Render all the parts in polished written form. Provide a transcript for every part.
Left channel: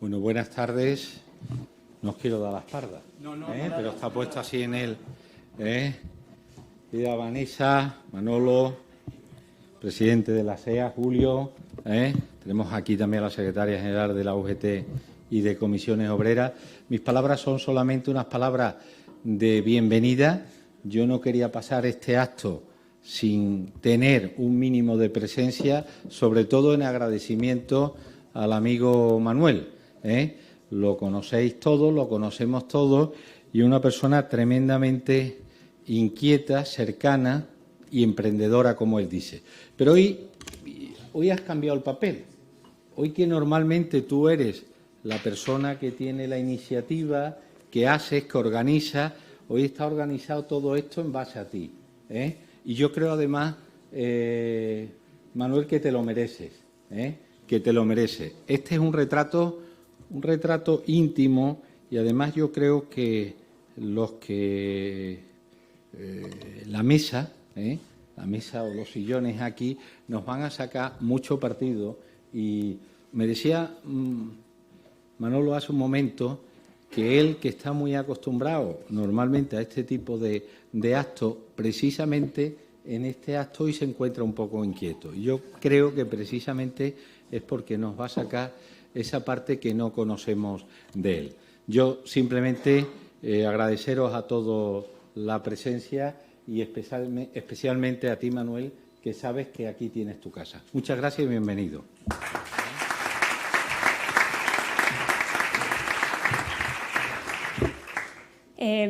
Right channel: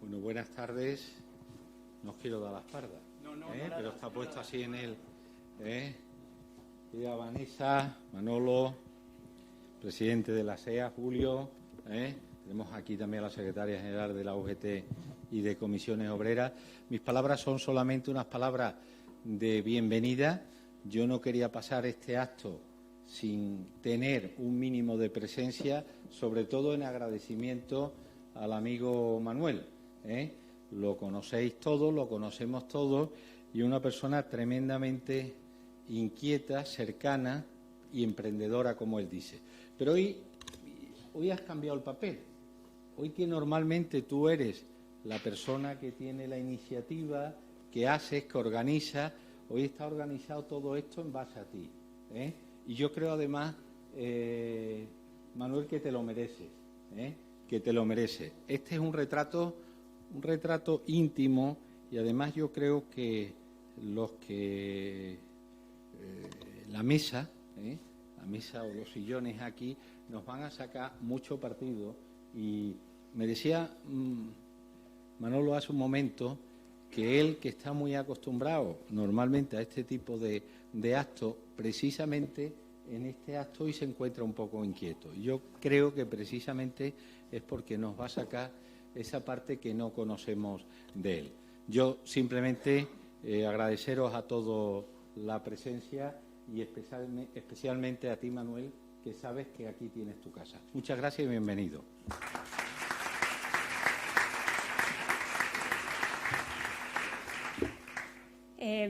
Bueno, buenas tardes. No os quiero dar la espalda, pero está puesto así en el... Vida Vanessa, Manolo, presidente de la SEA, Julio. Tenemos aquí también a la secretaria general de la UGT y de Comisiones Obreras. Mis palabras son solamente unas palabras de bienvenida. Yo no quería pasar este acto sin tener un mínimo de presencia, sobre todo en agradecimiento al amigo Manuel. Lo conocéis todos, lo conocemos todos, y una persona tremendamente inquieta, cercana, y emprendedora, como él dice. Pero hoy has cambiado el papel. Hoy que normalmente tú eres la persona que tiene la iniciativa, que haces, que organiza, hoy está organizado todo esto en base a ti, ¿eh? Y yo creo además, Manuel, que te lo mereces, que te lo mereces. Este es un retrato íntimo y además yo creo que la mesa o los sillones aquí nos van a sacar mucho partido. Y me decía Manolo hace un momento que él, que está muy acostumbrado normalmente a este tipo de actos, precisamente en este acto hoy se encuentra un poco inquieto. Yo creo que precisamente es porque nos va a sacar esa parte que no conocemos de él. Yo simplemente agradeceros a todos la presencia y especialmente a ti, Manuel, que sabes que aquí tienes tu casa. Muchas gracias y bienvenido.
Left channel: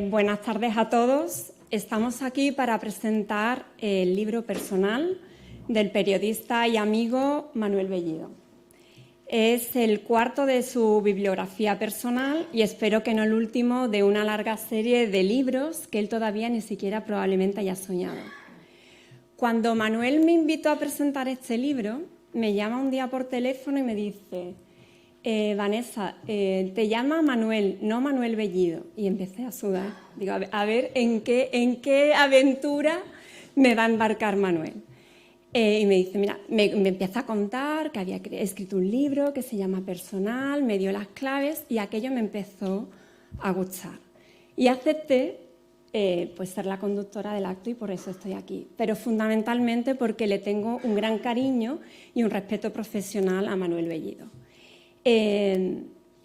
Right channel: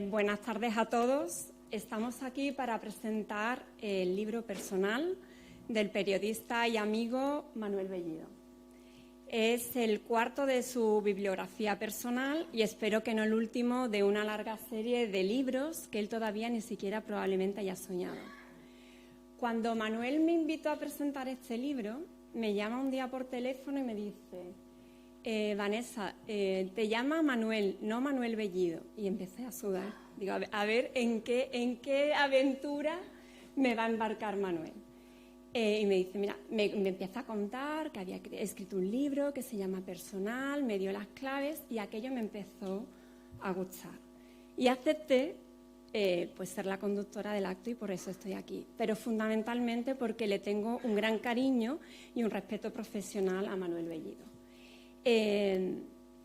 Buenas tardes a todos. Estamos aquí para presentar el libro personal del periodista y amigo Manuel Bellido. Es el cuarto de su bibliografía personal y espero que no el último de una larga serie de libros que él todavía ni siquiera probablemente haya soñado. Cuando Manuel me invitó a presentar este libro, me llama un día por teléfono y me dice: Vanessa, te llama Manuel, no Manuel Bellido. Y empecé a sudar. Digo, a ver ¿en qué aventura me va a embarcar Manuel? Y me dice, mira, me empieza a contar que había escrito un libro que se llama Personal, me dio las claves y aquello me empezó a gustar. Y acepté pues ser la conductora del acto y por eso estoy aquí. Pero fundamentalmente porque le tengo un gran cariño y un respeto profesional a Manuel Bellido.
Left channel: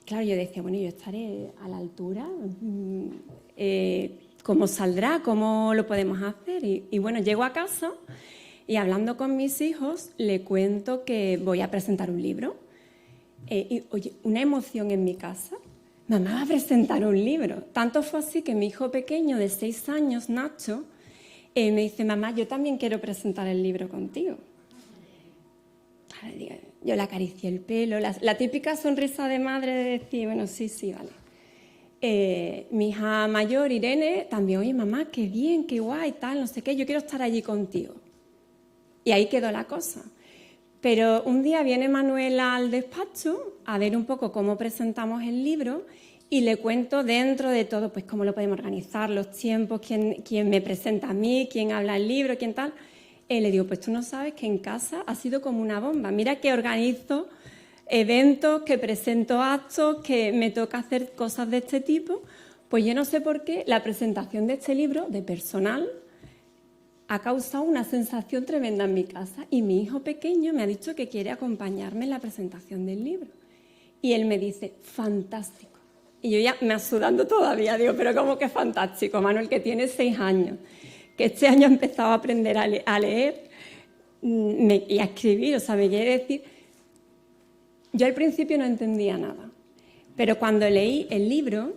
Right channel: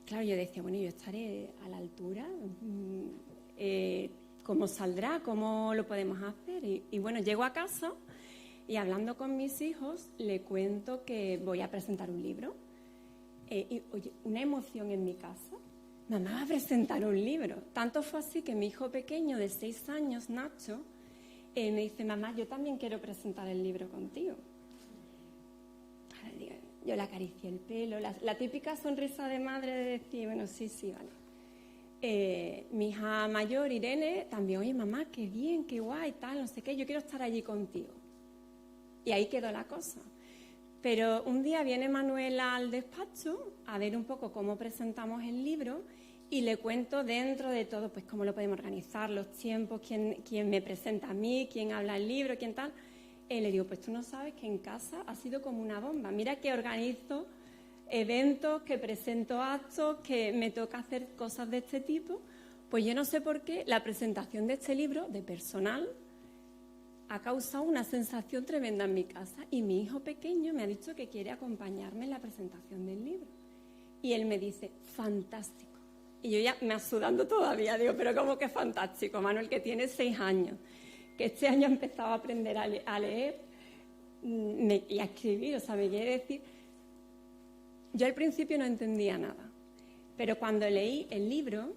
Claro, yo decía, bueno, yo estaré a la altura, ¿cómo saldrá? ¿Cómo lo podemos hacer? Y bueno, llego a casa y hablando con mis hijos le cuento que voy a presentar un libro. Y oye, una emoción en mi casa, mamá va a presentar un libro. Tanto fue así que mi hijo pequeño de 6 años, Nacho, me dice, mamá, yo también quiero presentar el libro contigo. Yo le acaricié el pelo, la típica sonrisa de madre de decir, bueno, sí, vale. Mi hija mayor, Irene, también, oye, mamá, qué bien, qué guay, tal, no sé qué, yo quiero estar allí contigo. Y ahí quedó la cosa. Pero un día viene Manuel al despacho a ver un poco cómo presentamos el libro y le cuento dentro de todo, pues cómo lo podemos organizar, los tiempos, quién me presenta a mí, quién habla el libro, quién tal. Le digo, pues tú no sabes que en casa ha sido como una bomba. Mira que organizo eventos, que presento actos, que me toca hacer cosas de este tipo. Pues yo no sé por qué la presentación de este libro, de Personal, ha causado una sensación tremenda en mi casa y mi hijo pequeño me ha dicho que quiere acompañarme en la presentación del libro. Y él me dice, fantástico. Y yo ya me sudando todavía, digo, pero ¿cómo que fantástico? Manuel, que tiene 6 años, que este año ha empezado a aprender a leer y a escribir, o sea, me quiere decir... Yo al principio no entendía nada, pero cuando leí el libro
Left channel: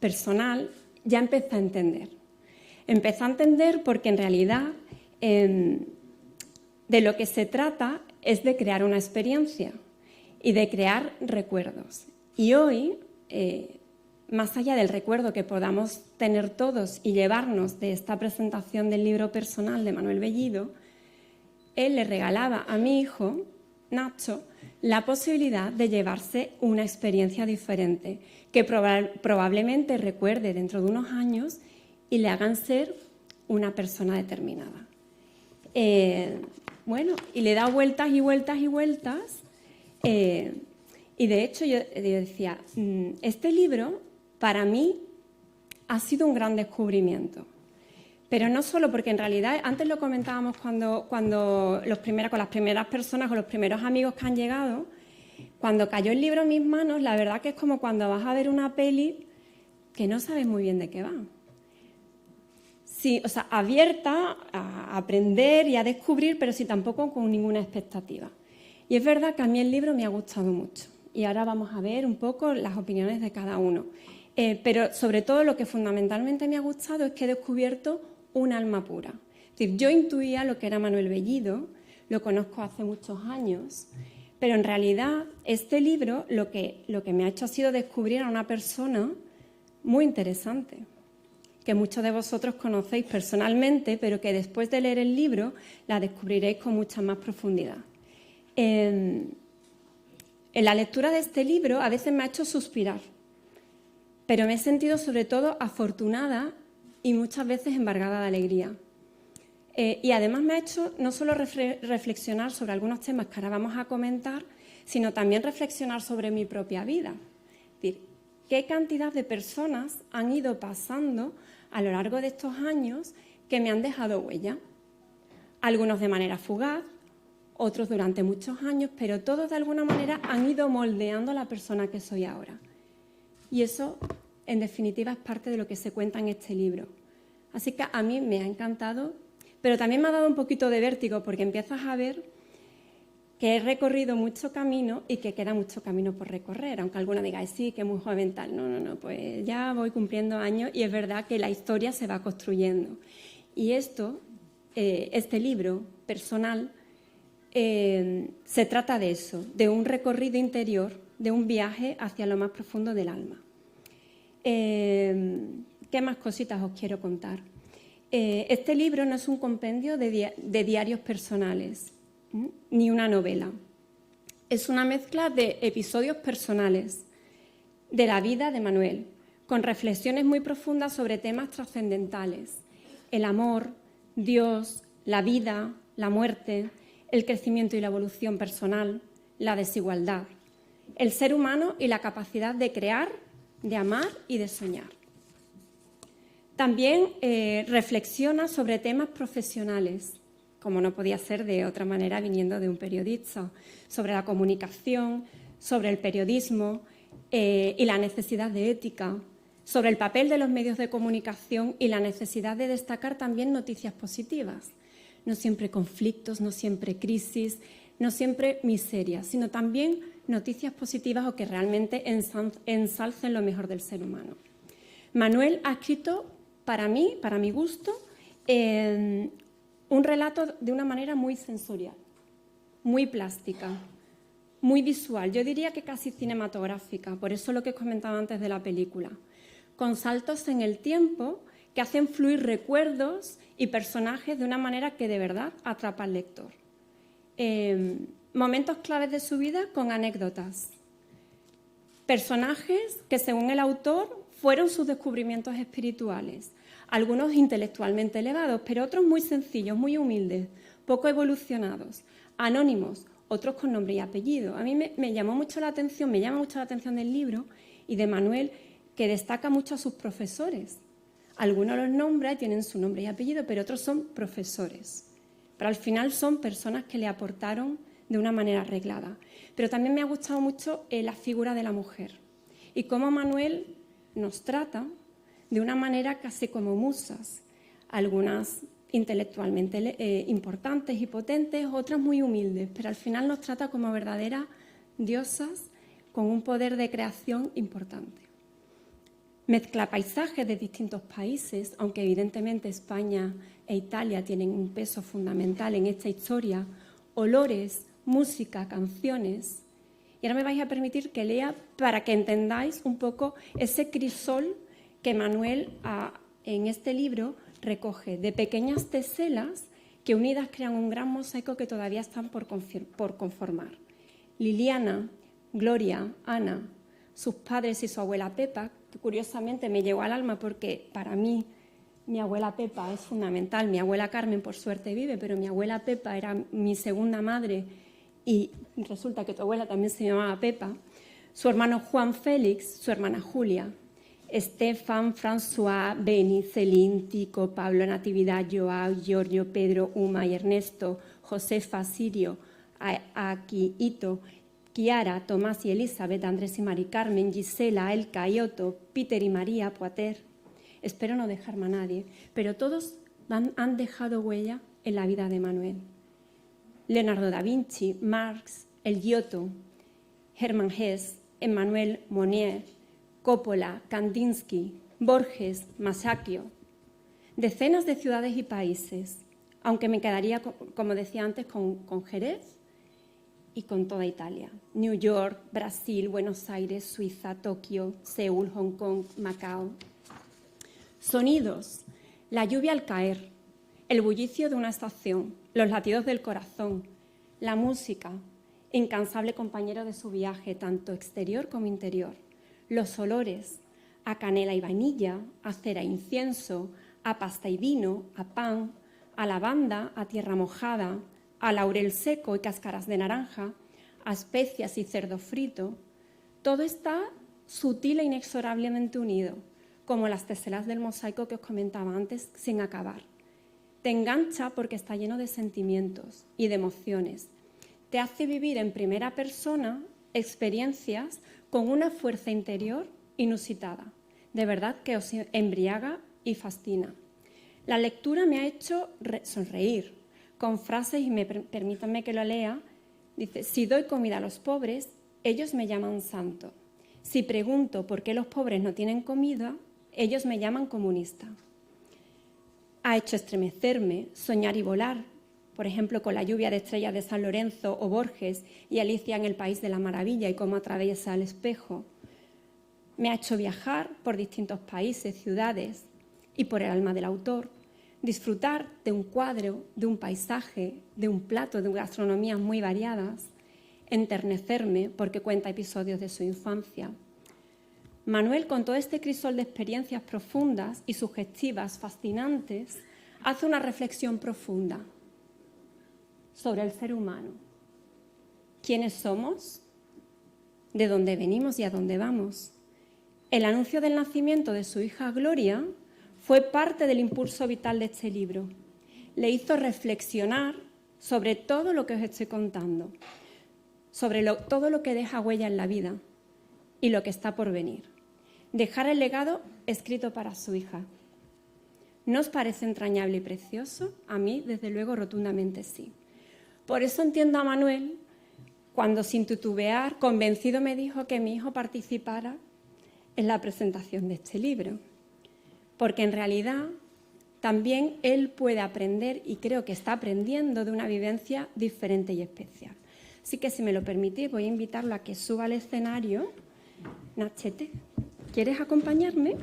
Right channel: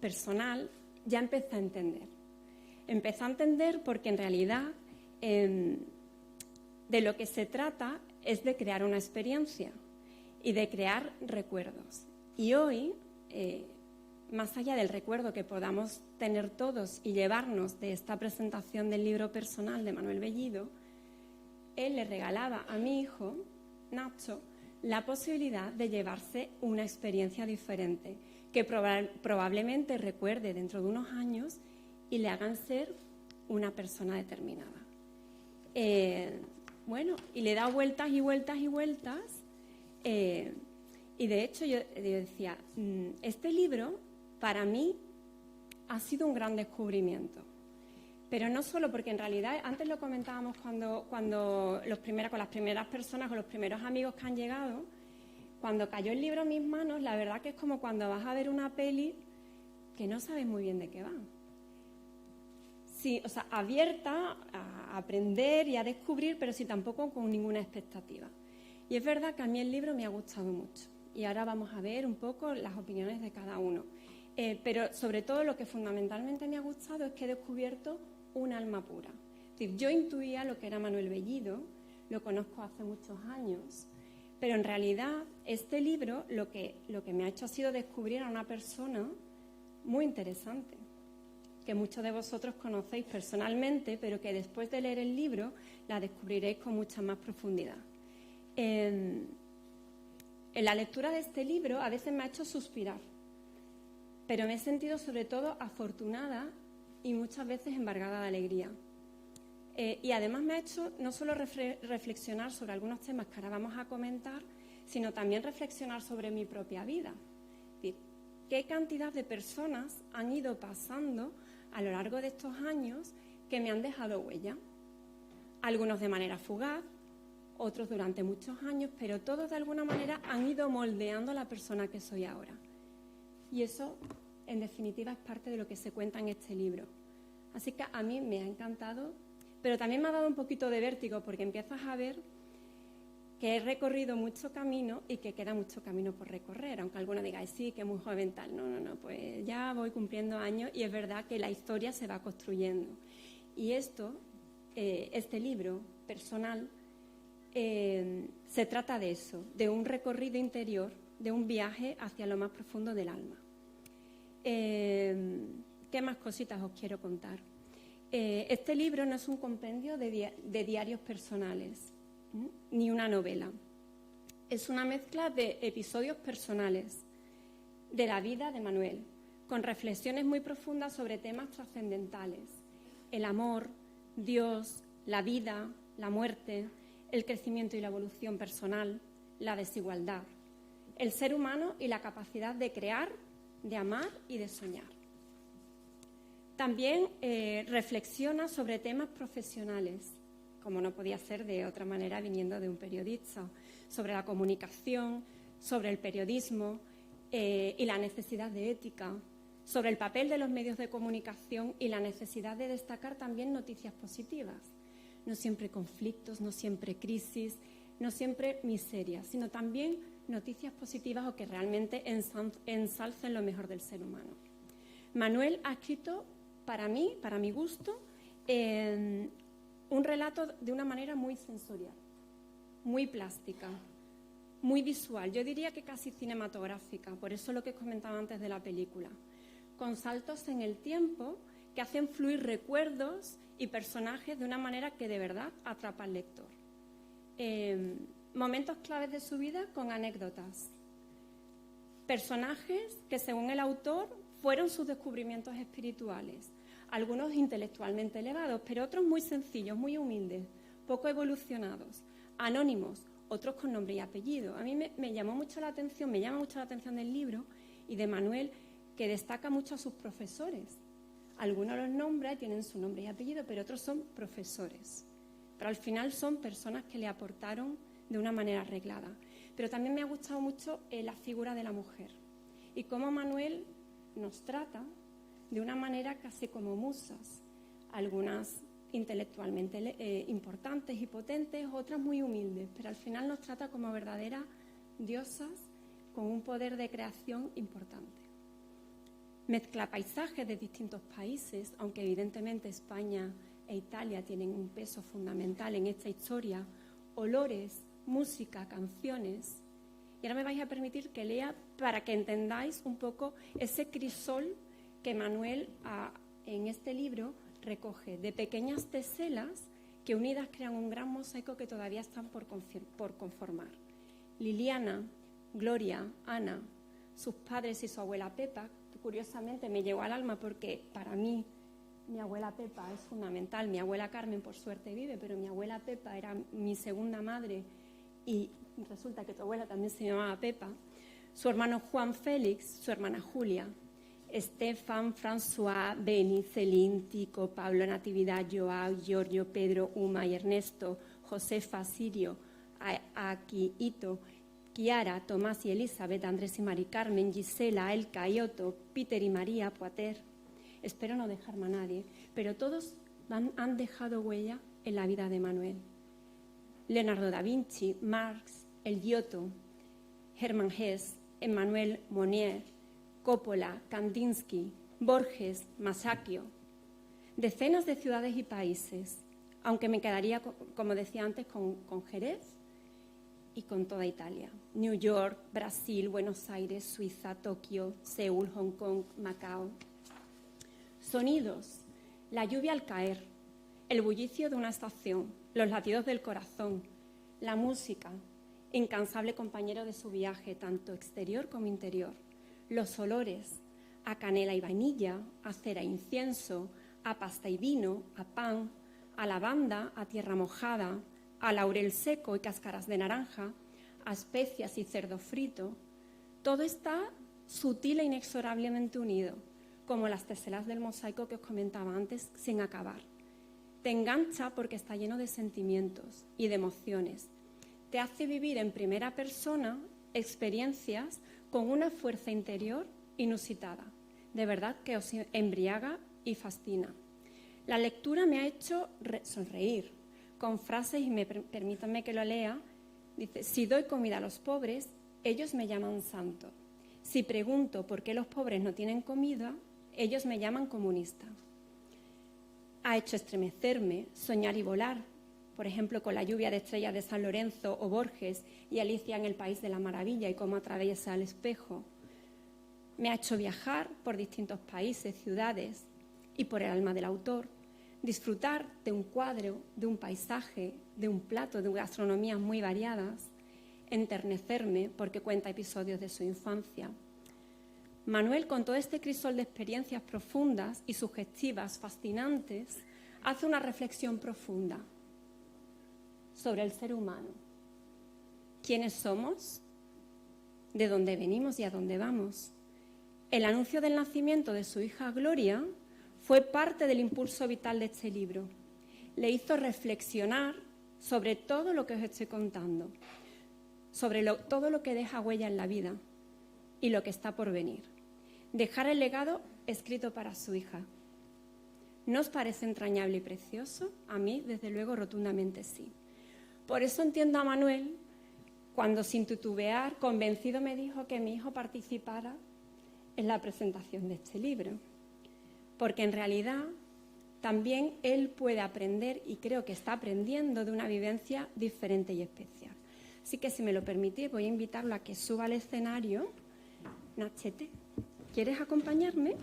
Personal ya empecé a entender. Empecé a entender porque en realidad de lo que se trata es de crear una experiencia y de crear recuerdos. Y hoy, más allá del recuerdo que podamos tener todos y llevarnos de esta presentación del libro Personal de Manuel Bellido, él le regalaba a mi hijo, Nacho, la posibilidad de llevarse una experiencia diferente que probablemente recuerde dentro de unos años y le hagan ser una persona determinada. Bueno, y le da vueltas y vueltas y vueltas. Y de hecho yo decía, este libro para mí ha sido un gran descubrimiento. Pero no solo porque en realidad, antes lo comentábamos con las primeras personas o los primeros amigos que han llegado, cuando cayó el libro en mis manos, la verdad que es como cuando vas a ver una peli que no sabes muy bien de qué va. Sí, o sea, abierta a aprender y a descubrir, pero sí tampoco con ninguna expectativa. Y es verdad que a mí el libro me ha gustado mucho. Y ahora vamos a ver un poco las opiniones de cada uno. Pero sobre todo lo que fundamentalmente me ha gustado es que he descubierto un alma pura. Es decir, yo intuía lo que era Manuel Bellido, lo conozco hace muchos años, pero en realidad este libro lo que me ha hecho ha sido descubrir a una persona muy interesante, que muchos de vosotros conocéis personalmente, pero que después de leer el libro la descubriréis con mucha más profundidad. En la lectura de este libro a veces me ha hecho suspirar, pero me he sentido sobre todo afortunada y muchas veces embargada de alegría. Y además me ha hecho no solo reflexionar sobre algunos temas que ahora vamos a comentar, sino también reflexionar sobre mi propia vida. Es decir, qué cantidad de personas han ido pasando a lo largo de estos años que me han dejado huella. Algunos de manera fugaz, otros durante muchos años, pero todos de alguna manera han ido moldeando la persona que soy ahora. Y eso, en definitiva, es parte de lo que se cuenta en este libro. Así que a mí me ha encantado, pero también me ha dado un poquito de vértigo porque empiezas a ver que he recorrido mucho camino y que queda mucho camino por recorrer, aunque alguna diga, sí, que es muy joven tal. No, pues ya voy cumpliendo años y es verdad que la historia se va construyendo. Y este libro personal, se trata de eso, de un recorrido interior, de un viaje hacia lo más profundo del alma. ¿Qué más cositas os quiero contar? Este libro no es un compendio de diarios personales, ni una novela. Es una mezcla de episodios personales de la vida de Manuel, con reflexiones muy profundas sobre temas trascendentales: el amor, Dios, la vida, la muerte, el crecimiento y la evolución personal, la desigualdad, el ser humano y la capacidad de crear, de amar y de soñar. También reflexiona sobre temas profesionales, como no podía ser de otra manera viniendo de un periodista, sobre la comunicación, sobre el periodismo y la necesidad de ética, sobre el papel de los medios de comunicación y la necesidad de destacar también noticias positivas. No siempre conflictos, no siempre crisis, no siempre miserias, sino también noticias positivas o que realmente ensalcen lo mejor del ser humano. Manuel ha escrito, para mí, para mi gusto, un relato de una manera muy sensorial, muy plástica, muy visual, yo diría que casi cinematográfica, por eso lo que os comentaba antes de la película, con saltos en el tiempo que hacen fluir recuerdos y personajes de una manera que de verdad atrapa al lector. Momentos claves de su vida con anécdotas. Personajes que, según el autor, fueron sus descubrimientos espirituales. Algunos intelectualmente elevados, pero otros muy sencillos, muy humildes, poco evolucionados, anónimos, otros con nombre y apellido. A mí me llama mucho la atención del libro y de Manuel, que destaca mucho a sus profesores. Algunos los nombra, tienen su nombre y apellido, pero otros son profesores. Pero al final son personas que le aportaron de una manera arreglada. Pero también me ha gustado mucho la figura de la mujer y cómo Manuel nos trata de una manera casi como musas, algunas intelectualmente importantes y potentes, otras muy humildes, pero al final nos trata como verdaderas diosas con un poder de creación importante. Mezcla paisajes de distintos países, aunque evidentemente España e Italia tienen un peso fundamental en esta historia, olores, música, canciones. Y ahora me vais a permitir que lea para que entendáis un poco ese crisol que Manuel en este libro recoge de pequeñas teselas que unidas crean un gran mosaico que todavía están por conformar. Liliana, Gloria, Ana, sus padres y su abuela Pepa, que curiosamente me llegó al alma porque para mí mi abuela Pepa es fundamental. Mi abuela Carmen, por suerte, vive, pero mi abuela Pepa era mi segunda madre y resulta que tu abuela también se llamaba Pepa. Su hermano Juan Félix, su hermana Julia, Estefan, François, Beni, Celine, Tico, Pablo, Natividad, Joao, Giorgio, Pedro, Uma y Ernesto, Josefa, Sirio, Aki, Ito, Kiara, Tomás y Elizabeth, Andrés y Mari Carmen, Gisela, Elka y Otto, Peter y María, Poiter. Espero no dejarme a nadie, pero todos han dejado huella en la vida de Manuel. Leonardo da Vinci, Marx, El Giotto, Hermann Hesse, Emmanuel Mounier, Coppola, Kandinsky, Borges, Masaccio. Decenas de ciudades y países, aunque me quedaría, como decía antes, con Jerez y con toda Italia. New York, Brasil, Buenos Aires, Suiza, Tokio, Seúl, Hong Kong, Macao. Sonidos: la lluvia al caer, el bullicio de una estación, los latidos del corazón, la música, incansable compañero de su viaje, tanto exterior como interior. Los olores: a canela y vainilla, a cera e incienso, a pasta y vino, a pan, a lavanda, a tierra mojada, a laurel seco y cáscaras de naranja, a especias y cerdo frito. Todo está sutil e inexorablemente unido, como las teselas del mosaico que os comentaba antes, sin acabar. Te engancha porque está lleno de sentimientos y de emociones. Te hace vivir en primera persona experiencias con una fuerza interior inusitada. De verdad que os embriaga y fascina. La lectura me ha hecho sonreír con frases, y permítanme que lo lea. Dice: si doy comida a los pobres, ellos me llaman santo. Si pregunto por qué los pobres no tienen comida, ellos me llaman comunista. Ha hecho estremecerme, soñar y volar, por ejemplo, con la lluvia de estrellas de San Lorenzo o Borges y Alicia en el País de la Maravilla y cómo atraviesa el espejo. Me ha hecho viajar por distintos países, ciudades y por el alma del autor, disfrutar de un cuadro, de un paisaje, de un plato, de gastronomías muy variadas, enternecerme porque cuenta episodios de su infancia. Manuel, con todo este crisol de experiencias profundas y sugestivas, fascinantes, hace una reflexión profunda sobre el ser humano. ¿Quiénes somos? ¿De dónde venimos y a dónde vamos? El anuncio del nacimiento de su hija Gloria fue parte del impulso vital de este libro. Le hizo reflexionar sobre todo lo que os estoy contando, sobre todo lo que deja huella en la vida y lo que está por venir. Dejar el legado escrito para su hija. ¿No os parece entrañable y precioso? A mí, desde luego, rotundamente sí. Por eso entiendo a Manuel cuando, sin titubear, convencido me dijo que mi hijo participara en la presentación de este libro. Porque en realidad también él puede aprender, y creo que está aprendiendo, de una vivencia diferente y especial. Así que, si me lo permitís, voy a invitarlo a que suba al escenario. Nachete, ¿quieres acompañarme?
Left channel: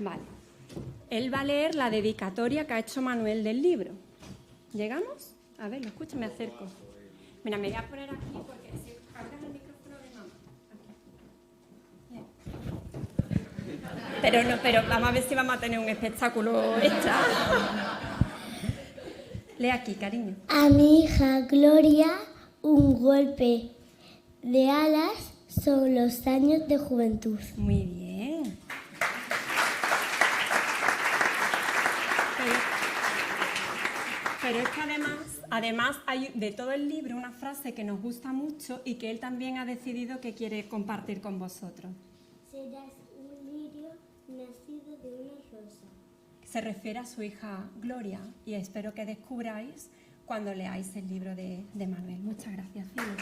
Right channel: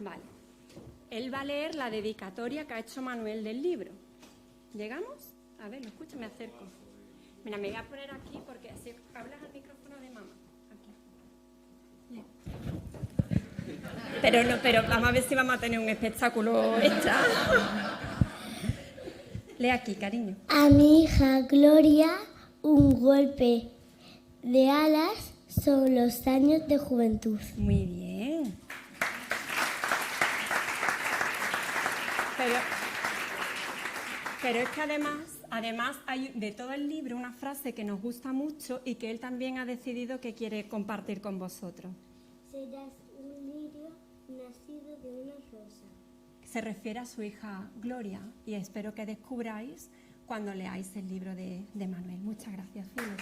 Vale. Él va a leer la dedicatoria que ha hecho Manuel del libro. ¿Llegamos? A ver, lo escucho, me acerco. Mira, me voy a poner aquí porque si hablas el micrófono de mamá. Aquí. Pero vamos a ver si vamos a tener un espectáculo hecha. Lee aquí, cariño. A mi hija Gloria, un golpe de alas sobre los años de juventud. Muy bien. Pero es que además hay de todo el libro una frase que nos gusta mucho y que él también ha decidido que quiere compartir con vosotros. Serás un lirio nacido de una rosa. Se refiere a su hija Gloria, y espero que descubráis cuando leáis el libro de Manuel. Muchas gracias, Cielo.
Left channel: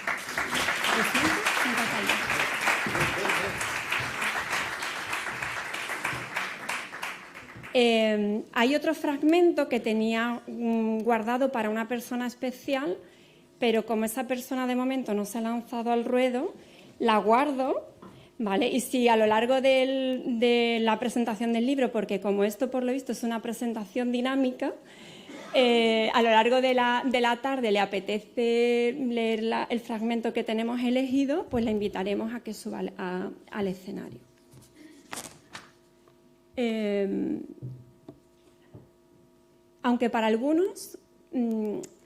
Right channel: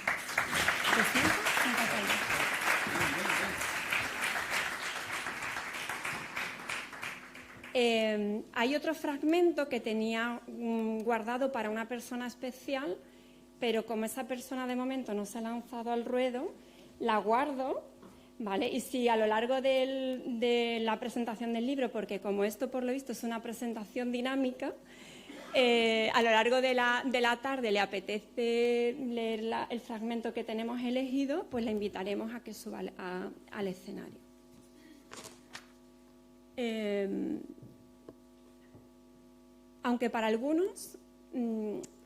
Hay otro fragmento que tenía guardado para una persona especial, pero como esa persona de momento no se ha lanzado al ruedo, la guardo, ¿vale? Y si a lo largo de la presentación del libro, porque como esto por lo visto es una presentación dinámica, a lo largo de la tarde le apetece leer el fragmento que tenemos elegido, pues la invitaremos a que suba al escenario. Aunque para algunos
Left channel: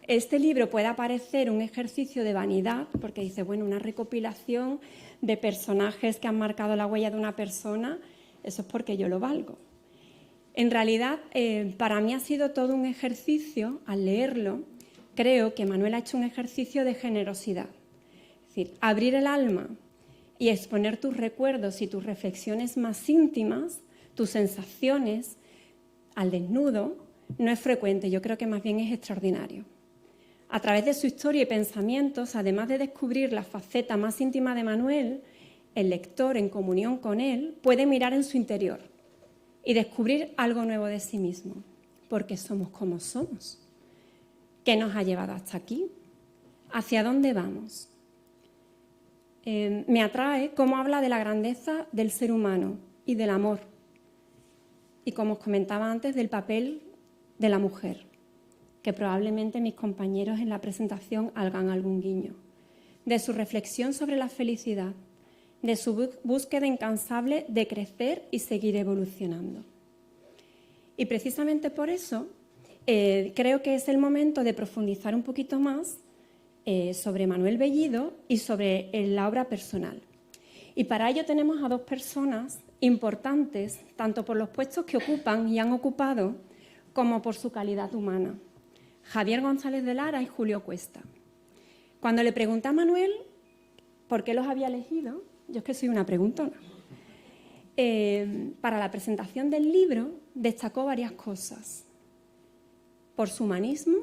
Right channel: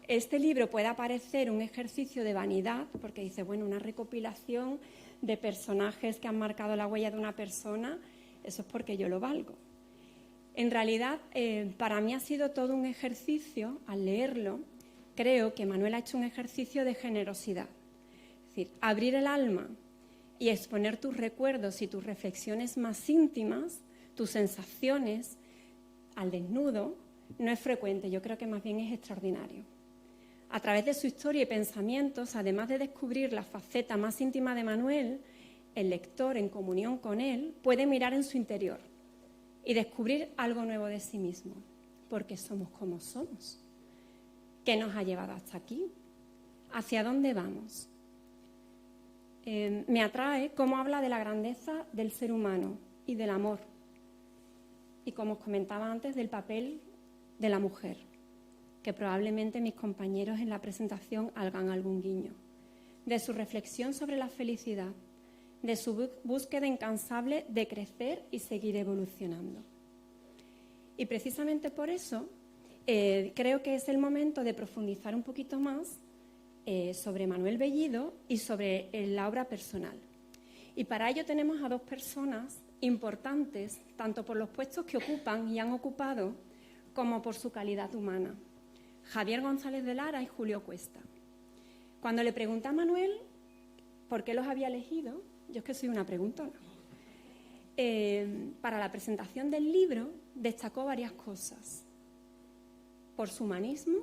este libro pueda parecer un ejercicio de vanidad, porque dice, bueno, una recopilación de personajes que han marcado la huella de una persona, eso es porque yo lo valgo. En realidad, para mí ha sido todo un ejercicio, al leerlo, creo que Manuel ha hecho un ejercicio de generosidad. Es decir, abrir el alma y exponer tus recuerdos y tus reflexiones más íntimas, tus sensaciones, al desnudo, no es frecuente, yo creo que más bien es extraordinario. A través de su historia y pensamientos, además de descubrir la faceta más íntima de Manuel, el lector, en comunión con él, puede mirar en su interior y descubrir algo nuevo de sí mismo, porque somos como somos. ¿Qué nos ha llevado hasta aquí? ¿Hacia dónde vamos? Me atrae cómo habla de la grandeza del ser humano y del amor, y como os comentaba antes, del papel de la mujer, que probablemente mis compañeros en la presentación hagan algún guiño, de su reflexión sobre la felicidad, de su búsqueda incansable de crecer y seguir evolucionando. Y precisamente por eso creo que es el momento de profundizar un poquito más sobre Manuel Bellido y sobre la obra personal. Y para ello tenemos a dos personas importantes, tanto por los puestos que ocupan y han ocupado, como por su calidad humana: Javier González de Lara y Julio Cuesta. Cuando le pregunté a Manuel por qué los había elegido, yo es que soy una preguntona, para la presentación del libro destacó varias cosas: por su humanismo,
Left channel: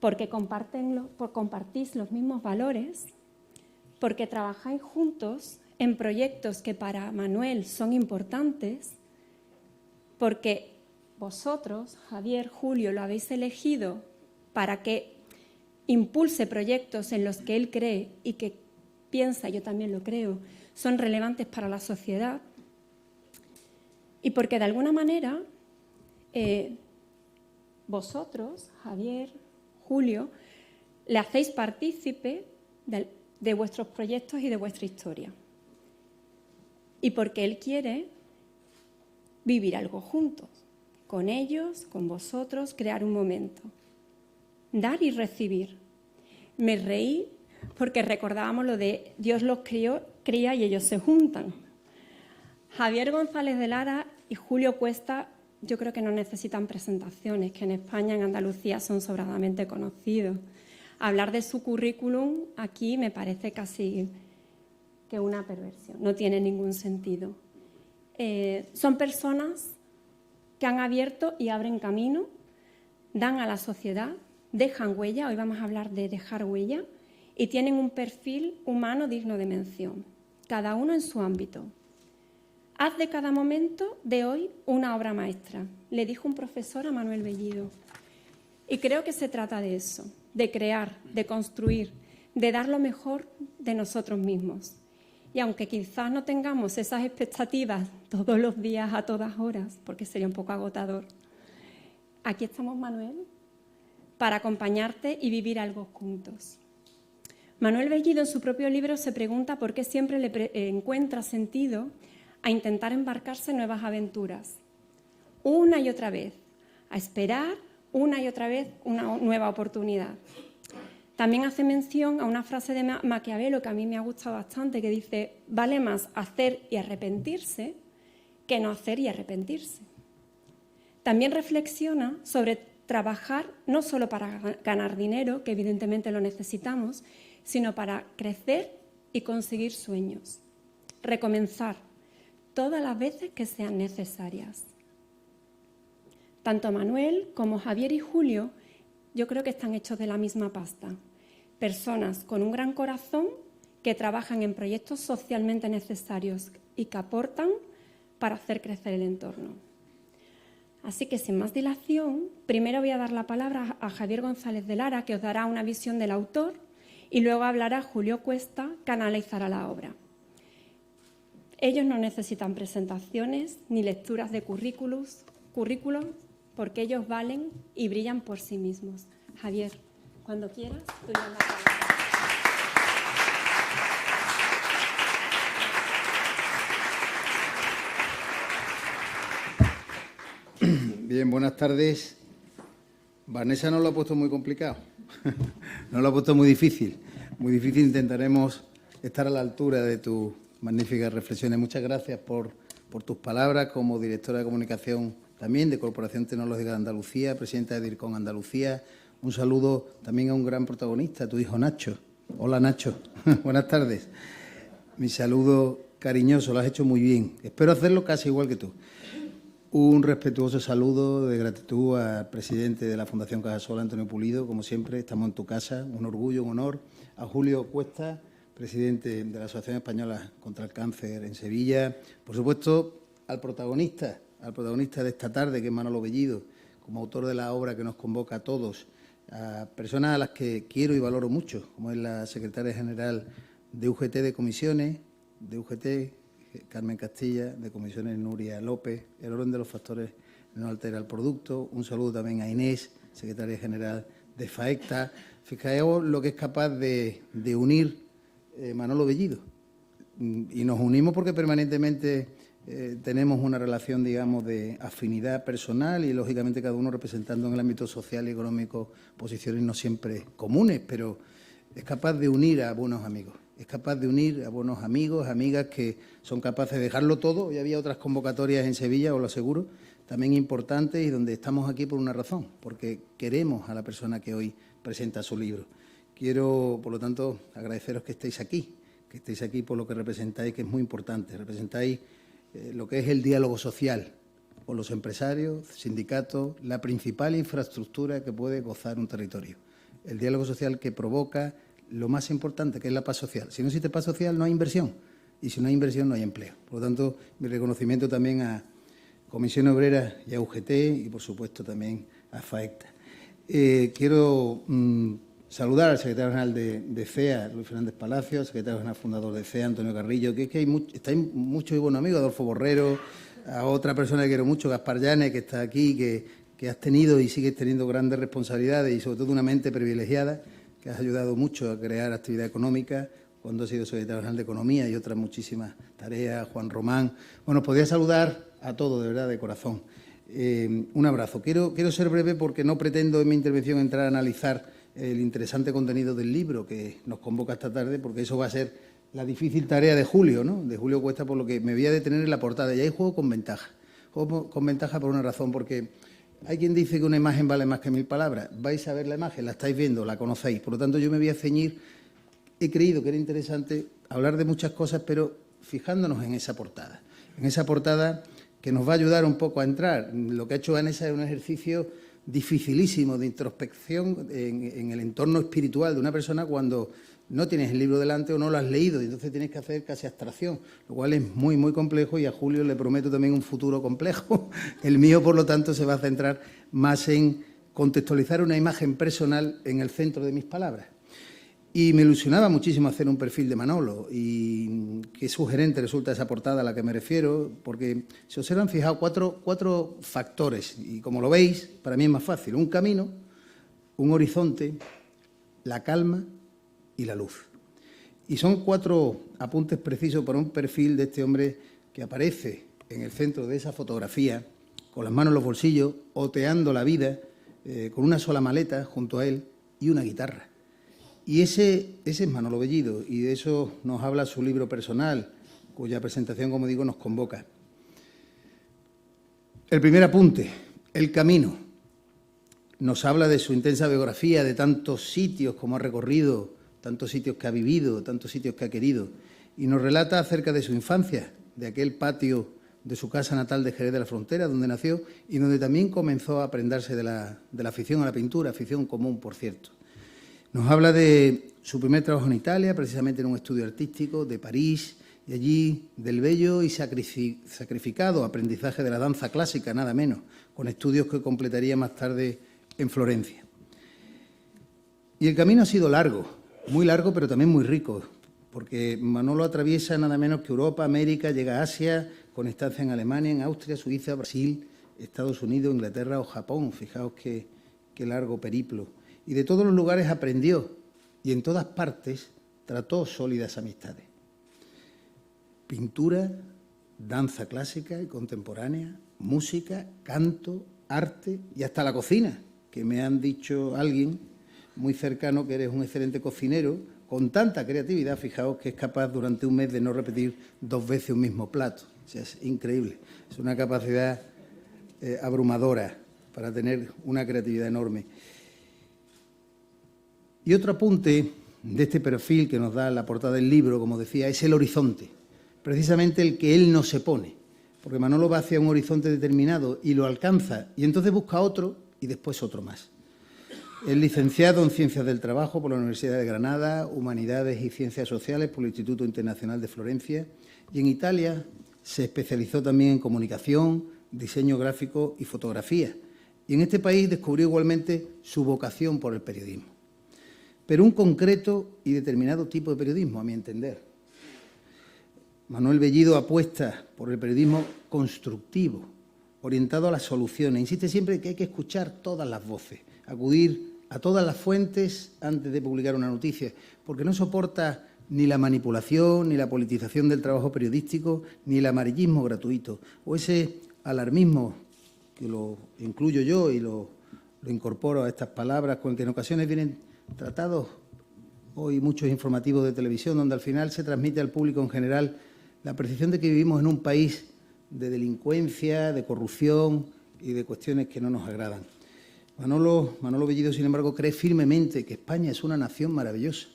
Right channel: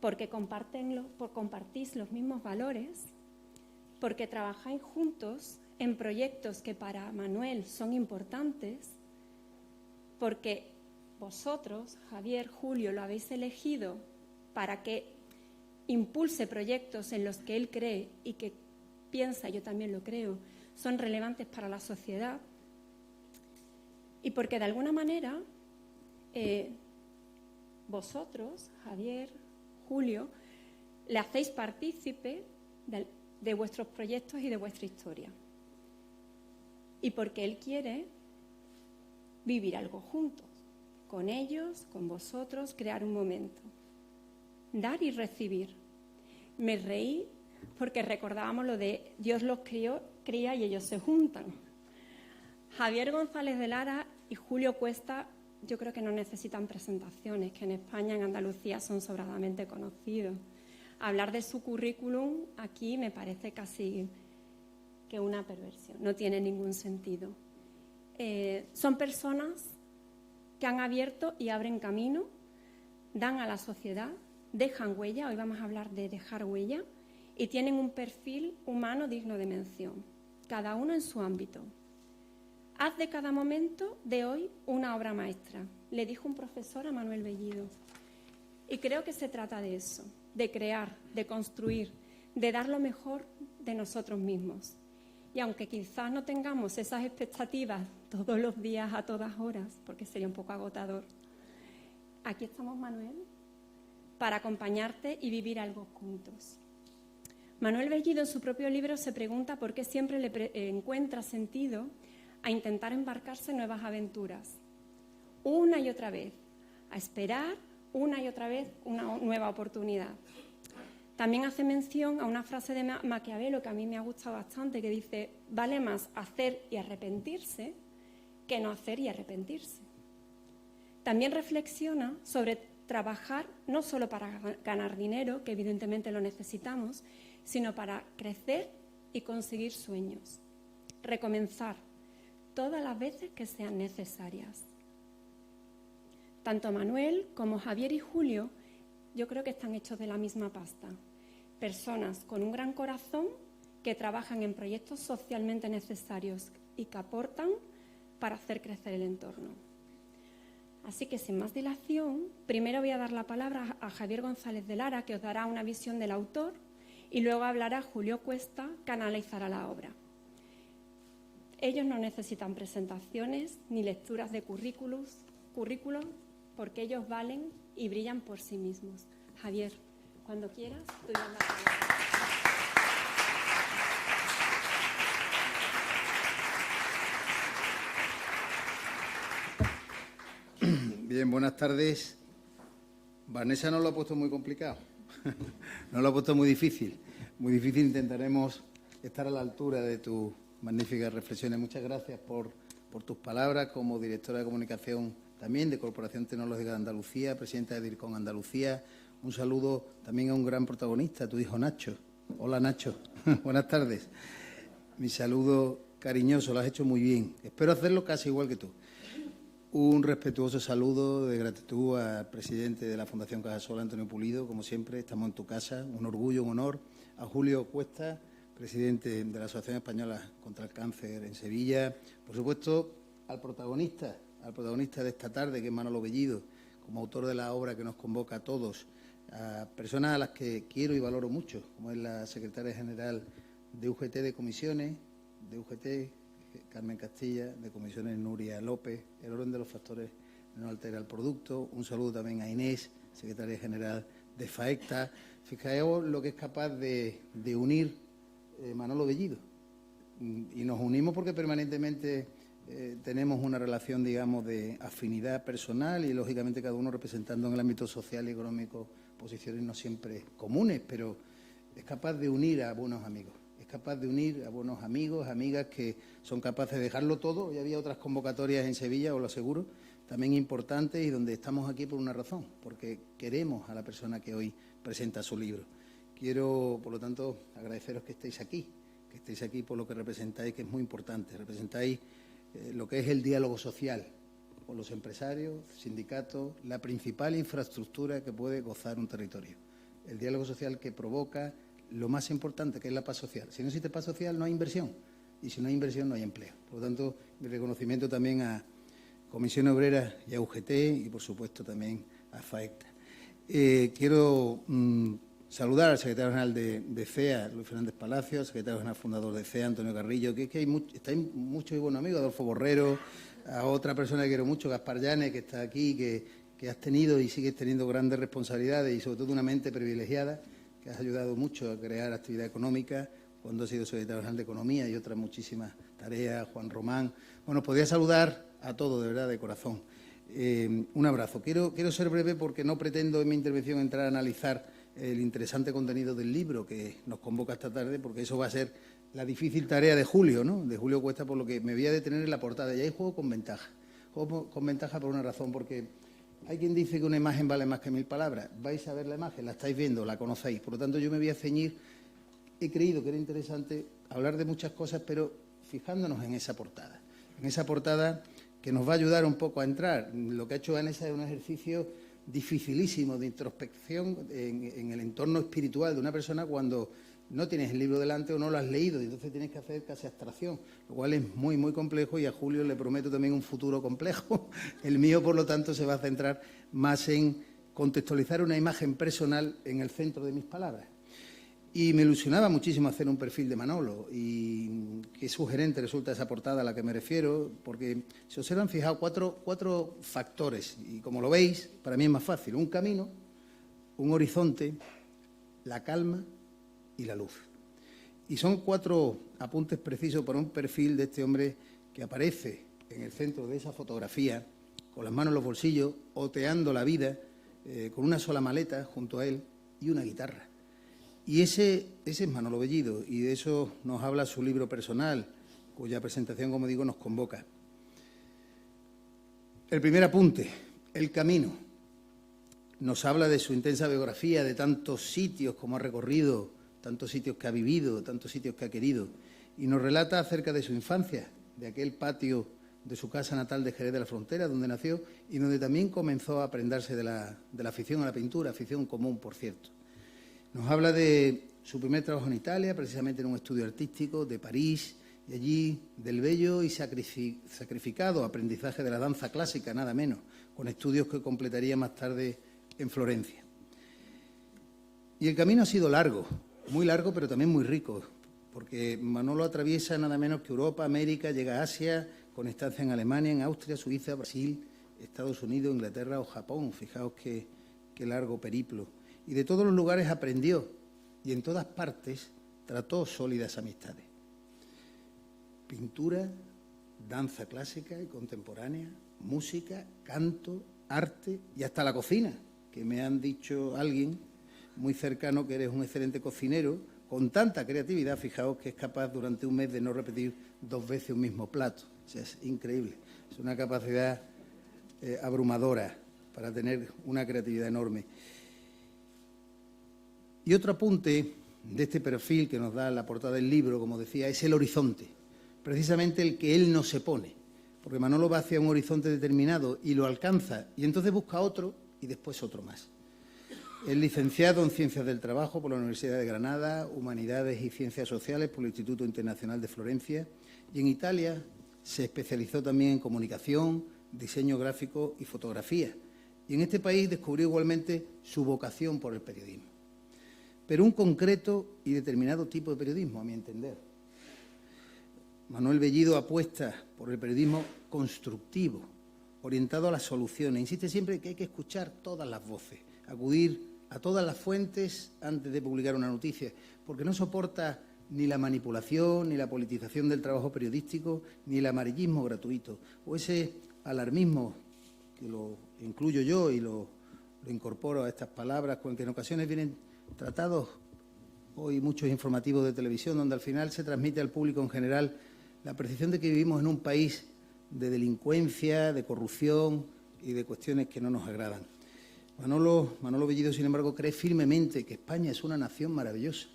porque compartís los mismos valores, porque trabajáis juntos en proyectos que para Manuel son importantes, porque vosotros, Javier, Julio, lo habéis elegido para que impulse proyectos en los que él cree y que piensa, yo también lo creo, son relevantes para la sociedad, y porque de alguna manera vosotros, Javier, Julio, le hacéis partícipe de vuestros proyectos y de vuestra historia. Y porque él quiere vivir algo juntos, con ellos, con vosotros, crear un momento, dar y recibir. Me reí porque recordábamos lo de Dios los cría y ellos se juntan. Javier González de Lara y Julio Cuesta yo creo que no necesitan presentaciones, que en España, en Andalucía, son sobradamente conocidos. Hablar de su currículum aquí me parece casi que una perversión, no tiene ningún sentido. Son personas que han abierto y abren camino, dan a la sociedad, dejan huella, hoy vamos a hablar de dejar huella, y tienen un perfil humano digno de mención, cada uno en su ámbito. Haz de cada momento de hoy una obra maestra, le dijo un profesor a Manuel Bellido. Y creo que se trata de eso, de crear, de construir, de dar lo mejor de nosotros mismos. Y aunque quizás no tengamos esas expectativas todos los días, a todas horas, porque sería un poco agotador, aquí estamos, Manuel, para acompañarte y vivir algo juntos. Manuel Bellido, en su propio libro, se pregunta por qué siempre le encuentra sentido a intentar embarcarse en nuevas aventuras, una y otra vez, a esperar una y otra vez una nueva oportunidad. También hace mención a una frase de Maquiavelo que a mí me ha gustado bastante, que dice: vale más hacer y arrepentirse que no hacer y arrepentirse. También reflexiona sobre trabajar no solo para ganar dinero, que evidentemente lo necesitamos, sino para crecer y conseguir sueños. Recomenzar todas las veces que sean necesarias. Tanto Manuel como Javier y Julio yo creo que están hechos de la misma pasta. Personas con un gran corazón que trabajan en proyectos socialmente necesarios y que aportan para hacer crecer el entorno. Así que, sin más dilación, primero voy a dar la palabra a Javier González de Lara, que os dará una visión del autor, y luego hablará Julio Cuesta, que analizará la obra. Ellos no necesitan presentaciones ni lecturas de currículum, porque ellos valen y brillan por sí mismos. Javier, cuando quieras, te doy la palabra. Bien, buenas tardes. Vanessa nos lo ha puesto muy complicado, nos lo ha puesto muy difícil. Muy difícil, intentaremos estar a la altura de tus magníficas reflexiones. Muchas gracias por tus palabras como directora de comunicación también de Corporación Tecnológica de Andalucía, presidenta de DIRCOM Andalucía. Un saludo también a un gran protagonista, tu hijo Nacho. Hola, Nacho. Buenas tardes. Mi saludo cariñoso, lo has hecho muy bien. Espero hacerlo casi igual que tú. Un respetuoso saludo de gratitud al presidente de la Fundación Cajasol, Antonio Pulido. Como siempre, estamos en tu casa, un orgullo, un honor. A Julio Cuesta, presidente de la Asociación Española contra el Cáncer en Sevilla. Por supuesto, al protagonista de esta tarde, que es Manolo Bellido, como autor de la obra que nos convoca a todos, a personas a las que quiero y valoro mucho, como es la secretaria general de UGT de Comisiones, de UGT, Carmen Castilla, de Comisiones Nuria López. El orden de los factores no altera el producto. Un saludo también a Inés, secretaria general de FAECTA. Fijaos lo que es capaz de unir Manolo Bellido. Y nos unimos porque permanentemente tenemos una relación, digamos, de afinidad personal y, lógicamente, cada uno representando en el ámbito social y económico posiciones no siempre comunes, pero es capaz de unir a buenos amigos. Es capaz de unir a buenos amigos, amigas que son capaces de dejarlo todo. Hoy había otras convocatorias en Sevilla, os lo aseguro, también importantes, y donde estamos aquí por una razón, porque queremos a la persona que hoy presenta su libro. Quiero, por lo tanto, agradeceros que estéis aquí por lo que representáis, que es muy importante. Representáis lo que es el diálogo social con los empresarios, sindicatos, la principal infraestructura que puede gozar un territorio. El diálogo social que provoca lo más importante, que es la paz social. Si no existe paz social, no hay inversión. Y si no hay inversión, no hay empleo. Por lo tanto, mi reconocimiento también a Comisión Obrera y a UGT y, por supuesto, también a FAECTA. Quiero saludar al secretario general de CEA, Luis Fernández Palacio, al secretario general fundador de CEA, Antonio Carrillo, que es que estáis muchos y buenos amigos, Adolfo Borrero, a otra persona que quiero mucho, Gaspar Llanes, que está aquí, que has tenido y sigues teniendo grandes responsabilidades y, sobre todo, una mente privilegiada, que has ayudado mucho a crear actividad económica cuando has sido secretario general de Economía y otras muchísimas tareas, Juan Román. Bueno, podría saludar a todos, de verdad, de corazón. Un abrazo. Quiero ser breve porque no pretendo en mi intervención entrar a analizar el interesante contenido del libro que nos convoca esta tarde, porque eso va a ser la difícil tarea de Julio, ¿no? De Julio Cuesta, por lo que me voy a detener en la portada. Y ahí juego con ventaja. Juego con ventaja por una razón, porque hay quien dice que una imagen vale más que 1000 palabras. Vais a ver la imagen, la estáis viendo, la conocéis. Por lo tanto, yo me voy a ceñir. He creído que era interesante hablar de muchas cosas, pero fijándonos en esa portada. En esa portada que nos va a ayudar un poco a entrar. Lo que ha hecho Vanessa es un ejercicio dificilísimo de introspección en el entorno espiritual de una persona cuando no tienes el libro delante o no lo has leído, y entonces tienes que hacer casi abstracción, lo cual es muy, muy complejo, y a Julio le prometo también un futuro complejo. El mío, por lo tanto, se va a centrar más en contextualizar una imagen personal en el centro de mis palabras. Y me ilusionaba muchísimo hacer un perfil de Manolo, y qué sugerente resulta esa portada a la que me refiero, porque se observan, fijaos, cuatro factores, y como lo veis, para mí es más fácil: un camino, un horizonte, la calma y la luz. Y son 4 apuntes precisos para un perfil de este hombre que aparece en el centro de esa fotografía, con las manos en los bolsillos, oteando la vida, con una sola maleta junto a él y una guitarra. Y ese es Manolo Bellido, y de eso nos habla su libro personal, cuya presentación, como digo, nos convoca. El primer apunte, el camino. Nos habla de su intensa biografía, de tantos sitios como ha recorrido, tantos sitios que ha vivido, tantos sitios que ha querido, y nos relata acerca de su infancia, de aquel patio de su casa natal de Jerez de la Frontera, donde nació y donde también comenzó a prendarse de la afición a la pintura, afición común, por cierto. Nos habla de su primer trabajo en Italia, precisamente en un estudio artístico, de París, y allí del bello y sacrificado aprendizaje de la danza clásica, nada menos, con estudios que completaría más tarde en Florencia. Y el camino ha sido largo, muy largo, pero también muy rico, porque Manolo atraviesa nada menos que Europa, América, llega a Asia, con estancia en Alemania, en Austria, Suiza, Brasil, Estados Unidos, Inglaterra o Japón. Fijaos qué largo periplo. Y de todos los lugares aprendió, y en todas partes trató sólidas amistades. Pintura, danza clásica y contemporánea, música, canto, arte y hasta la cocina, que me han dicho alguien muy cercano que eres un excelente cocinero, con tanta creatividad, fijaos, que es capaz durante un mes de no repetir 2 veces un mismo plato. O sea, es increíble, es una capacidad abrumadora para tener una creatividad enorme. Y otro apunte de este perfil que nos da la portada del libro, como decía, es el horizonte, precisamente el que él no se pone, porque Manolo va hacia un horizonte determinado y lo alcanza, y entonces busca otro y después otro más. Es licenciado en Ciencias del Trabajo por la Universidad de Granada, Humanidades y Ciencias Sociales por el Instituto Internacional de Florencia, y en Italia se especializó también en comunicación, diseño gráfico y fotografía. Y en este país descubrió igualmente su vocación por el periodismo. Pero un concreto y determinado tipo de periodismo, a mi entender. Manuel Bellido apuesta por el periodismo constructivo, orientado a las soluciones. Insiste siempre que hay que escuchar todas las voces, acudir a todas las fuentes antes de publicar una noticia, porque no soporta ni la manipulación, ni la politización del trabajo periodístico, ni el amarillismo gratuito, o ese alarmismo, que lo incluyo yo y lo incorporo a estas palabras, con el que en ocasiones vienen tratados hoy muchos informativos de televisión, donde al final se transmite al público en general la percepción de que vivimos en un país de delincuencia, de corrupción y de cuestiones que no nos agradan. Manolo Bellido, sin embargo, cree firmemente que España es una nación maravillosa,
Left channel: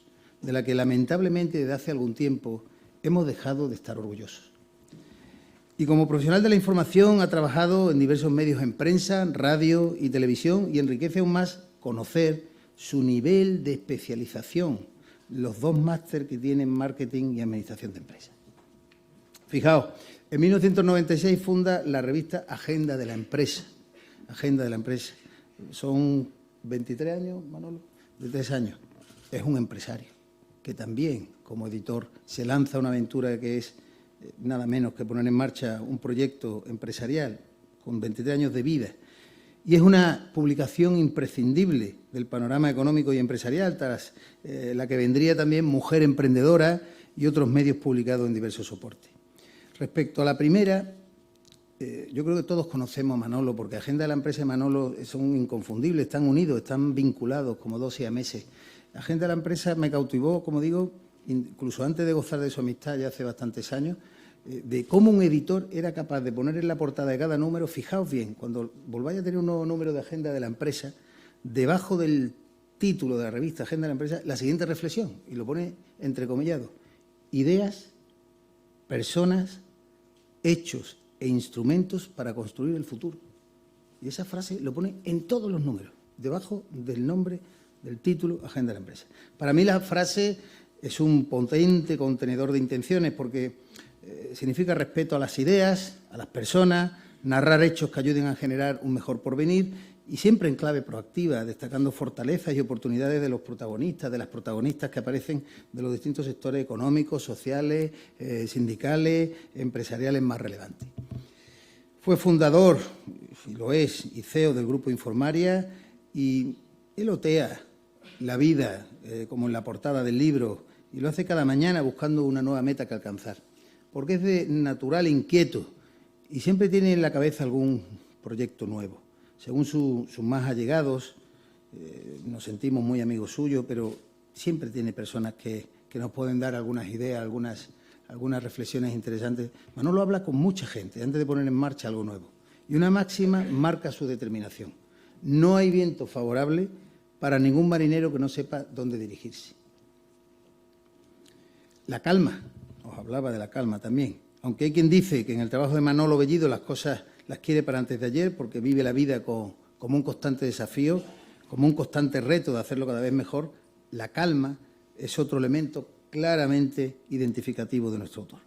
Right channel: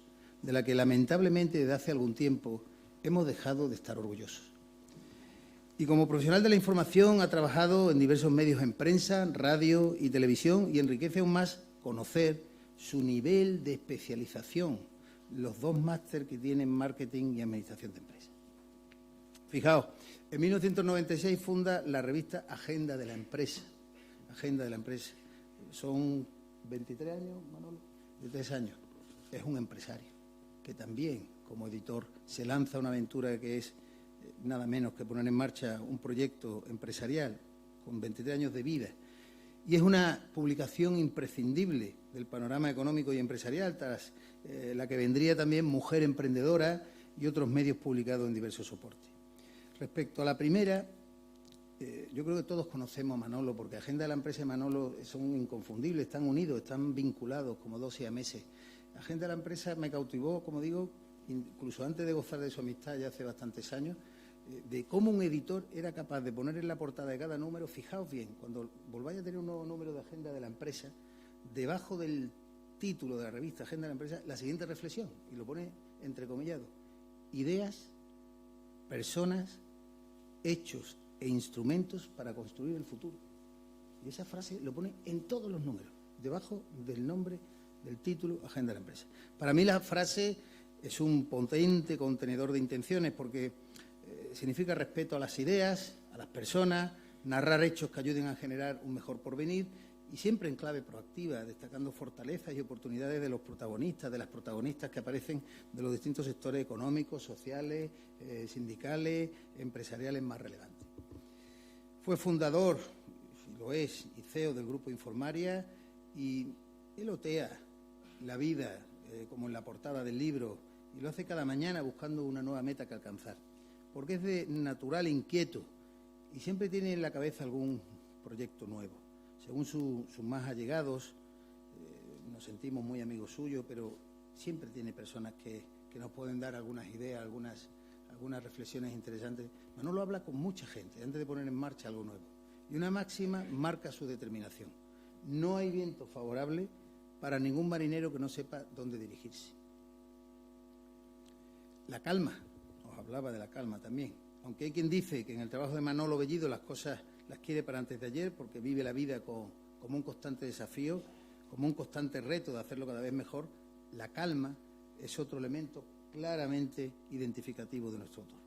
de la que lamentablemente desde hace algún tiempo hemos dejado de estar orgullosos. Y como profesional de la información ha trabajado en diversos medios en prensa, radio y televisión, y enriquece aún más conocer su nivel de especialización, los 2 máster que tiene en marketing y administración de empresas. Fijaos, en 1996 funda la revista Agenda de la Empresa. Agenda de la Empresa. Son 23 años, Manolo, 23 años. Es un empresario que también, como editor, se lanza a una aventura que es nada menos que poner en marcha un proyecto empresarial con 23 años de vida. Y es una publicación imprescindible del panorama económico y empresarial, tras la que vendría también Mujer Emprendedora y otros medios publicados en diversos soportes. Respecto a la primera, yo creo que todos conocemos a Manolo, porque Agenda de la Empresa y Manolo son inconfundibles, están unidos, están vinculados como 2 siameses. Agenda de la Empresa me cautivó, como digo, incluso antes de gozar de su amistad ya hace bastantes años, de cómo un editor era capaz de poner en la portada de cada número, fijaos bien, cuando volváis a tener un nuevo número de Agenda de la Empresa, debajo del título de la revista Agenda de la Empresa, la siguiente reflexión, y lo pone entrecomillado: ideas, personas, hechos e instrumentos para construir el futuro. Y esa frase lo pone en todos los números, debajo del nombre del título Agenda de la Empresa. Para mí la frase es un potente contenedor de intenciones, porque significa respeto a las ideas, a las personas, narrar hechos que ayuden a generar un mejor porvenir, y siempre en clave proactiva, destacando fortalezas y oportunidades de los protagonistas, de las protagonistas que aparecen de los distintos sectores económicos, sociales, sindicales, empresariales más relevantes. Fue fundador, y lo es, y CEO del Grupo Informaria, y él otea la vida, como en la portada del libro, y lo hace cada mañana buscando una nueva meta que alcanzar, porque es de natural inquieto y siempre tiene en la cabeza algún proyecto nuevo. Según sus más allegados, nos sentimos muy amigos suyos, pero siempre tiene personas que nos pueden dar algunas ideas, algunas reflexiones interesantes. Manolo habla con mucha gente antes de poner en marcha algo nuevo. Y una máxima marca su determinación: no hay viento favorable para ningún marinero que no sepa dónde dirigirse. La calma, os hablaba de la calma también, aunque hay quien dice que en el trabajo de Manolo Bellido las cosas las quiere para antes de ayer, porque vive la vida como un constante desafío, como un constante reto de hacerlo cada vez mejor. La calma es otro elemento claramente identificativo de nuestro autor.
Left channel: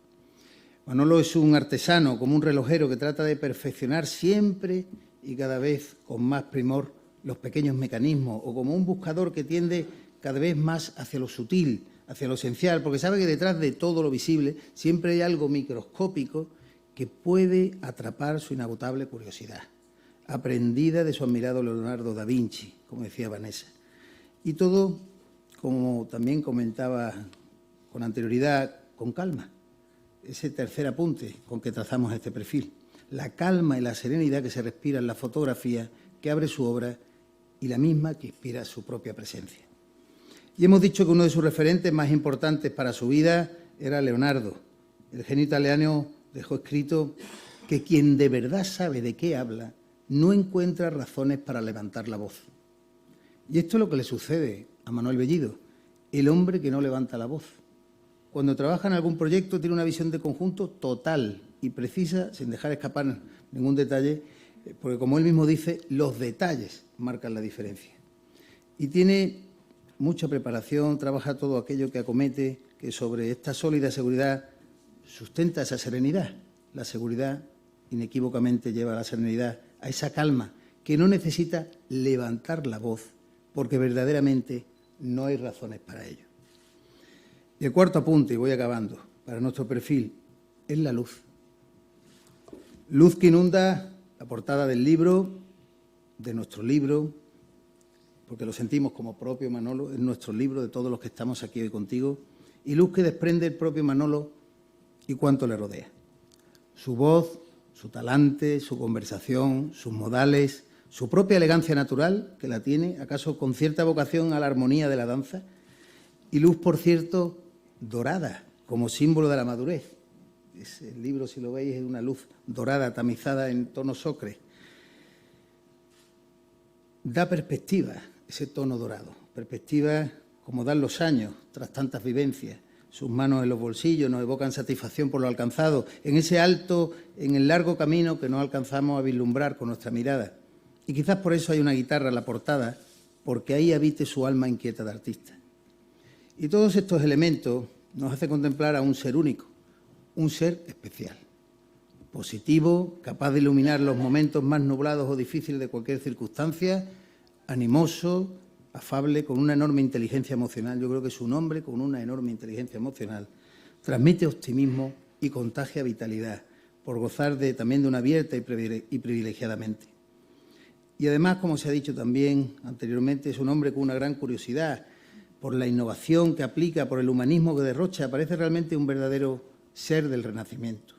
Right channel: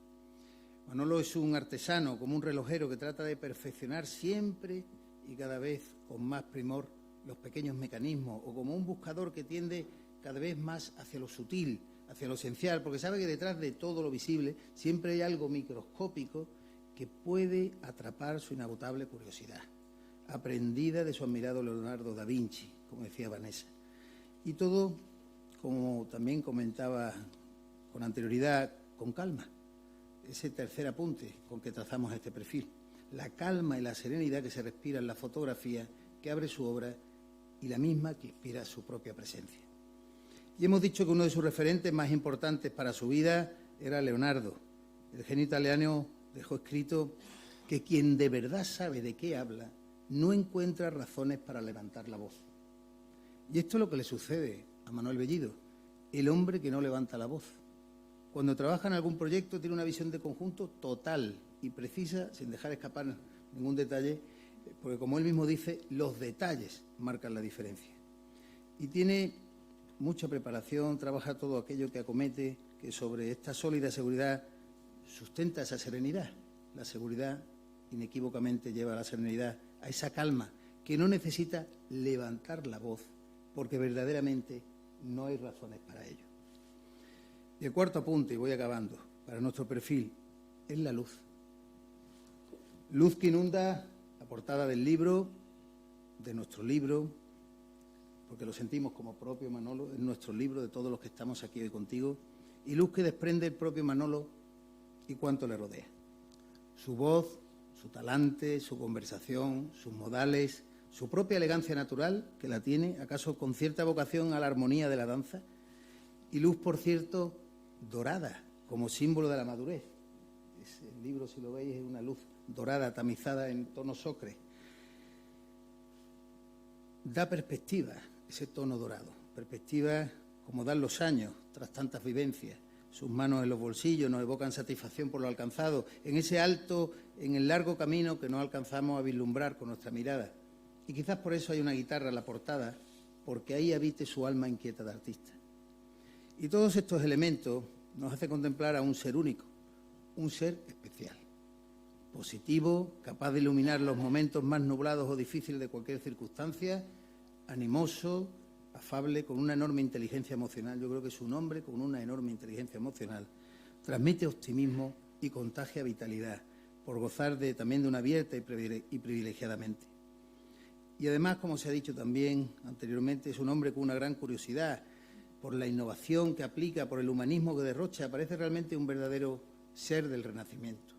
Manolo es un artesano, como un relojero, que trata de perfeccionar siempre y cada vez con más primor los pequeños mecanismos, o como un buscador que tiende cada vez más hacia lo sutil, hacia lo esencial, porque sabe que detrás de todo lo visible siempre hay algo microscópico que puede atrapar su inagotable curiosidad, aprendida de su admirado Leonardo da Vinci, como decía Vanessa. Y todo, como también comentaba con anterioridad, con calma. Ese tercer apunte con que trazamos este perfil. La calma y la serenidad que se respira en la fotografía que abre su obra y la misma que inspira su propia presencia. Y hemos dicho que uno de sus referentes más importantes para su vida era Leonardo. El genio italiano dejó escrito que quien de verdad sabe de qué habla no encuentra razones para levantar la voz. Y esto es lo que le sucede a Manuel Bellido, el hombre que no levanta la voz. cuando trabaja en algún proyecto, tiene una visión de conjunto total y precisa, sin dejar escapar ningún detalle, porque, como él mismo dice, los detalles marcan la diferencia. Y tiene mucha preparación, trabaja todo aquello que acomete, que sobre esta sólida seguridad sustenta esa serenidad. La seguridad inequívocamente lleva a la serenidad, a esa calma, que no necesita levantar la voz, porque verdaderamente no hay razones para ello. Y el cuarto apunte, y voy acabando, para nuestro perfil, es la luz. Luz que inunda la portada del libro, de nuestro libro, porque lo sentimos como propio, Manolo, es nuestro libro de todos los que estamos aquí hoy contigo, y luz que desprende el propio Manolo y cuánto le rodea. Su voz, su talante, su conversación, sus modales, su propia elegancia natural, que la tiene, acaso con cierta vocación a la armonía de la danza, y luz, por cierto, dorada, como símbolo de la madurez. El libro, si lo veis, es una luz dorada, tamizada en tonos ocre. Da perspectiva, ese tono dorado, perspectiva como dan los años tras tantas vivencias. Sus manos en los bolsillos nos evocan satisfacción por lo alcanzado, en ese alto, en el largo camino que no alcanzamos a vislumbrar con nuestra mirada. Y quizás por eso hay una guitarra en la portada, porque ahí habite su alma inquieta de artista. Y todos estos elementos nos hacen contemplar a un ser único, un ser especial, positivo, capaz de iluminar los momentos más nublados o difíciles de cualquier circunstancia, animoso, afable, con una enorme inteligencia emocional. Yo creo que su nombre, con una enorme inteligencia emocional, transmite optimismo y contagia vitalidad, por gozar también de una abierta y privilegiada mente. Y además, como se ha dicho también anteriormente, es un hombre con una gran curiosidad por la innovación que aplica, por el humanismo que derrocha. Parece realmente un verdadero ser del Renacimiento.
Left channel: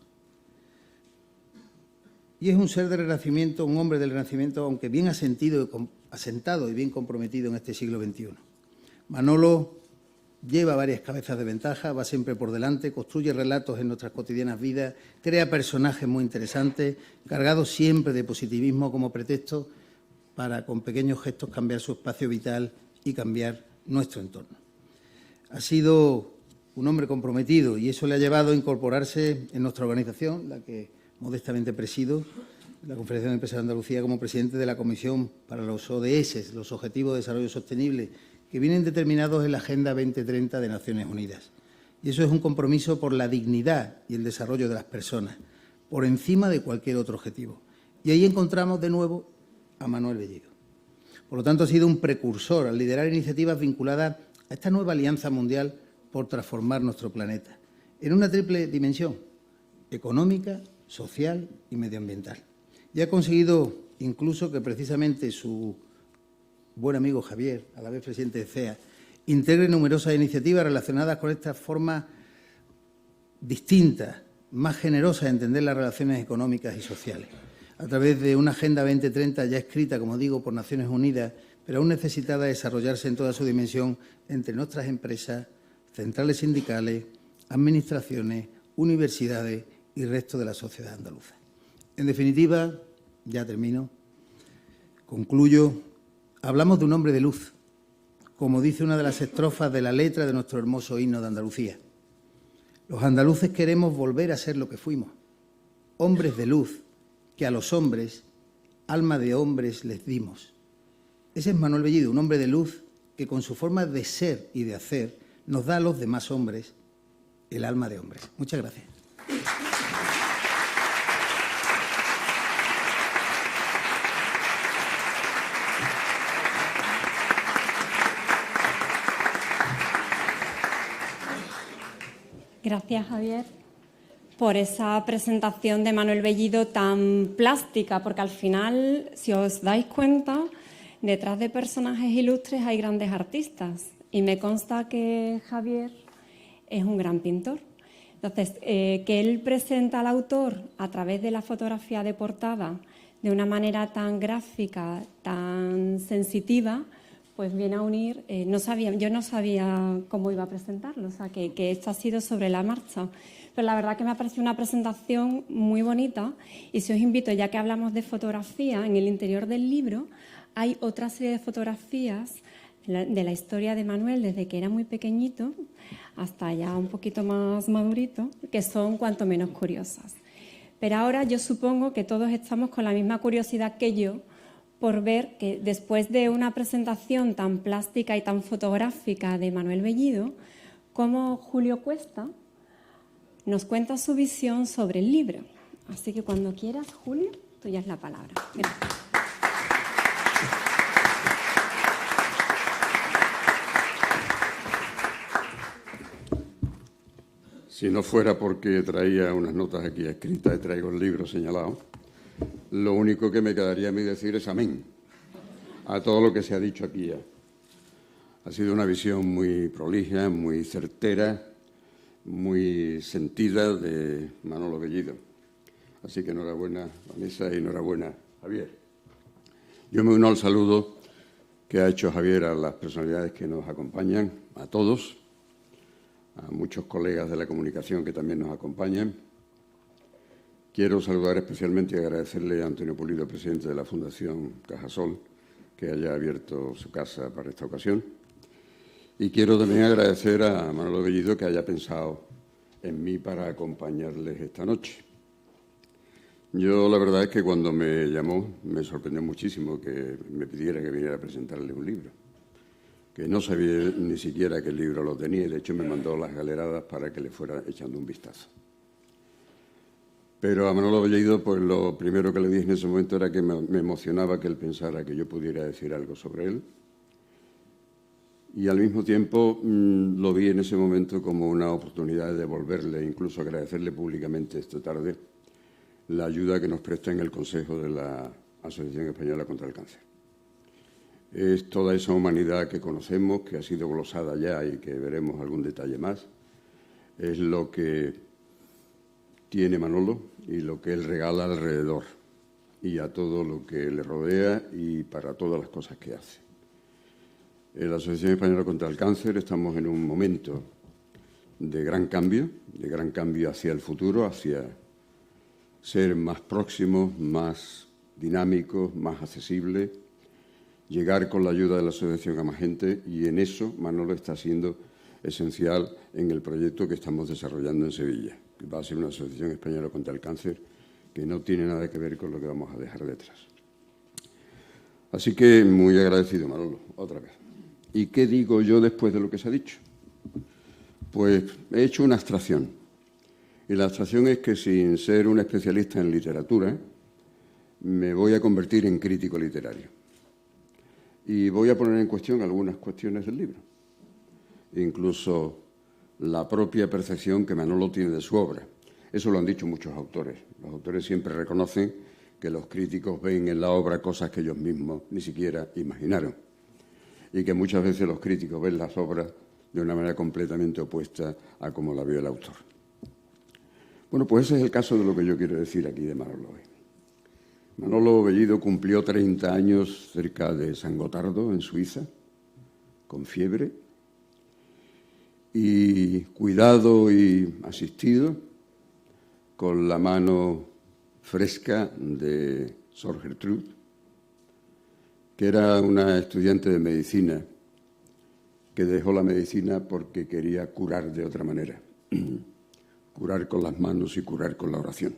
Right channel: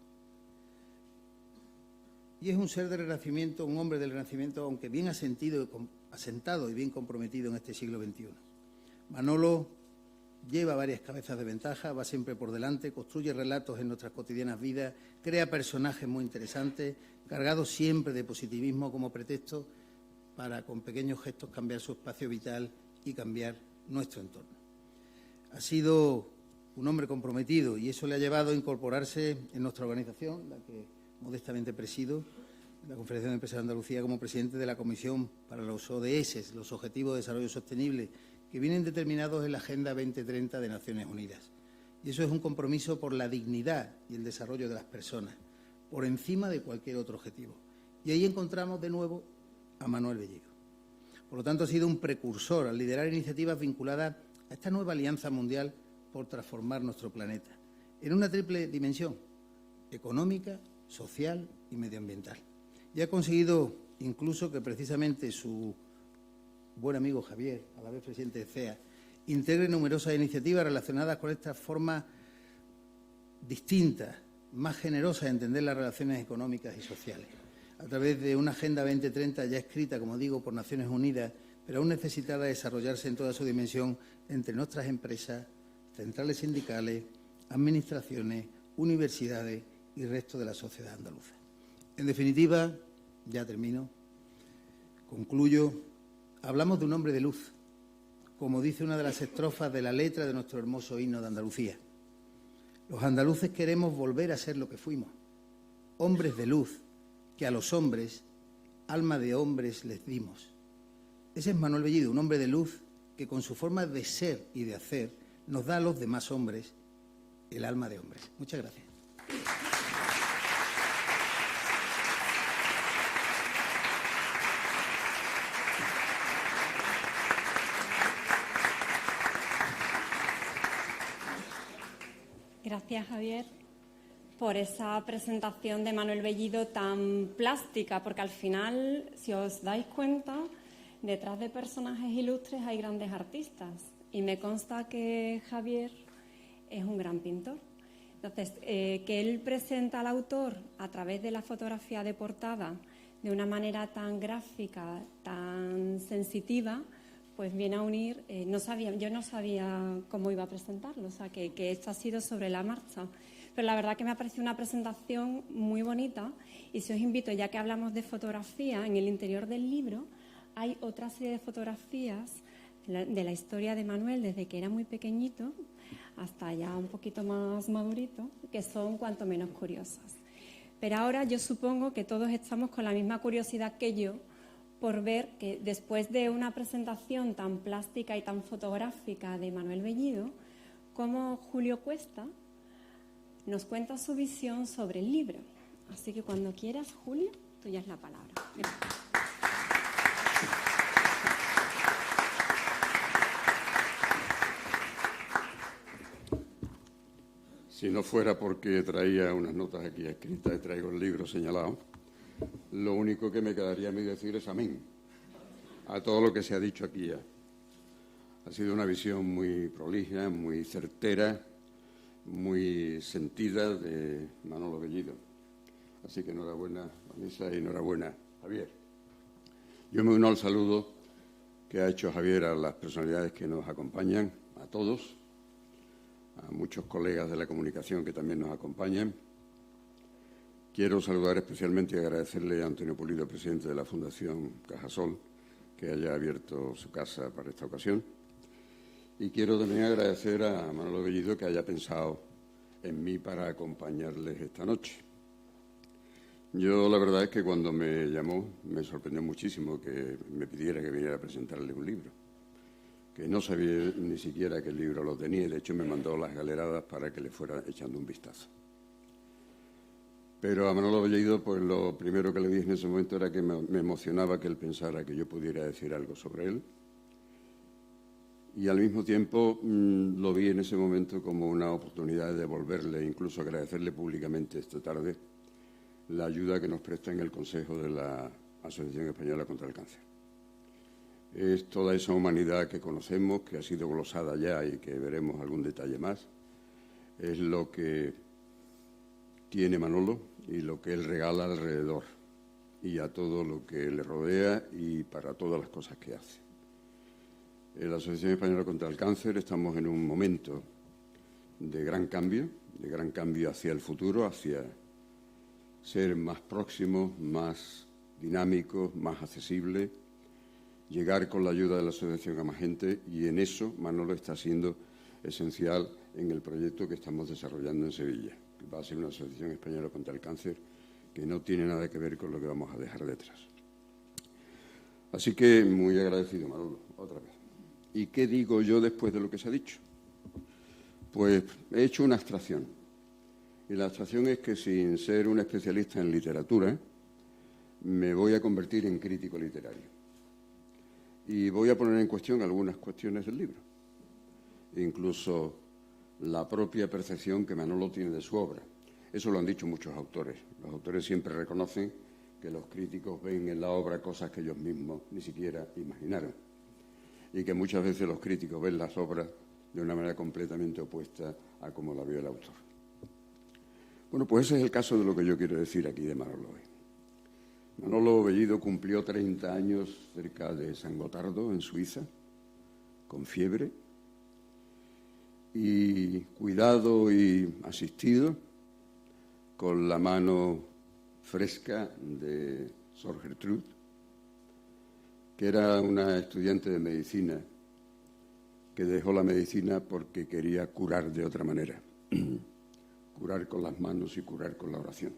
Y es un ser del Renacimiento, un hombre del Renacimiento, aunque bien asentado y bien comprometido en este siglo XXI. Manolo lleva varias cabezas de ventaja, va siempre por delante, construye relatos en nuestras cotidianas vidas, crea personajes muy interesantes, cargados siempre de positivismo como pretexto para, con pequeños gestos, cambiar su espacio vital y cambiar nuestro entorno. Ha sido un hombre comprometido y eso le ha llevado a incorporarse en nuestra organización, la que modestamente presido, la Confederación de Empresarios de Andalucía, como presidente de la Comisión para los ODS, los Objetivos de Desarrollo Sostenible, que vienen determinados en la Agenda 2030 de Naciones Unidas. Y eso es un compromiso por la dignidad y el desarrollo de las personas, por encima de cualquier otro objetivo. Y ahí encontramos de nuevo a Manuel Bellido. Por lo tanto, ha sido un precursor al liderar iniciativas vinculadas a esta nueva alianza mundial por transformar nuestro planeta, en una triple dimensión: económica, social y medioambiental. Y ha conseguido incluso que precisamente su buen amigo Javier, a la vez presidente de CEA, integre numerosas iniciativas relacionadas con esta forma distinta, más generosa de entender las relaciones económicas y sociales, a través de una Agenda 2030 ya escrita, como digo, por Naciones Unidas, pero aún necesitada de desarrollarse en toda su dimensión entre nuestras empresas, centrales sindicales, administraciones, universidades y resto de la sociedad andaluza. En definitiva, ya termino, concluyo, hablamos de un hombre de luz, como dice una de las estrofas de la letra de nuestro hermoso himno de Andalucía. Los andaluces queremos volver a ser lo que fuimos, hombres de luz, que a los hombres, alma de hombres les dimos. Ese es Manuel Bellido, un hombre de luz que con su forma de ser y de hacer nos da a los demás hombres el alma de hombres. Muchas gracias. Gracias, Javier, por esa presentación de Manuel Bellido tan plástica, porque al final, si os dais cuenta, detrás de personajes ilustres hay grandes artistas y me consta que Javier es un gran pintor. Entonces, que él presenta al autor a través de la fotografía de portada de una manera tan gráfica, tan sensitiva, pues viene a unir, yo no sabía cómo iba a presentarlo, o sea, que esto ha sido sobre la marcha. Pero la verdad que me ha parecido una presentación muy bonita y si os invito, ya que hablamos de fotografía, en el interior del libro hay otra serie de fotografías de la historia de Manuel desde que era muy pequeñito, hasta ya un poquito más madurito, que son cuanto menos curiosas. Pero ahora yo supongo que todos estamos con la misma curiosidad que yo por ver que después de una presentación tan plástica y tan fotográfica de Manuel Bellido, cómo Julio Cuesta nos cuenta su visión sobre el libro. Así que cuando quieras, Julio, tuya es la palabra. Gracias. Si no fuera porque traía unas notas aquí escritas y traigo el libro señalado, lo único que me quedaría a mí decir es amén a todo lo que se ha dicho aquí ya. Ha sido una visión muy prolija, muy certera, muy sentida de Manolo Bellido. Así que enhorabuena, Vanessa, y enhorabuena, Javier. Yo me uno al saludo que ha hecho Javier a las personalidades que nos acompañan, a todos, a muchos colegas de la comunicación que también nos acompañan. Quiero saludar especialmente y agradecerle a Antonio Pulido, presidente de la Fundación Cajasol, que haya abierto su casa para esta ocasión. Y quiero también agradecer a Manolo Bellido que haya pensado en mí para acompañarles esta noche. Yo la verdad es que cuando me llamó me sorprendió muchísimo que me pidiera que viniera a presentarle un libro, que no sabía ni siquiera que el libro lo tenía, y de hecho me mandó las galeradas para que le fuera echando un vistazo. Pero a Manolo Bellido, pues lo primero que le dije en ese momento era que me emocionaba que él pensara que yo pudiera decir algo sobre él. Y al mismo tiempo lo vi en ese momento como una oportunidad de devolverle, incluso agradecerle públicamente esta tarde, la ayuda que nos presta en el Consejo de la Asociación Española contra el Cáncer. Es toda esa humanidad que conocemos, que ha sido glosada ya y que veremos algún detalle más. Es lo que tiene Manolo y lo que él regala alrededor y a todo lo que le rodea y para todas las cosas que hace. En la Asociación Española contra el Cáncer estamos en un momento de gran cambio hacia el futuro, hacia ser más próximos, más dinámicos, más accesibles, llegar con la ayuda de la asociación a más gente, y en eso Manolo está siendo esencial en el proyecto que estamos desarrollando en Sevilla, que va a ser una asociación española contra el cáncer que no tiene nada que ver con lo que vamos a dejar detrás. Así que muy agradecido, Manolo, otra vez. ¿Y qué digo yo después de lo que se ha dicho? Pues he hecho una abstracción. Y la abstracción es que, sin ser un especialista en literatura, me voy a convertir en crítico literario. Y voy a poner en cuestión algunas cuestiones del libro. Incluso la propia percepción que Manolo tiene de su obra. Eso lo han dicho muchos autores. Los autores siempre reconocen que los críticos ven en la obra cosas que ellos mismos ni siquiera imaginaron. Y que muchas veces los críticos ven las obras de una manera completamente opuesta a como la vio el autor. Bueno, pues ese es el caso de lo que yo quiero decir aquí de Manolo hoy. Manolo Bellido cumplió 30 años cerca de San Gotardo, en Suiza, con fiebre, y cuidado y asistido, con la mano fresca de Sor Gertrude, que era una estudiante de medicina que dejó la medicina porque quería curar de otra manera, curar con las manos y curar con la oración.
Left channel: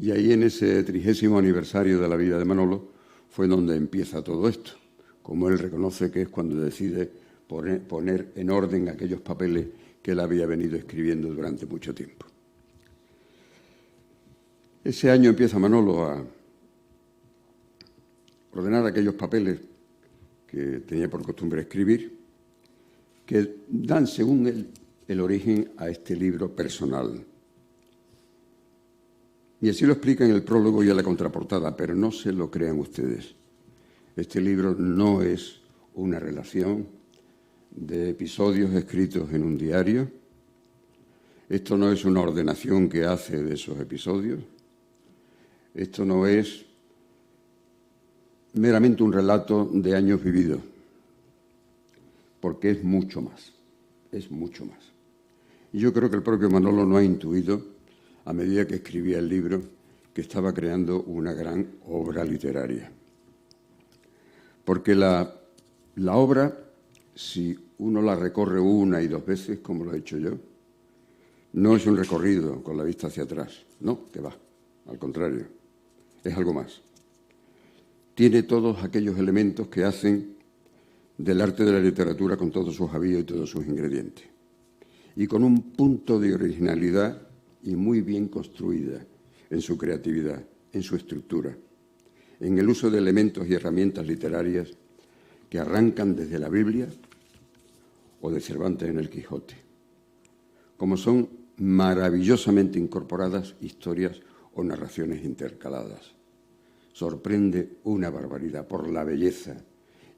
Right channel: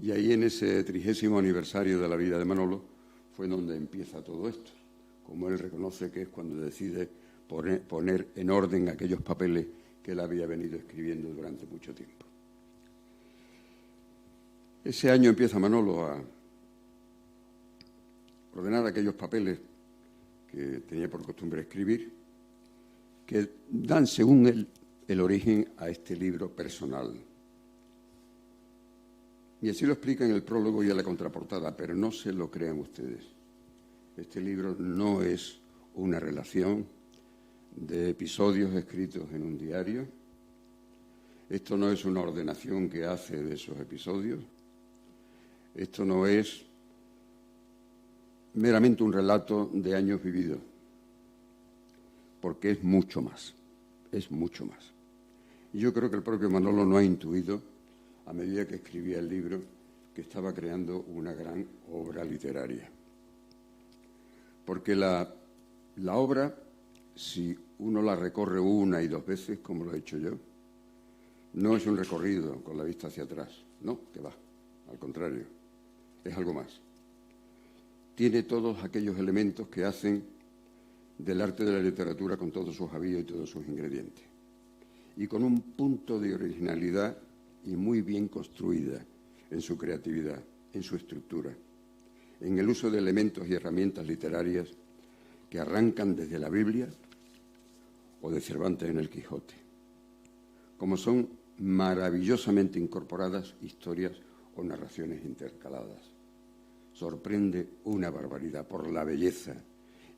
Y ahí, en ese 30º aniversario de la vida de Manolo, fue donde empieza todo esto, como él reconoce que es cuando decide poner en orden aquellos papeles que él había venido escribiendo durante mucho tiempo. Ese año empieza Manolo a ordenar aquellos papeles que tenía por costumbre escribir, que dan, según él, el origen a este libro personal. Y así lo explica en el prólogo y en la contraportada, pero no se lo crean ustedes. Este libro no es una relación de episodios escritos en un diario. Esto no es una ordenación que hace de esos episodios. Esto no es meramente un relato de años vividos, porque es mucho más, es mucho más. Y yo creo que el propio Manolo no ha intuido, a medida que escribía el libro, que estaba creando una gran obra literaria. Porque la obra, si uno la recorre una y dos veces, como lo he hecho yo. No es un recorrido con la vista hacia atrás, no, que va, al contrario, es algo más. Tiene todos aquellos elementos que hacen del arte de la literatura con todos sus avíos y todos sus ingredientes. Y con un punto de originalidad y muy bien construida en su creatividad, en su estructura, en el uso de elementos y herramientas literarias que arrancan desde la Biblia o de Cervantes en el Quijote, como son maravillosamente incorporadas historias o narraciones intercaladas. Sorprende una barbaridad por la belleza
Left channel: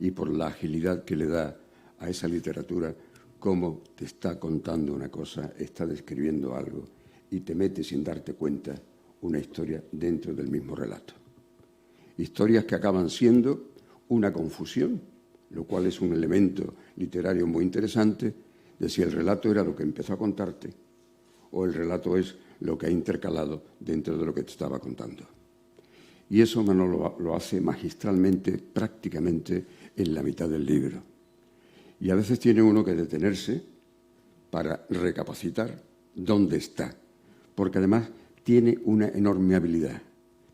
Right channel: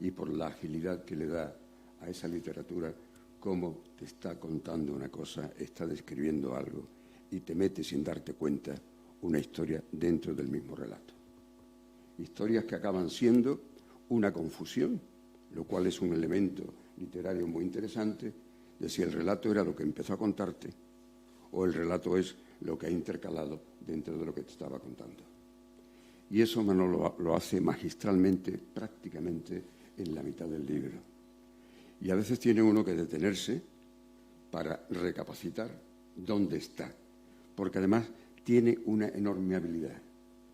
y por la agilidad que le da a esa literatura, cómo te está contando una cosa, está describiendo algo y te mete sin darte cuenta una historia dentro del mismo relato. Historias que acaban siendo una confusión, lo cual es un elemento literario muy interesante de si el relato era lo que empezó a contarte o el relato es lo que ha intercalado dentro de lo que te estaba contando. Y eso Manolo lo hace magistralmente, prácticamente en la mitad del libro. Y a veces tiene uno que detenerse para recapacitar dónde está, porque además tiene una enorme habilidad.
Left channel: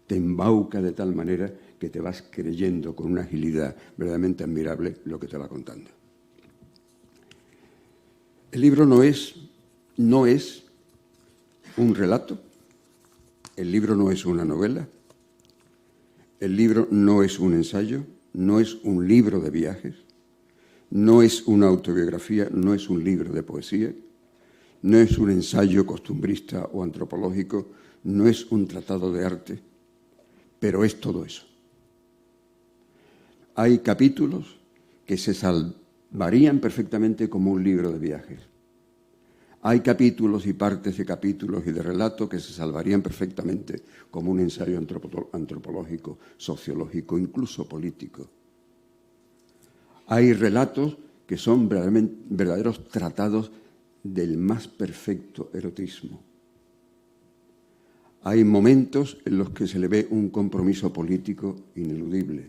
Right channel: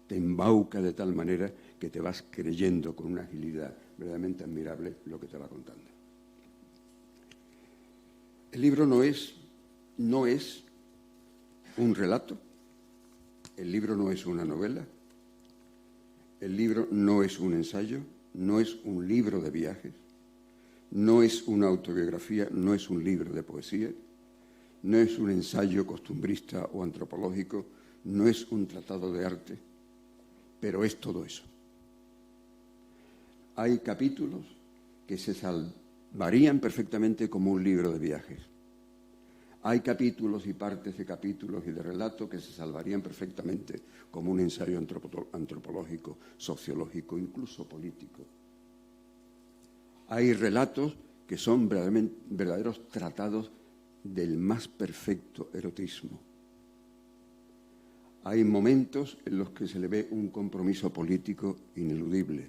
Te embauca de tal manera que te vas creyendo con una agilidad verdaderamente admirable lo que te va contando. El libro no es un relato, el libro no es una novela, el libro no es un ensayo, no es un libro de viajes, no es una autobiografía, no es un libro de poesía, no es un ensayo costumbrista o antropológico, no es un tratado de arte, pero es todo eso. Hay capítulos que se salvarían perfectamente como un libro de viajes. Hay capítulos y partes de capítulos y de relato que se salvarían perfectamente como un ensayo antropológico, sociológico, incluso político. Hay relatos que son verdaderos tratados del más perfecto erotismo. Hay momentos en los que se le ve un compromiso político ineludible,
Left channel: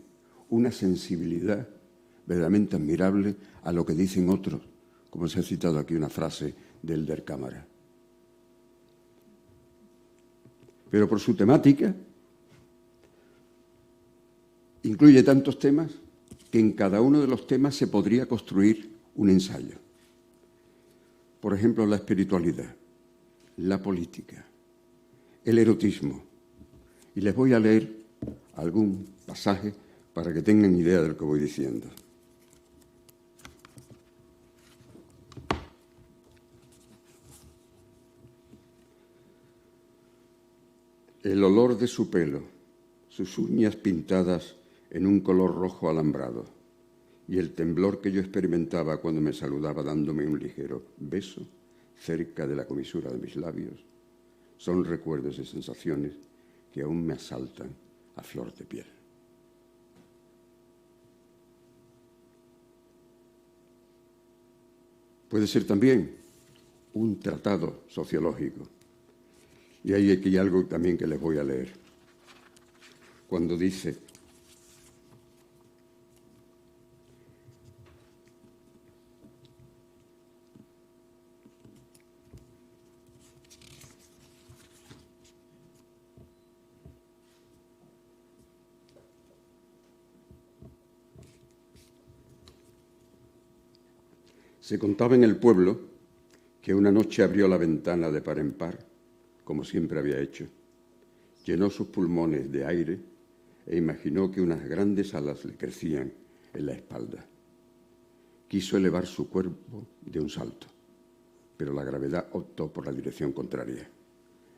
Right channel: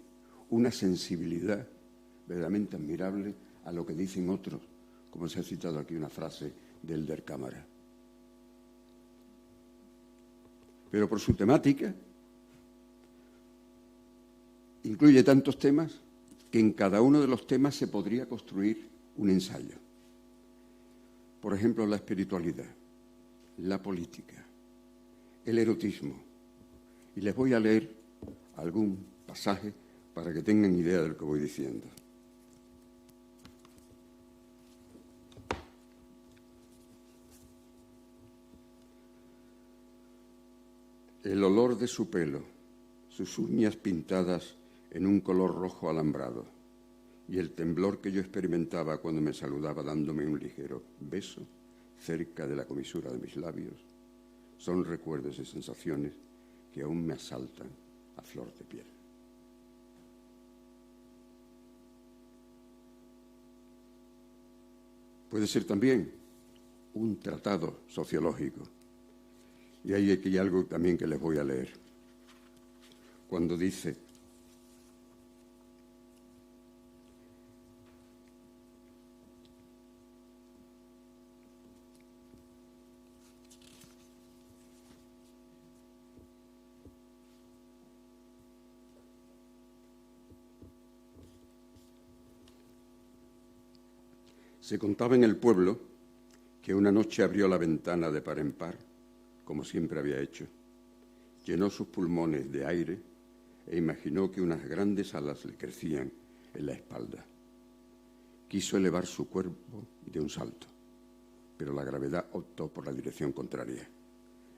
una sensibilidad verdaderamente admirable a lo que dicen otros, como se ha citado aquí una frase del Der Cámara. Pero por su temática incluye tantos temas que en cada uno de los temas se podría construir un ensayo. Por ejemplo, la espiritualidad, la política, el erotismo. Y les voy a leer algún pasaje para que tengan idea de lo que voy diciendo. El olor de su pelo, sus uñas pintadas en un color rojo alambrado y el temblor que yo experimentaba cuando me saludaba dándome un ligero beso cerca de la comisura de mis labios son recuerdos y sensaciones que aún me asaltan a flor de piel. Puede ser también un tratado sociológico. Y hay aquí algo también que les voy a leer. Cuando dice: se contaba en el pueblo que una noche abrió la ventana de par en par, como siempre había hecho, llenó sus pulmones de aire e imaginó que unas grandes alas le crecían en la espalda. Quiso elevar su cuerpo de un salto, pero la gravedad optó por la dirección contraria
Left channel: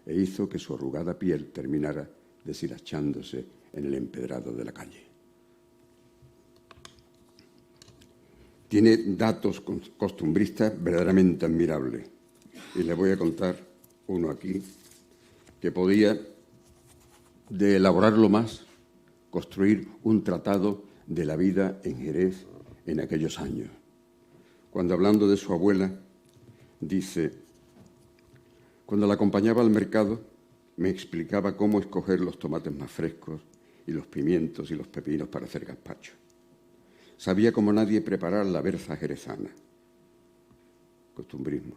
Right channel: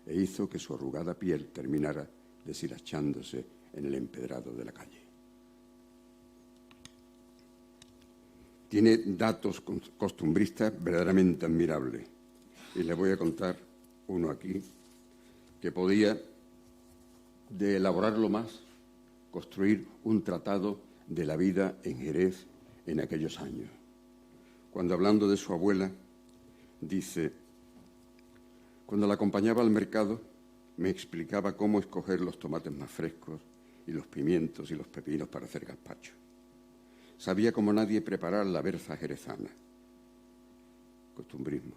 e hizo que su arrugada piel terminara deshilachándose en el empedrado de la calle. Tiene datos costumbristas verdaderamente admirables. Y les voy a contar uno aquí que podía, de elaborarlo más, construir un tratado de la vida en Jerez en aquellos años. Cuando hablando de su abuela, dice: cuando la acompañaba al mercado, me explicaba cómo escoger los tomates más frescos y los pimientos y los pepinos para hacer gazpacho. Sabía como nadie preparar la berza jerezana, costumbrismo,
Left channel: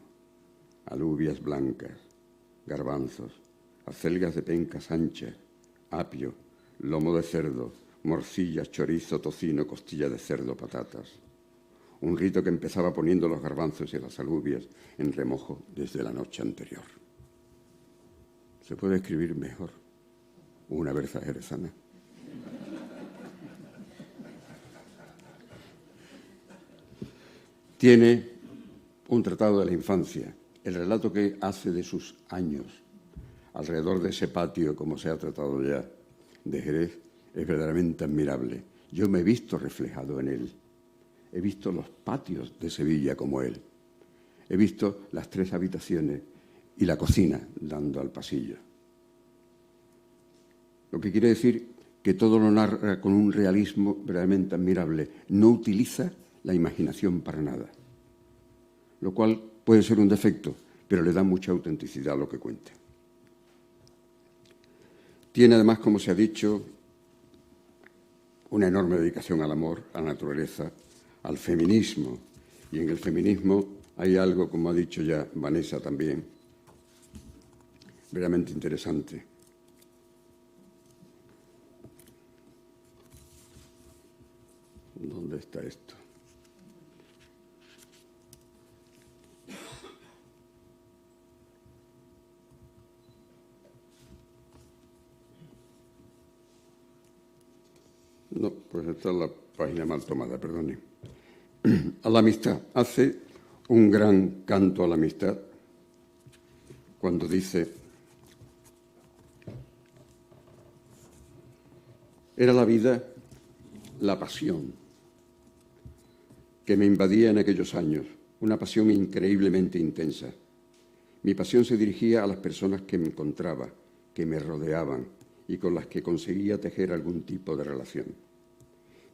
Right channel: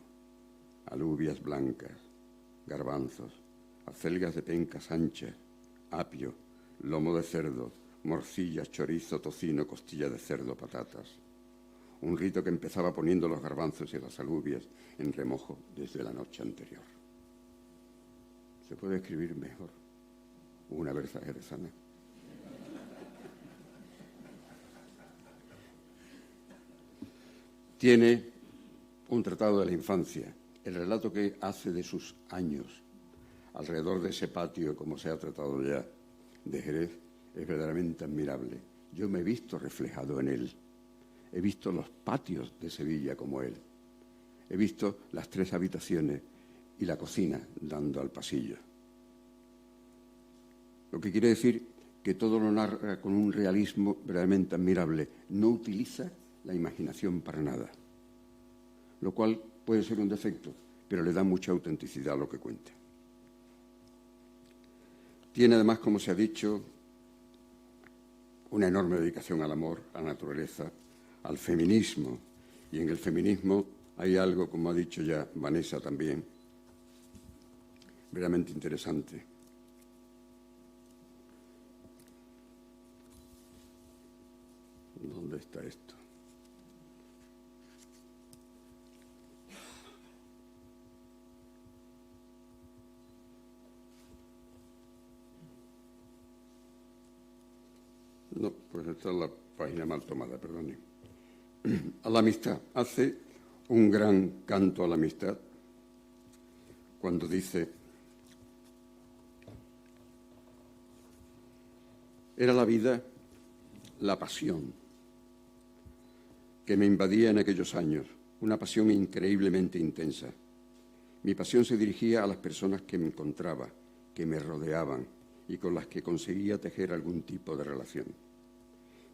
alubias blancas, garbanzos, acelgas de pencas anchas, apio, lomo de cerdo, morcillas, chorizo, tocino, costilla de cerdo, patatas. Un rito que empezaba poniendo los garbanzos y las alubias en remojo desde la noche anterior. ¿Se puede escribir mejor una berza jerezana? Tiene un tratado de la infancia, el relato que hace de sus años alrededor de ese patio, como se ha tratado ya, de Jerez, es verdaderamente admirable. Yo me he visto reflejado en él. He visto los patios de Sevilla como él. He visto las 3 habitaciones y la cocina dando al pasillo. Lo que quiere decir que todo lo narra con un realismo verdaderamente admirable. No utiliza la imaginación para nada, lo cual puede ser un defecto, pero le da mucha autenticidad a lo que cuenta. Tiene además, como se ha dicho, una enorme dedicación al amor, a la naturaleza, al feminismo. Y en el feminismo hay algo, como ha dicho ya Vanessa también, verdaderamente interesante. ¿Dónde está esto? No, pues esta es la página mal tomada, perdone. A la amistad. Hace un gran canto a la amistad cuando dice: era la vida la pasión que me invadía en aquellos años, una pasión increíblemente intensa. Mi pasión se dirigía a las personas que me encontraba, que me rodeaban y con las que conseguía tejer algún tipo de relación.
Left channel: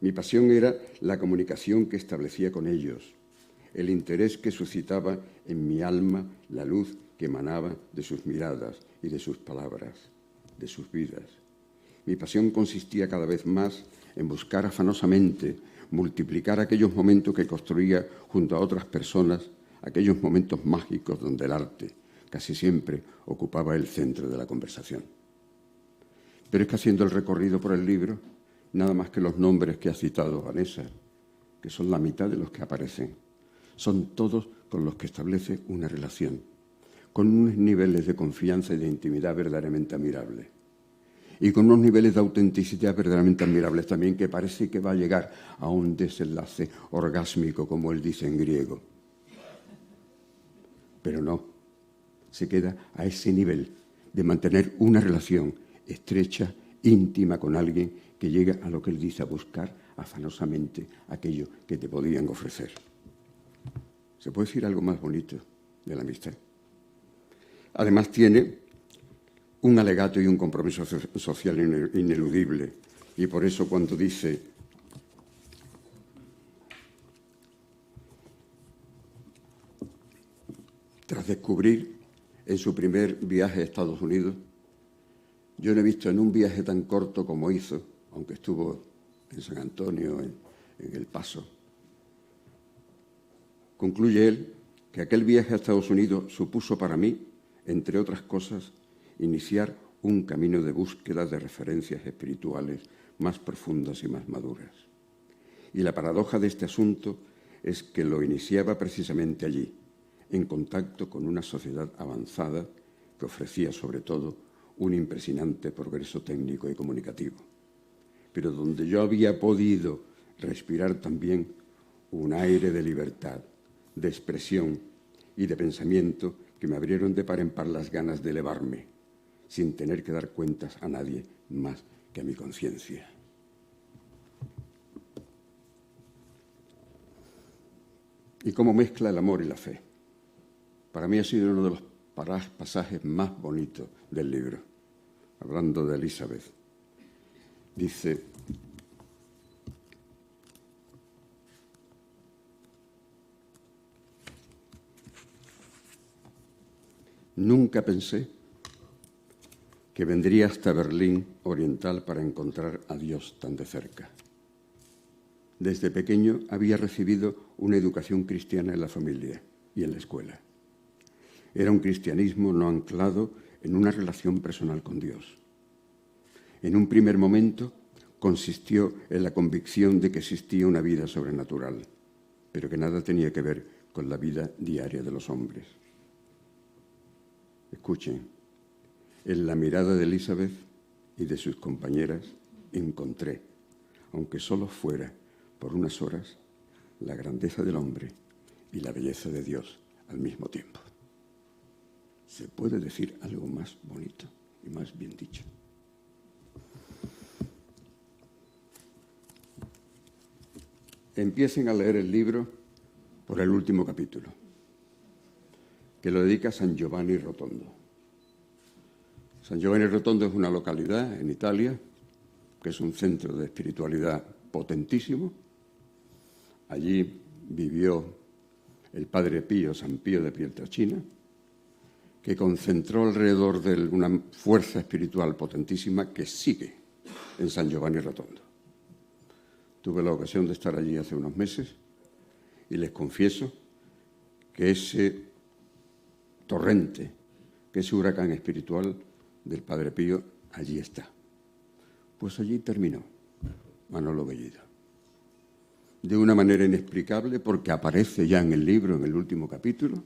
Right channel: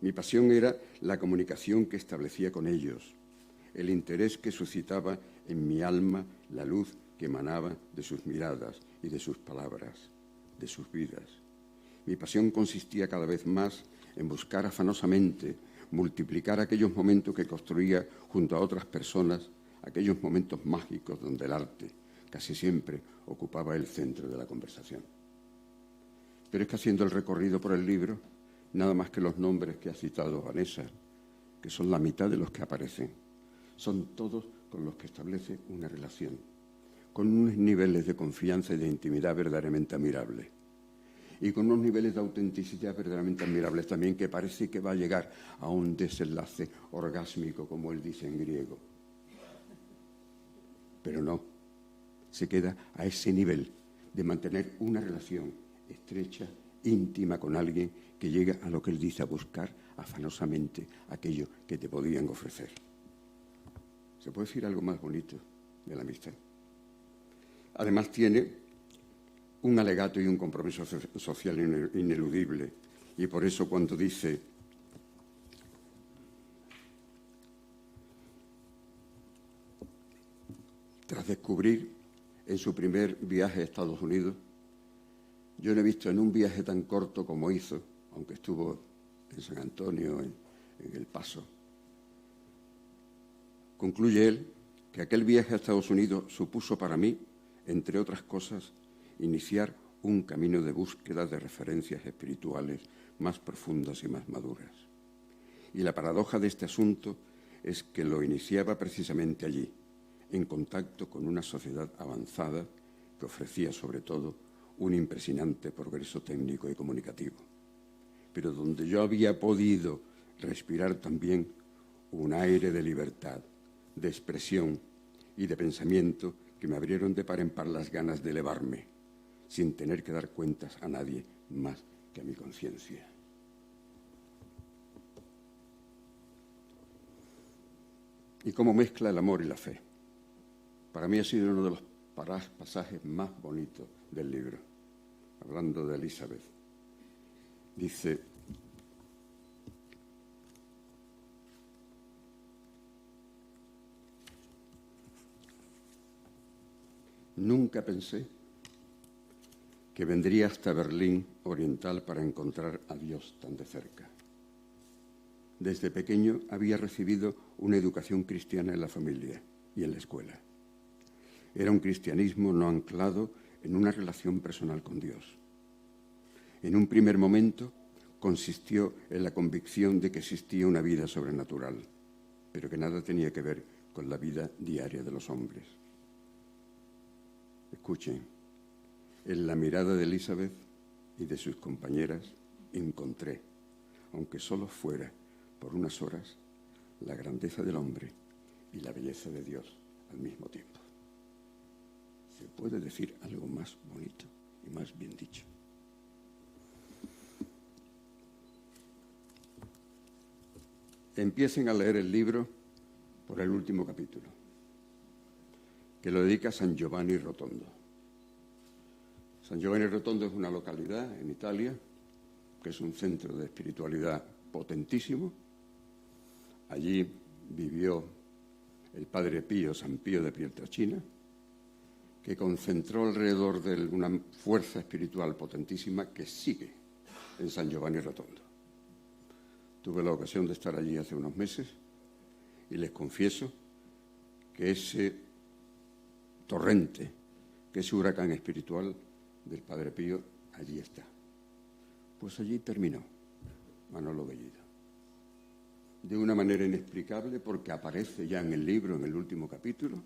Mi pasión era la comunicación que establecía con ellos, el interés que suscitaba en mi alma la luz que emanaba de sus miradas y de sus palabras, de sus vidas. Mi pasión consistía cada vez más en buscar afanosamente, multiplicar aquellos momentos que construía junto a otras personas, aquellos momentos mágicos donde el arte casi siempre ocupaba el centro de la conversación. Pero es que haciendo el recorrido por el libro, nada más que los nombres que ha citado Vanessa, que son la mitad de los que aparecen, son todos con los que establece una relación, con unos niveles de confianza y de intimidad verdaderamente admirables. Y con unos niveles de autenticidad verdaderamente admirables también, que parece que va a llegar a un desenlace orgásmico, como él dice en griego. Pero no, se queda a ese nivel de mantener una relación estrecha, íntima con alguien que llega a lo que él dice, a buscar afanosamente aquello que te podían ofrecer. ¿Se puede decir algo más bonito de la amistad? Además tiene un alegato y un compromiso social ineludible. Y por eso cuando dice: tras descubrir en su primer viaje a Estados Unidos, yo no he visto en un viaje tan corto como hizo, aunque estuvo en San Antonio, en El Paso, concluye él que aquel viaje a Estados Unidos supuso para mí, entre otras cosas, iniciar un camino de búsqueda de referencias espirituales más profundas y más maduras. Y la paradoja de este asunto es que lo iniciaba precisamente allí, en contacto con una sociedad avanzada que ofrecía sobre todo un impresionante progreso técnico y comunicativo, pero donde yo había podido respirar también un aire de libertad, de expresión y de pensamiento que me abrieron de par en par las ganas de elevarme, sin tener que dar cuentas a nadie más que a mi conciencia. Y cómo mezcla el amor y la fe. Para mí ha sido uno de los pasajes más bonitos del libro, hablando de Elizabeth. Dice: nunca pensé que vendría hasta Berlín Oriental para encontrar a Dios tan de cerca. Desde pequeño había recibido una educación cristiana en la familia y en la escuela. Era un cristianismo no anclado en una relación personal con Dios. En un primer momento consistió en la convicción de que existía una vida sobrenatural, pero que nada tenía que ver con la vida diaria de los hombres. Escuchen, en la mirada de Elizabeth y de sus compañeras encontré, aunque solo fuera por unas horas, la grandeza del hombre y la belleza de Dios al mismo tiempo. ¿Se puede decir algo más bonito y más bien dicho? Empiecen a leer el libro por el último capítulo, que lo dedica a San Giovanni Rotondo. San Giovanni Rotondo es una localidad en Italia, que es un centro de espiritualidad potentísimo. Allí vivió el Padre Pío, San Pío de Pietrelcina, que concentró alrededor de él una fuerza espiritual potentísima que sigue en San Giovanni Rotondo. Tuve la ocasión de estar allí hace unos meses y les confieso que ese torrente, que ese huracán espiritual del Padre Pío, allí está. Pues allí terminó Manolo Bellido. De una manera inexplicable, porque aparece ya en el libro, en el último capítulo,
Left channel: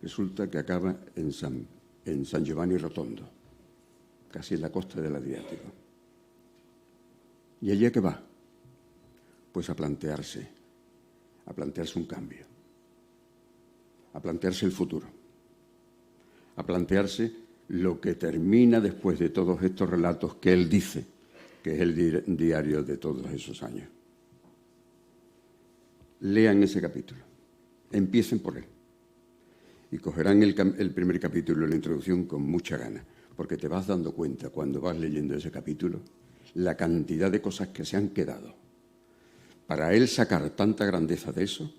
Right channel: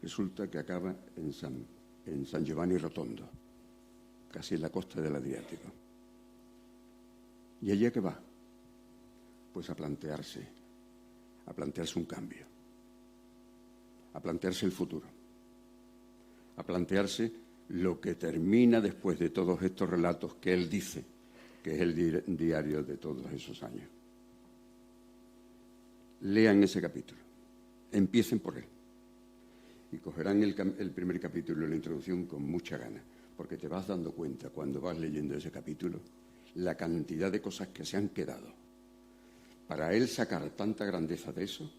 resulta que acaba en San Giovanni Rotondo, casi en la costa del Adriático. ¿Y allí a qué va? Pues a plantearse un cambio, a plantearse el futuro, a plantearse lo que termina después de todos estos relatos que él dice, que es el diario de todos esos años. Lean ese capítulo, empiecen por él y cogerán el primer capítulo, la introducción, con mucha gana, porque te vas dando cuenta cuando vas leyendo ese capítulo la cantidad de cosas que se han quedado para él sacar tanta grandeza de eso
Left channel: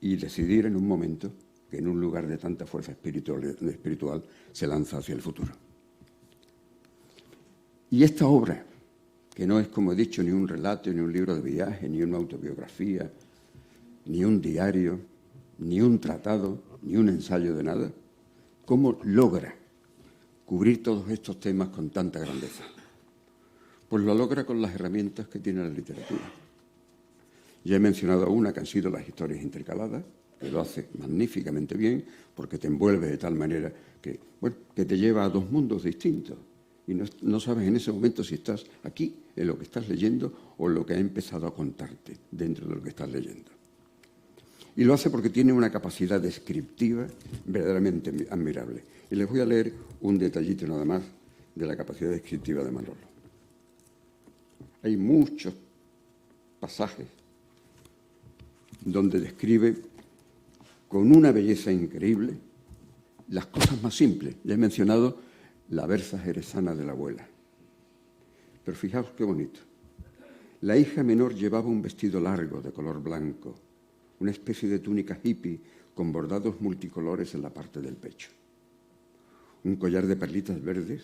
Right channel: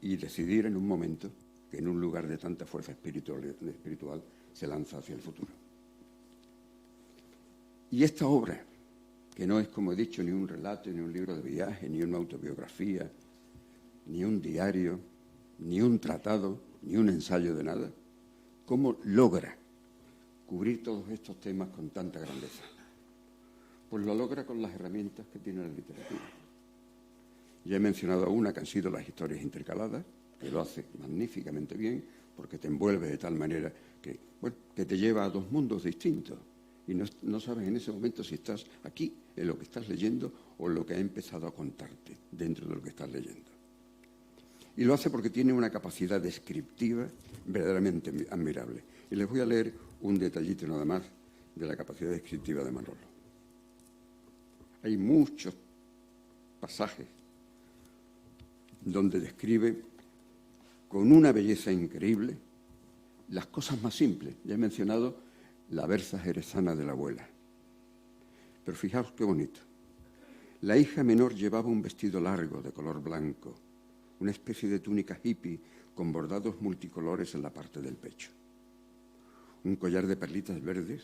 y decidir en un momento que en un lugar de tanta fuerza espiritual se lanza hacia el futuro. Y esta obra, que no es, como he dicho, ni un relato, ni un libro de viaje, ni una autobiografía, ni un diario, ni un tratado, ni un ensayo de nada, ¿cómo logra cubrir todos estos temas con tanta grandeza? Pues lo logra con las herramientas que tiene la literatura. Ya he mencionado una que han sido las historias intercaladas, que lo hace magníficamente bien, porque te envuelve de tal manera que te lleva a dos mundos distintos. Y no sabes en ese momento si estás aquí, en lo que estás leyendo, o en lo que ha empezado a contarte dentro de lo que estás leyendo. Y lo hace porque tiene una capacidad descriptiva verdaderamente admirable. Y les voy a leer un detallito nada más de la capacidad descriptiva de Manolo. Hay muchos pasajes donde describe con una belleza increíble las cosas más simples. Ya he mencionado la berza jerezana de la abuela. Pero fijaos qué bonito. La hija menor llevaba un vestido largo de color blanco, una especie de túnica hippie con bordados multicolores en la parte del pecho. Un collar de perlitas verdes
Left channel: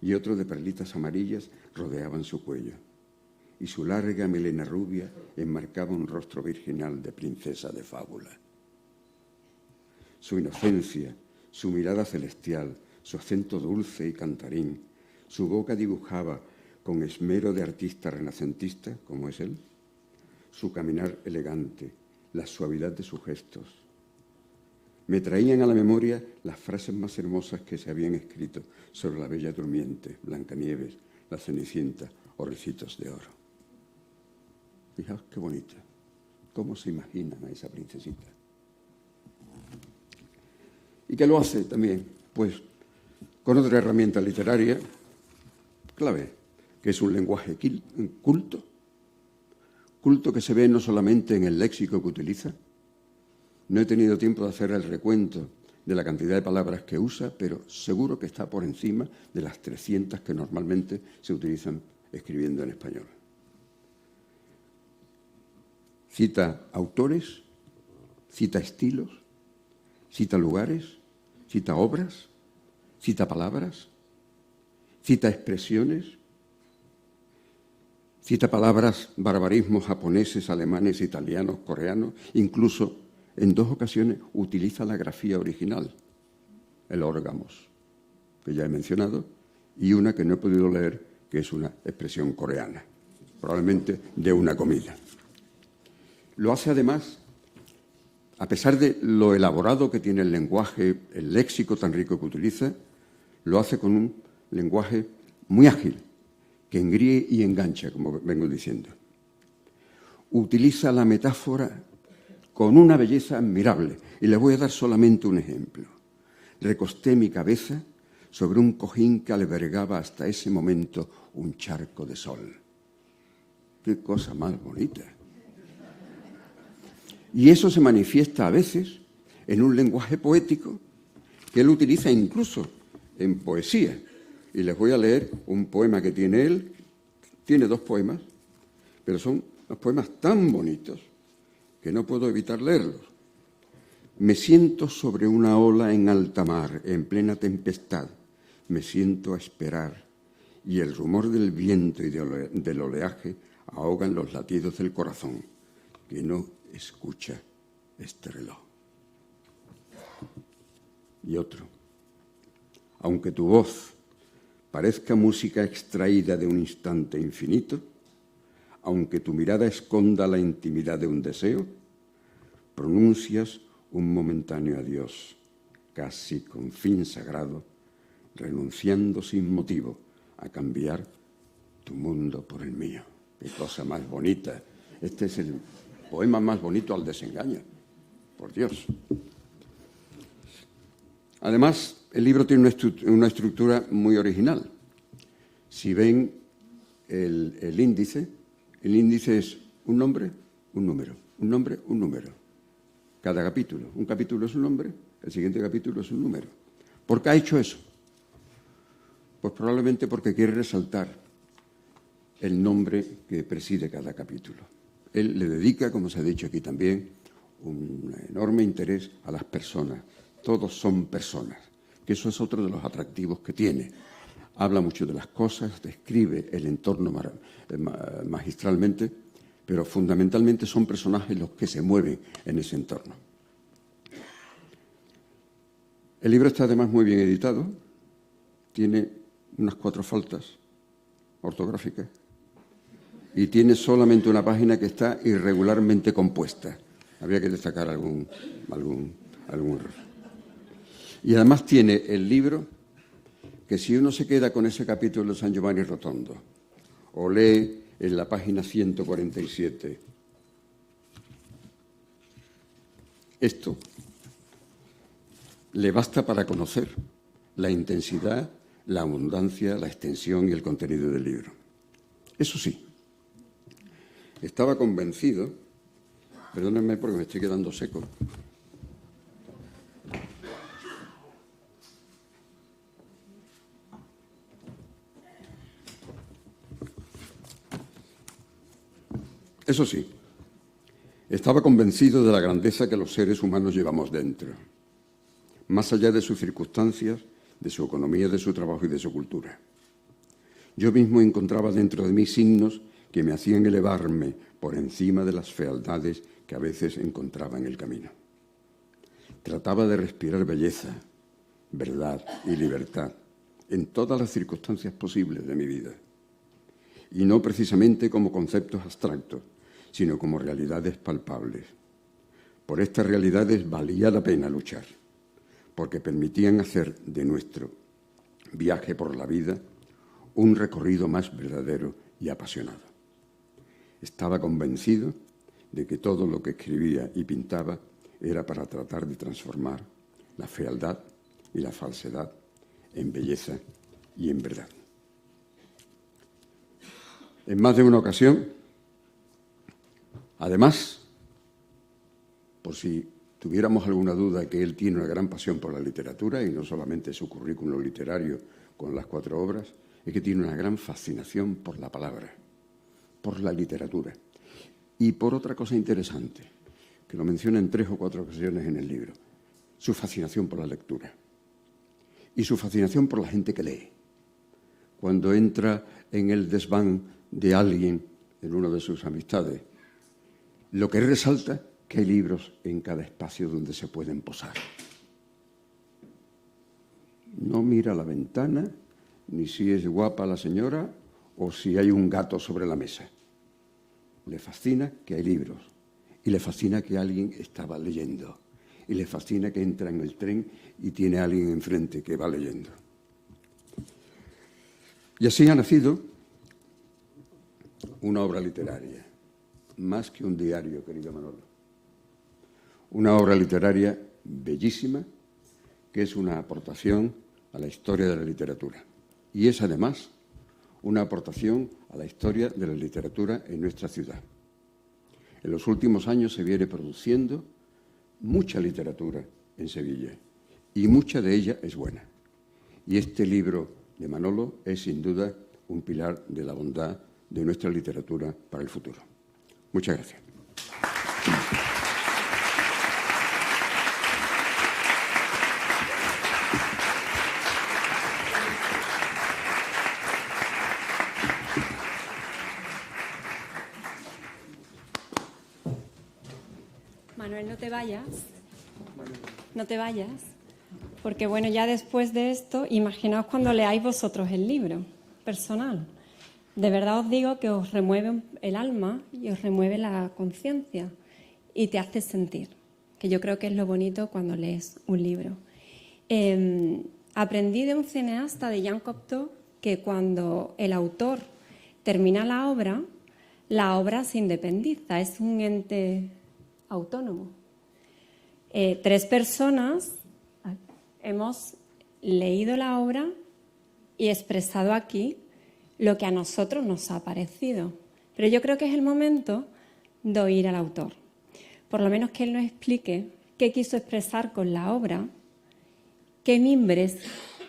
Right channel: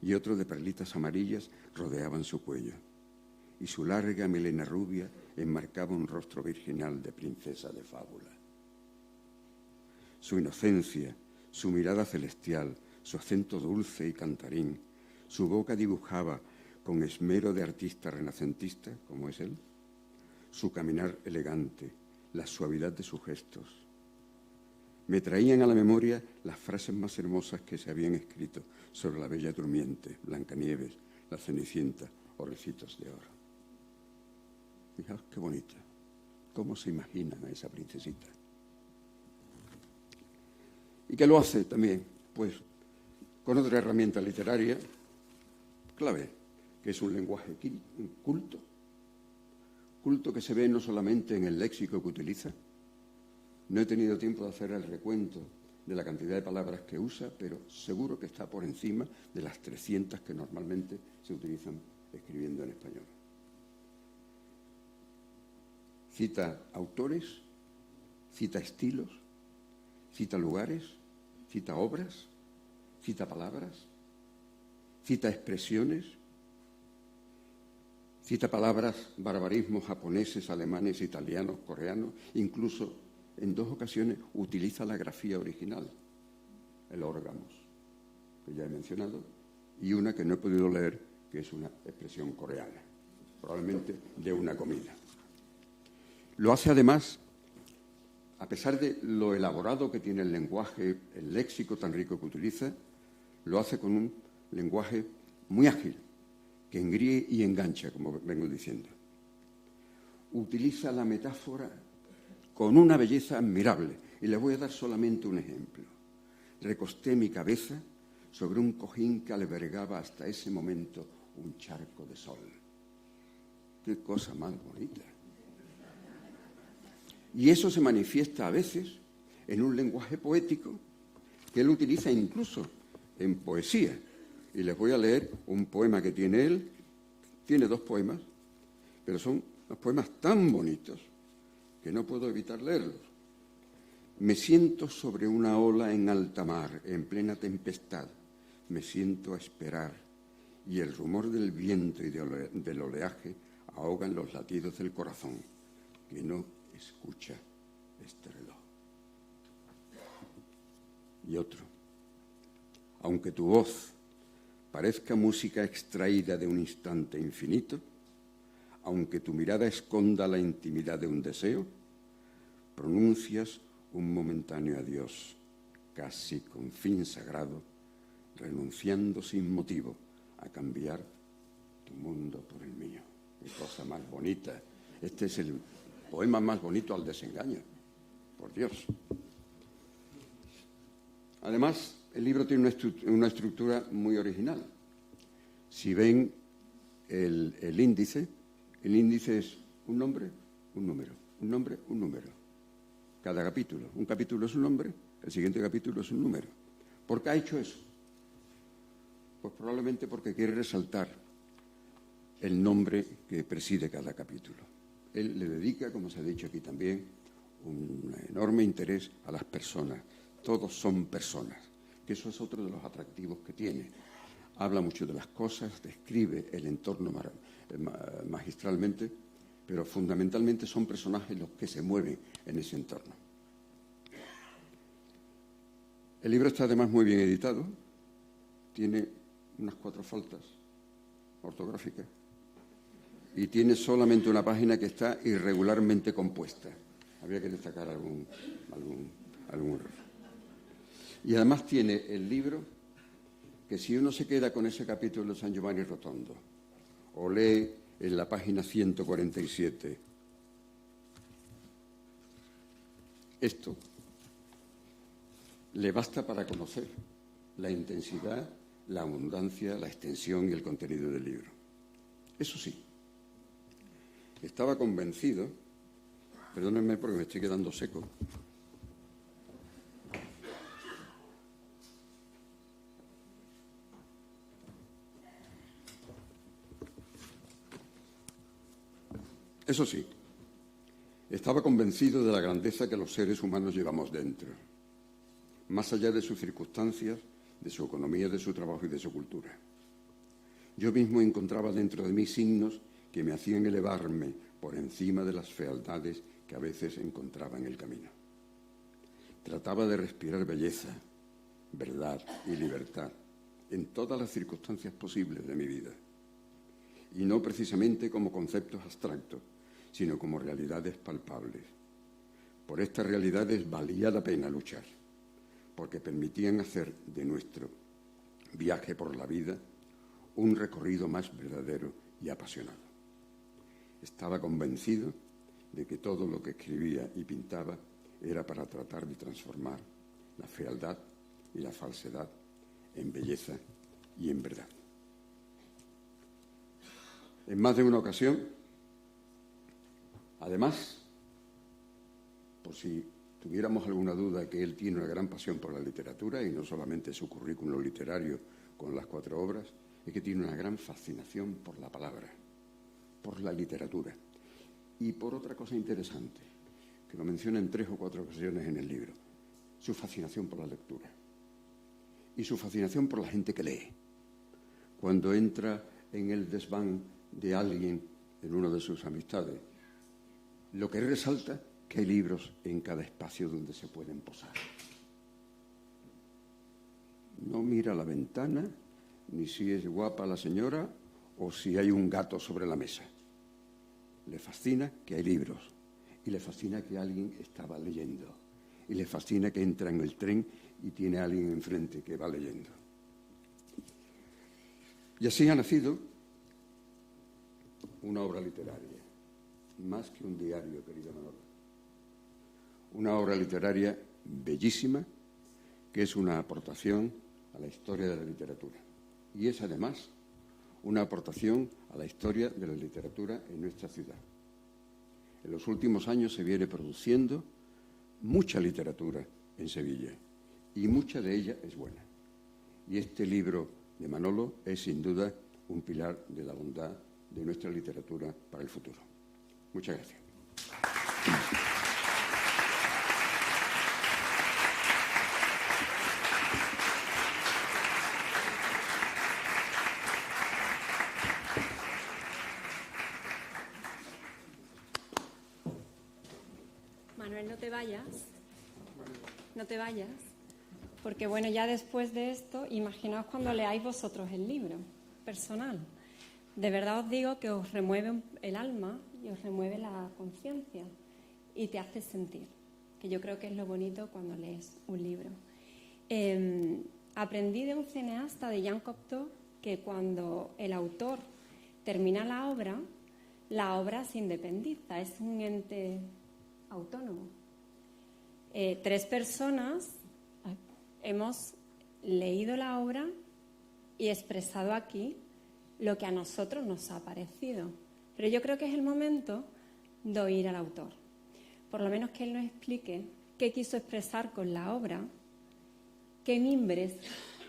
y otro de perlitas amarillas rodeaban su cuello, y su larga melena rubia enmarcaba un rostro virginal de princesa de fábula. Su inocencia, su mirada celestial, su acento dulce y cantarín, su boca dibujaba con esmero de artista renacentista, como es él, su caminar elegante, la suavidad de sus gestos. Me traían a la memoria las frases más hermosas que se habían escrito sobre la Bella Durmiente, Blancanieves, la Cenicienta o Ricitos de Oro. Fijaos qué bonita. ¿Cómo se imaginan a esa princesita? ¿Y qué lo hace también? Pues con otra herramienta literaria clave, que es un lenguaje culto que se ve no solamente en el léxico que utiliza. No he tenido tiempo de hacer el recuento de la cantidad de palabras que usa, pero seguro que está por encima de las 300 que normalmente se utilizan escribiendo en español. Cita autores, cita estilos, cita lugares, cita obras, cita palabras, cita expresiones, cita palabras, barbarismos japoneses, alemanes, italianos, coreanos, incluso en 2 ocasiones utiliza la grafía original, el órgamos, que ya he mencionado, y una que no he podido leer, que es una expresión coreana, probablemente de una comida. Lo hace además, a pesar de lo elaborado que tiene el lenguaje, el léxico tan rico que utiliza, lo hace con un lenguaje muy ágil, que engríe y engancha, como vengo diciendo. Utiliza la metáfora con una belleza admirable. Y les voy a dar solamente un ejemplo. Recosté mi cabeza sobre un cojín que albergaba hasta ese momento un charco de sol. ¡Qué cosa más bonita! Y eso se manifiesta a veces en un lenguaje poético que él utiliza incluso en poesía. Y les voy a leer un poema que tiene él. Tiene 2 poemas, pero son unos poemas tan bonitos que no puedo evitar leerlos. Me siento sobre una ola en alta mar, en plena tempestad. Me siento a esperar y el rumor del viento y del oleaje ahogan los latidos del corazón, que no escucha este reloj. Y otro. Aunque tu voz parezca música extraída de un instante infinito, aunque tu mirada esconda la intimidad de un deseo, pronuncias un momentáneo adiós, casi con fin sagrado, renunciando sin motivo a cambiar tu mundo por el mío. ¡Qué cosa más bonita! Este es el poema más bonito al desengaño, por Dios. Además, el libro tiene una estructura muy original. Si ven el índice es un nombre, un número, un nombre, un número. Cada capítulo. Un capítulo es un nombre, el siguiente capítulo es un número. ¿Por qué ha hecho eso? Pues probablemente porque quiere resaltar el nombre que preside cada capítulo. Él le dedica, como se ha dicho aquí también, un enorme interés a las personas. Todos son personas, que eso es otro de los atractivos que tiene. Habla mucho de las cosas, describe el entorno magistralmente, pero fundamentalmente son personajes los que se mueven en ese entorno. El libro está además muy bien editado, tiene unas 4 faltas ortográficas y tiene solamente una página que está irregularmente compuesta. Habría que destacar algún error. Y además tiene el libro que si uno se queda con ese capítulo de San Giovanni Rotondo o lee en la página 147 esto, le basta para conocer la intensidad, la abundancia, la extensión y el contenido del libro. Eso sí, estaba convencido, perdónenme porque me estoy quedando seco, eso sí, estaba convencido de la grandeza que los seres humanos llevamos dentro, más allá de sus circunstancias, de su economía, de su trabajo y de su cultura. Yo mismo encontraba dentro de mí signos que me hacían elevarme por encima de las fealdades que a veces encontraba en el camino. Trataba de respirar belleza, verdad y libertad en todas las circunstancias posibles de mi vida, y no precisamente como conceptos abstractos, sino como realidades palpables. Por estas realidades valía la pena luchar, porque permitían hacer de nuestro viaje por la vida un recorrido más verdadero y apasionado. Estaba convencido de que todo lo que escribía y pintaba era para tratar de transformar la fealdad y la falsedad en belleza y en verdad. En más de una ocasión, además, por si tuviéramos alguna duda que él tiene una gran pasión por la literatura, y no solamente su currículum literario con las 4 obras, es que tiene una gran fascinación por la palabra, por la literatura. Y por otra cosa interesante, que lo menciona en 3 o 4 ocasiones en el libro, su fascinación por la lectura y su fascinación por la gente que lee. Cuando entra en el desván de alguien, en una de sus amistades, lo que él resalta, que hay libros en cada espacio donde se pueden posar. No mira a la ventana, ni si es guapa la señora o si hay un gato sobre la mesa. Le fascina que hay libros y le fascina que alguien estaba leyendo y le fascina que entra en el tren y tiene a alguien enfrente que va leyendo. Y así ha nacido una obra literaria, más que un diario, querido Manolo. Una obra literaria bellísima, que es una aportación a la historia de la literatura. Y es, además, una aportación a la historia de la literatura en nuestra ciudad. En los últimos años se viene produciendo mucha literatura en Sevilla, y mucha de ella es buena. Y este libro de Manolo es, sin duda, un pilar de la bondad de nuestra literatura para el futuro. Muchas gracias. Manuel, no te vayas. No te vayas. Porque bueno, ya después de esto, imaginaos cuando leáis vosotros el libro personal. De verdad os digo que os remueve el alma y os remueve la conciencia y te hace sentir, que yo creo que es lo bonito cuando lees un libro. Aprendí de un cineasta, de Jean Cocteau, que cuando el autor termina la obra se independiza, es un ente autónomo. 3 personas hemos leído la obra y expresado aquí lo que a nosotros nos ha parecido. Pero yo creo que es el momento de oír al autor. Por lo menos que él nos explique qué quiso expresar con la obra, qué mimbres,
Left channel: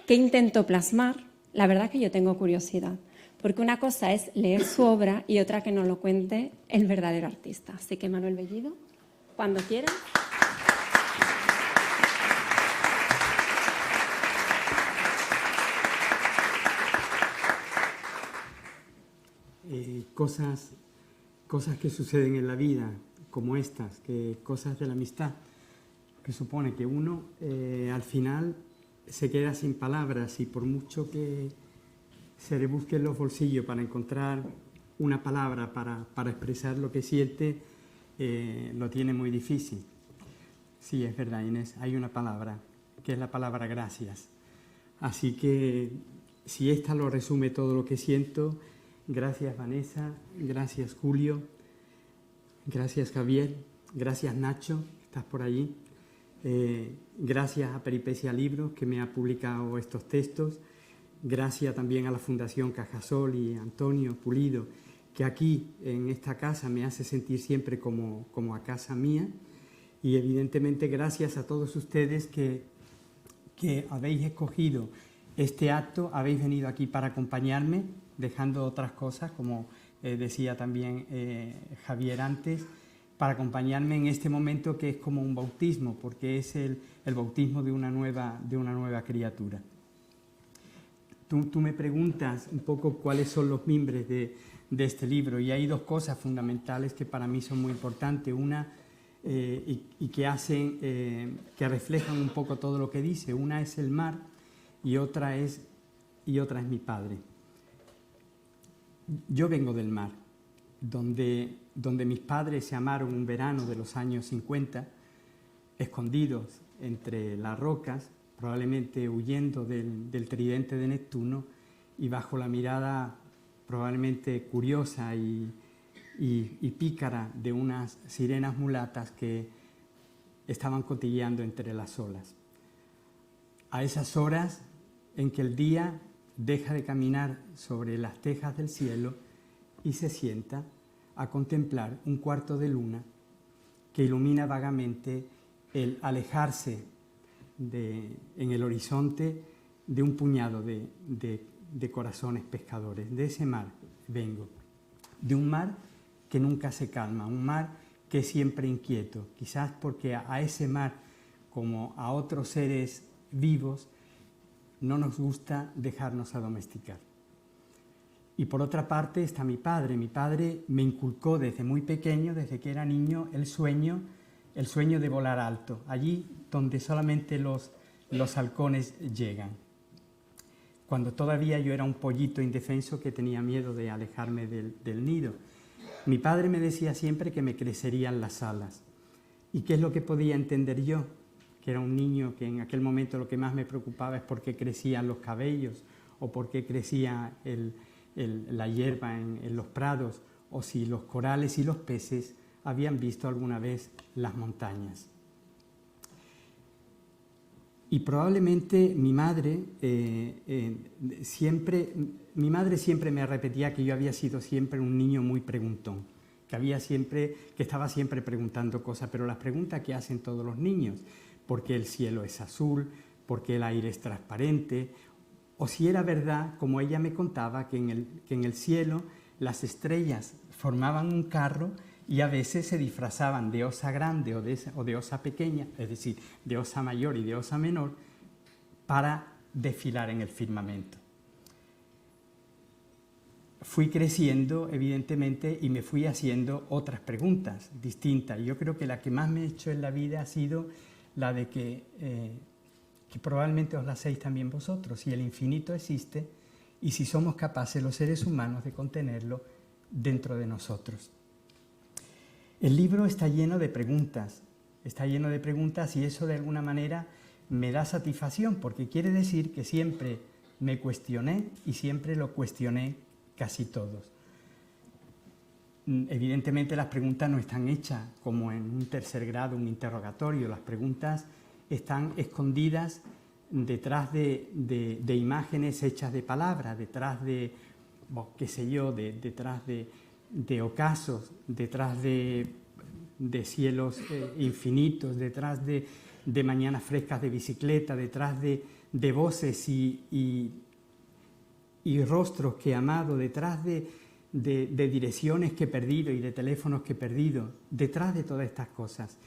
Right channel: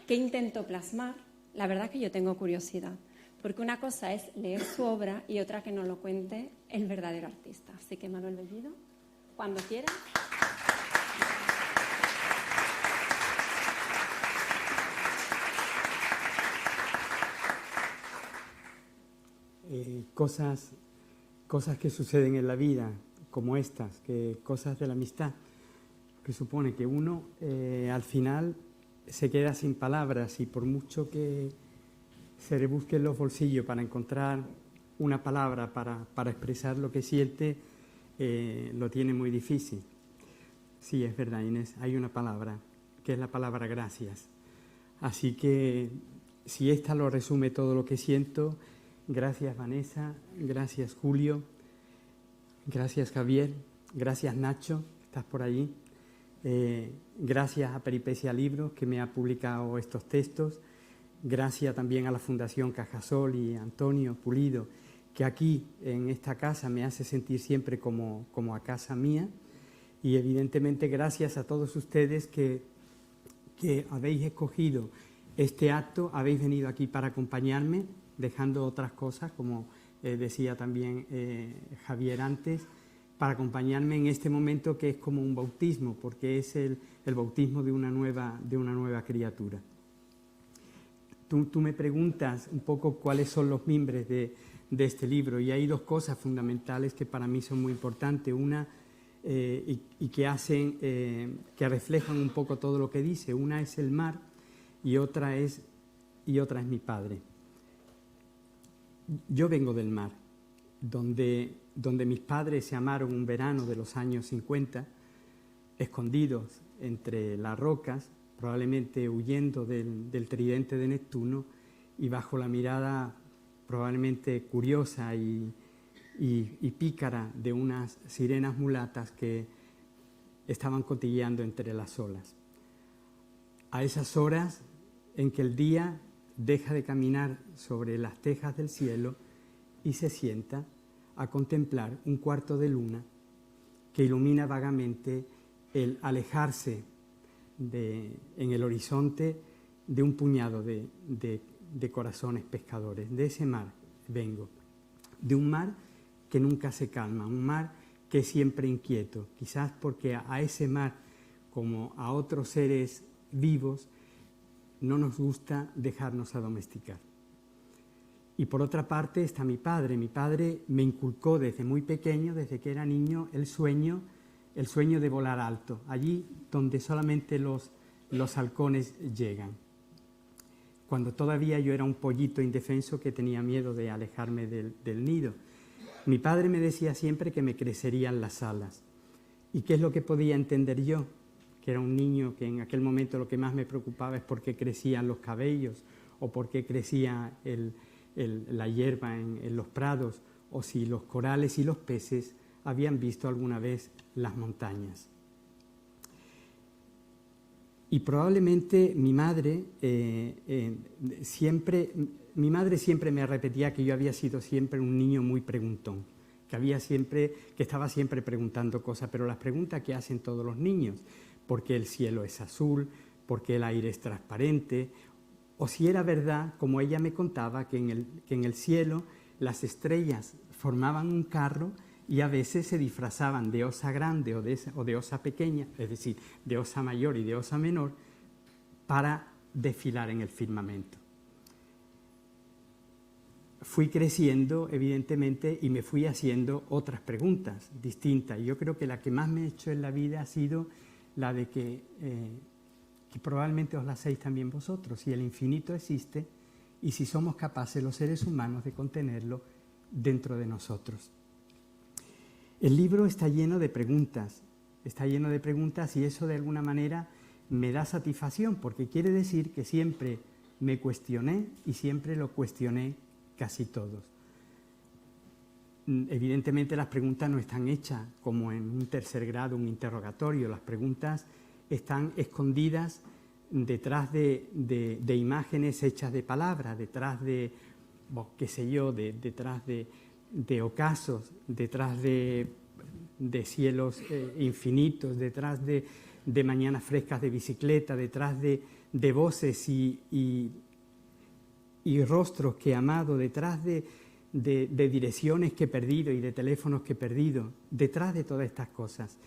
qué intentó plasmar. La verdad es que yo tengo curiosidad, porque una cosa es leer su obra y otra que nos lo cuente el verdadero artista. Así que, Manuel Bellido, cuando quieras. Cosas que suceden en la vida, como estas, cosas de la amistad, que supone que uno al final se queda sin palabras y por mucho que se rebusque en los bolsillos para encontrar una palabra para expresar lo que siente, lo tiene muy difícil. Sí, es verdad, Inés, hay una palabra, que es la palabra gracias. Así que si esta lo resume todo lo que siento, gracias Vanessa, gracias Julio, gracias Javier, gracias Nacho, estás por allí, gracias a Peripecia Libros que me ha publicado estos textos, gracias también a la Fundación Cajasol y Antonio Pulido, que aquí en esta casa me hace sentir siempre como a casa mía, y evidentemente gracias a todos ustedes que habéis escogido este acto, habéis venido aquí para acompañarme, dejando otras cosas, como decía también Javier antes, para acompañarme en este momento que es como un bautismo, porque es el bautismo de una nueva criatura. Tú me preguntas un poco cuáles son los mimbres de este libro, y hay 2 cosas fundamentales que para mí son muy importantes. Una, y que hacen, que reflejan un poco todo lo que dice. Una es el mar y otra es mi padre. Yo vengo del mar, donde mis padres se amaron un verano de los años 50, escondidos entre las rocas, probablemente huyendo del tridente de Neptuno y bajo la mirada probablemente curiosa y pícara de unas sirenas mulatas que estaban cotilleando entre las olas. A esas horas en que el día deja de caminar sobre las tejas del cielo y se sienta a contemplar un cuarto de luna que ilumina vagamente el alejarse en el horizonte de un puñado de corazones pescadores. De ese mar vengo, de un mar que nunca se calma, un mar que es siempre inquieto, quizás porque a ese mar, como a otros seres vivos, no nos gusta dejarnos adomesticar. Y por otra parte está mi padre. Mi padre me inculcó desde muy pequeño, desde que era niño, el sueño el sueño de volar alto, allí donde solamente los halcones llegan. Cuando todavía yo era un pollito indefenso que tenía miedo de alejarme del nido. Mi padre me decía siempre que me crecerían las alas. ¿Y qué es lo que podía entender yo? Que era un niño que en aquel momento lo que más me preocupaba es por qué crecían los cabellos o por qué crecía la hierba en los prados o si los corales y los peces habían visto alguna vez las montañas. Y probablemente mi madre siempre me repetía que yo había sido siempre un niño muy preguntón, que estaba siempre preguntando cosas, pero las preguntas que hacen todos los niños, ¿por qué el cielo es azul? ¿Por qué el aire es transparente? O si era verdad, como ella me contaba, que en el cielo las estrellas formaban un carro y a veces se disfrazaban de osa grande o de osa pequeña, es decir, de osa mayor y de osa menor, para desfilar en el firmamento. Fui creciendo, evidentemente, y me fui haciendo otras preguntas distintas. Yo creo que la que más me he hecho en la vida ha sido la de que probablemente os la hacéis también vosotros, si el infinito existe y si somos capaces los seres humanos de contenerlo dentro de nosotros. El libro está lleno de preguntas y eso de alguna manera me da satisfacción porque quiere decir que siempre me cuestioné y siempre lo cuestioné casi todos. Evidentemente las preguntas no están hechas como en un tercer grado, un interrogatorio, las preguntas están escondidas detrás de imágenes hechas de palabras, detrás de, detrás de ocasos, detrás de cielos infinitos, detrás de mañanas frescas de bicicleta, detrás de voces y rostros que he amado, detrás de direcciones que he perdido y de teléfonos que he perdido, detrás de todas estas cosas.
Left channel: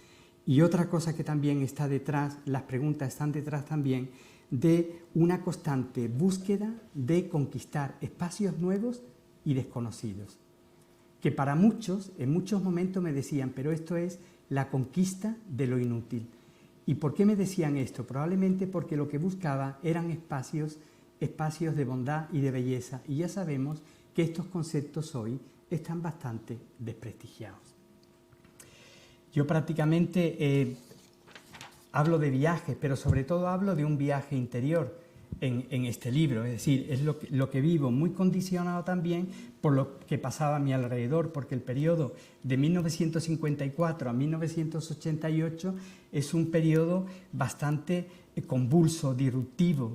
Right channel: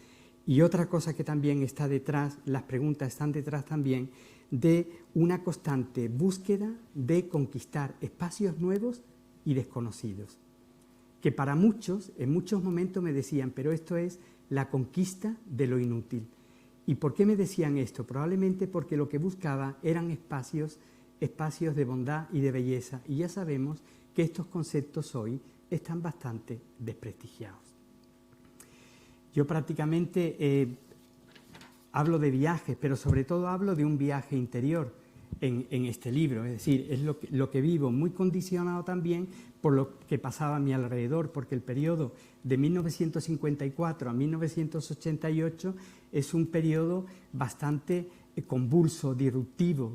Y otra cosa que también está detrás, las preguntas están detrás también de una constante búsqueda de conquistar espacios nuevos y desconocidos. Que para muchos, en muchos momentos me decían, pero esto es la conquista de lo inútil. ¿Y por qué me decían esto? Probablemente porque lo que buscaba eran espacios de bondad y de belleza. Y ya sabemos que estos conceptos hoy están bastante desprestigiados. Yo prácticamente hablo de viajes, pero sobre todo hablo de un viaje interior en este libro. Es decir, es lo que vivo, muy condicionado también por lo que pasaba a mi alrededor, porque el periodo de 1954 a 1988 es un periodo bastante convulso, disruptivo,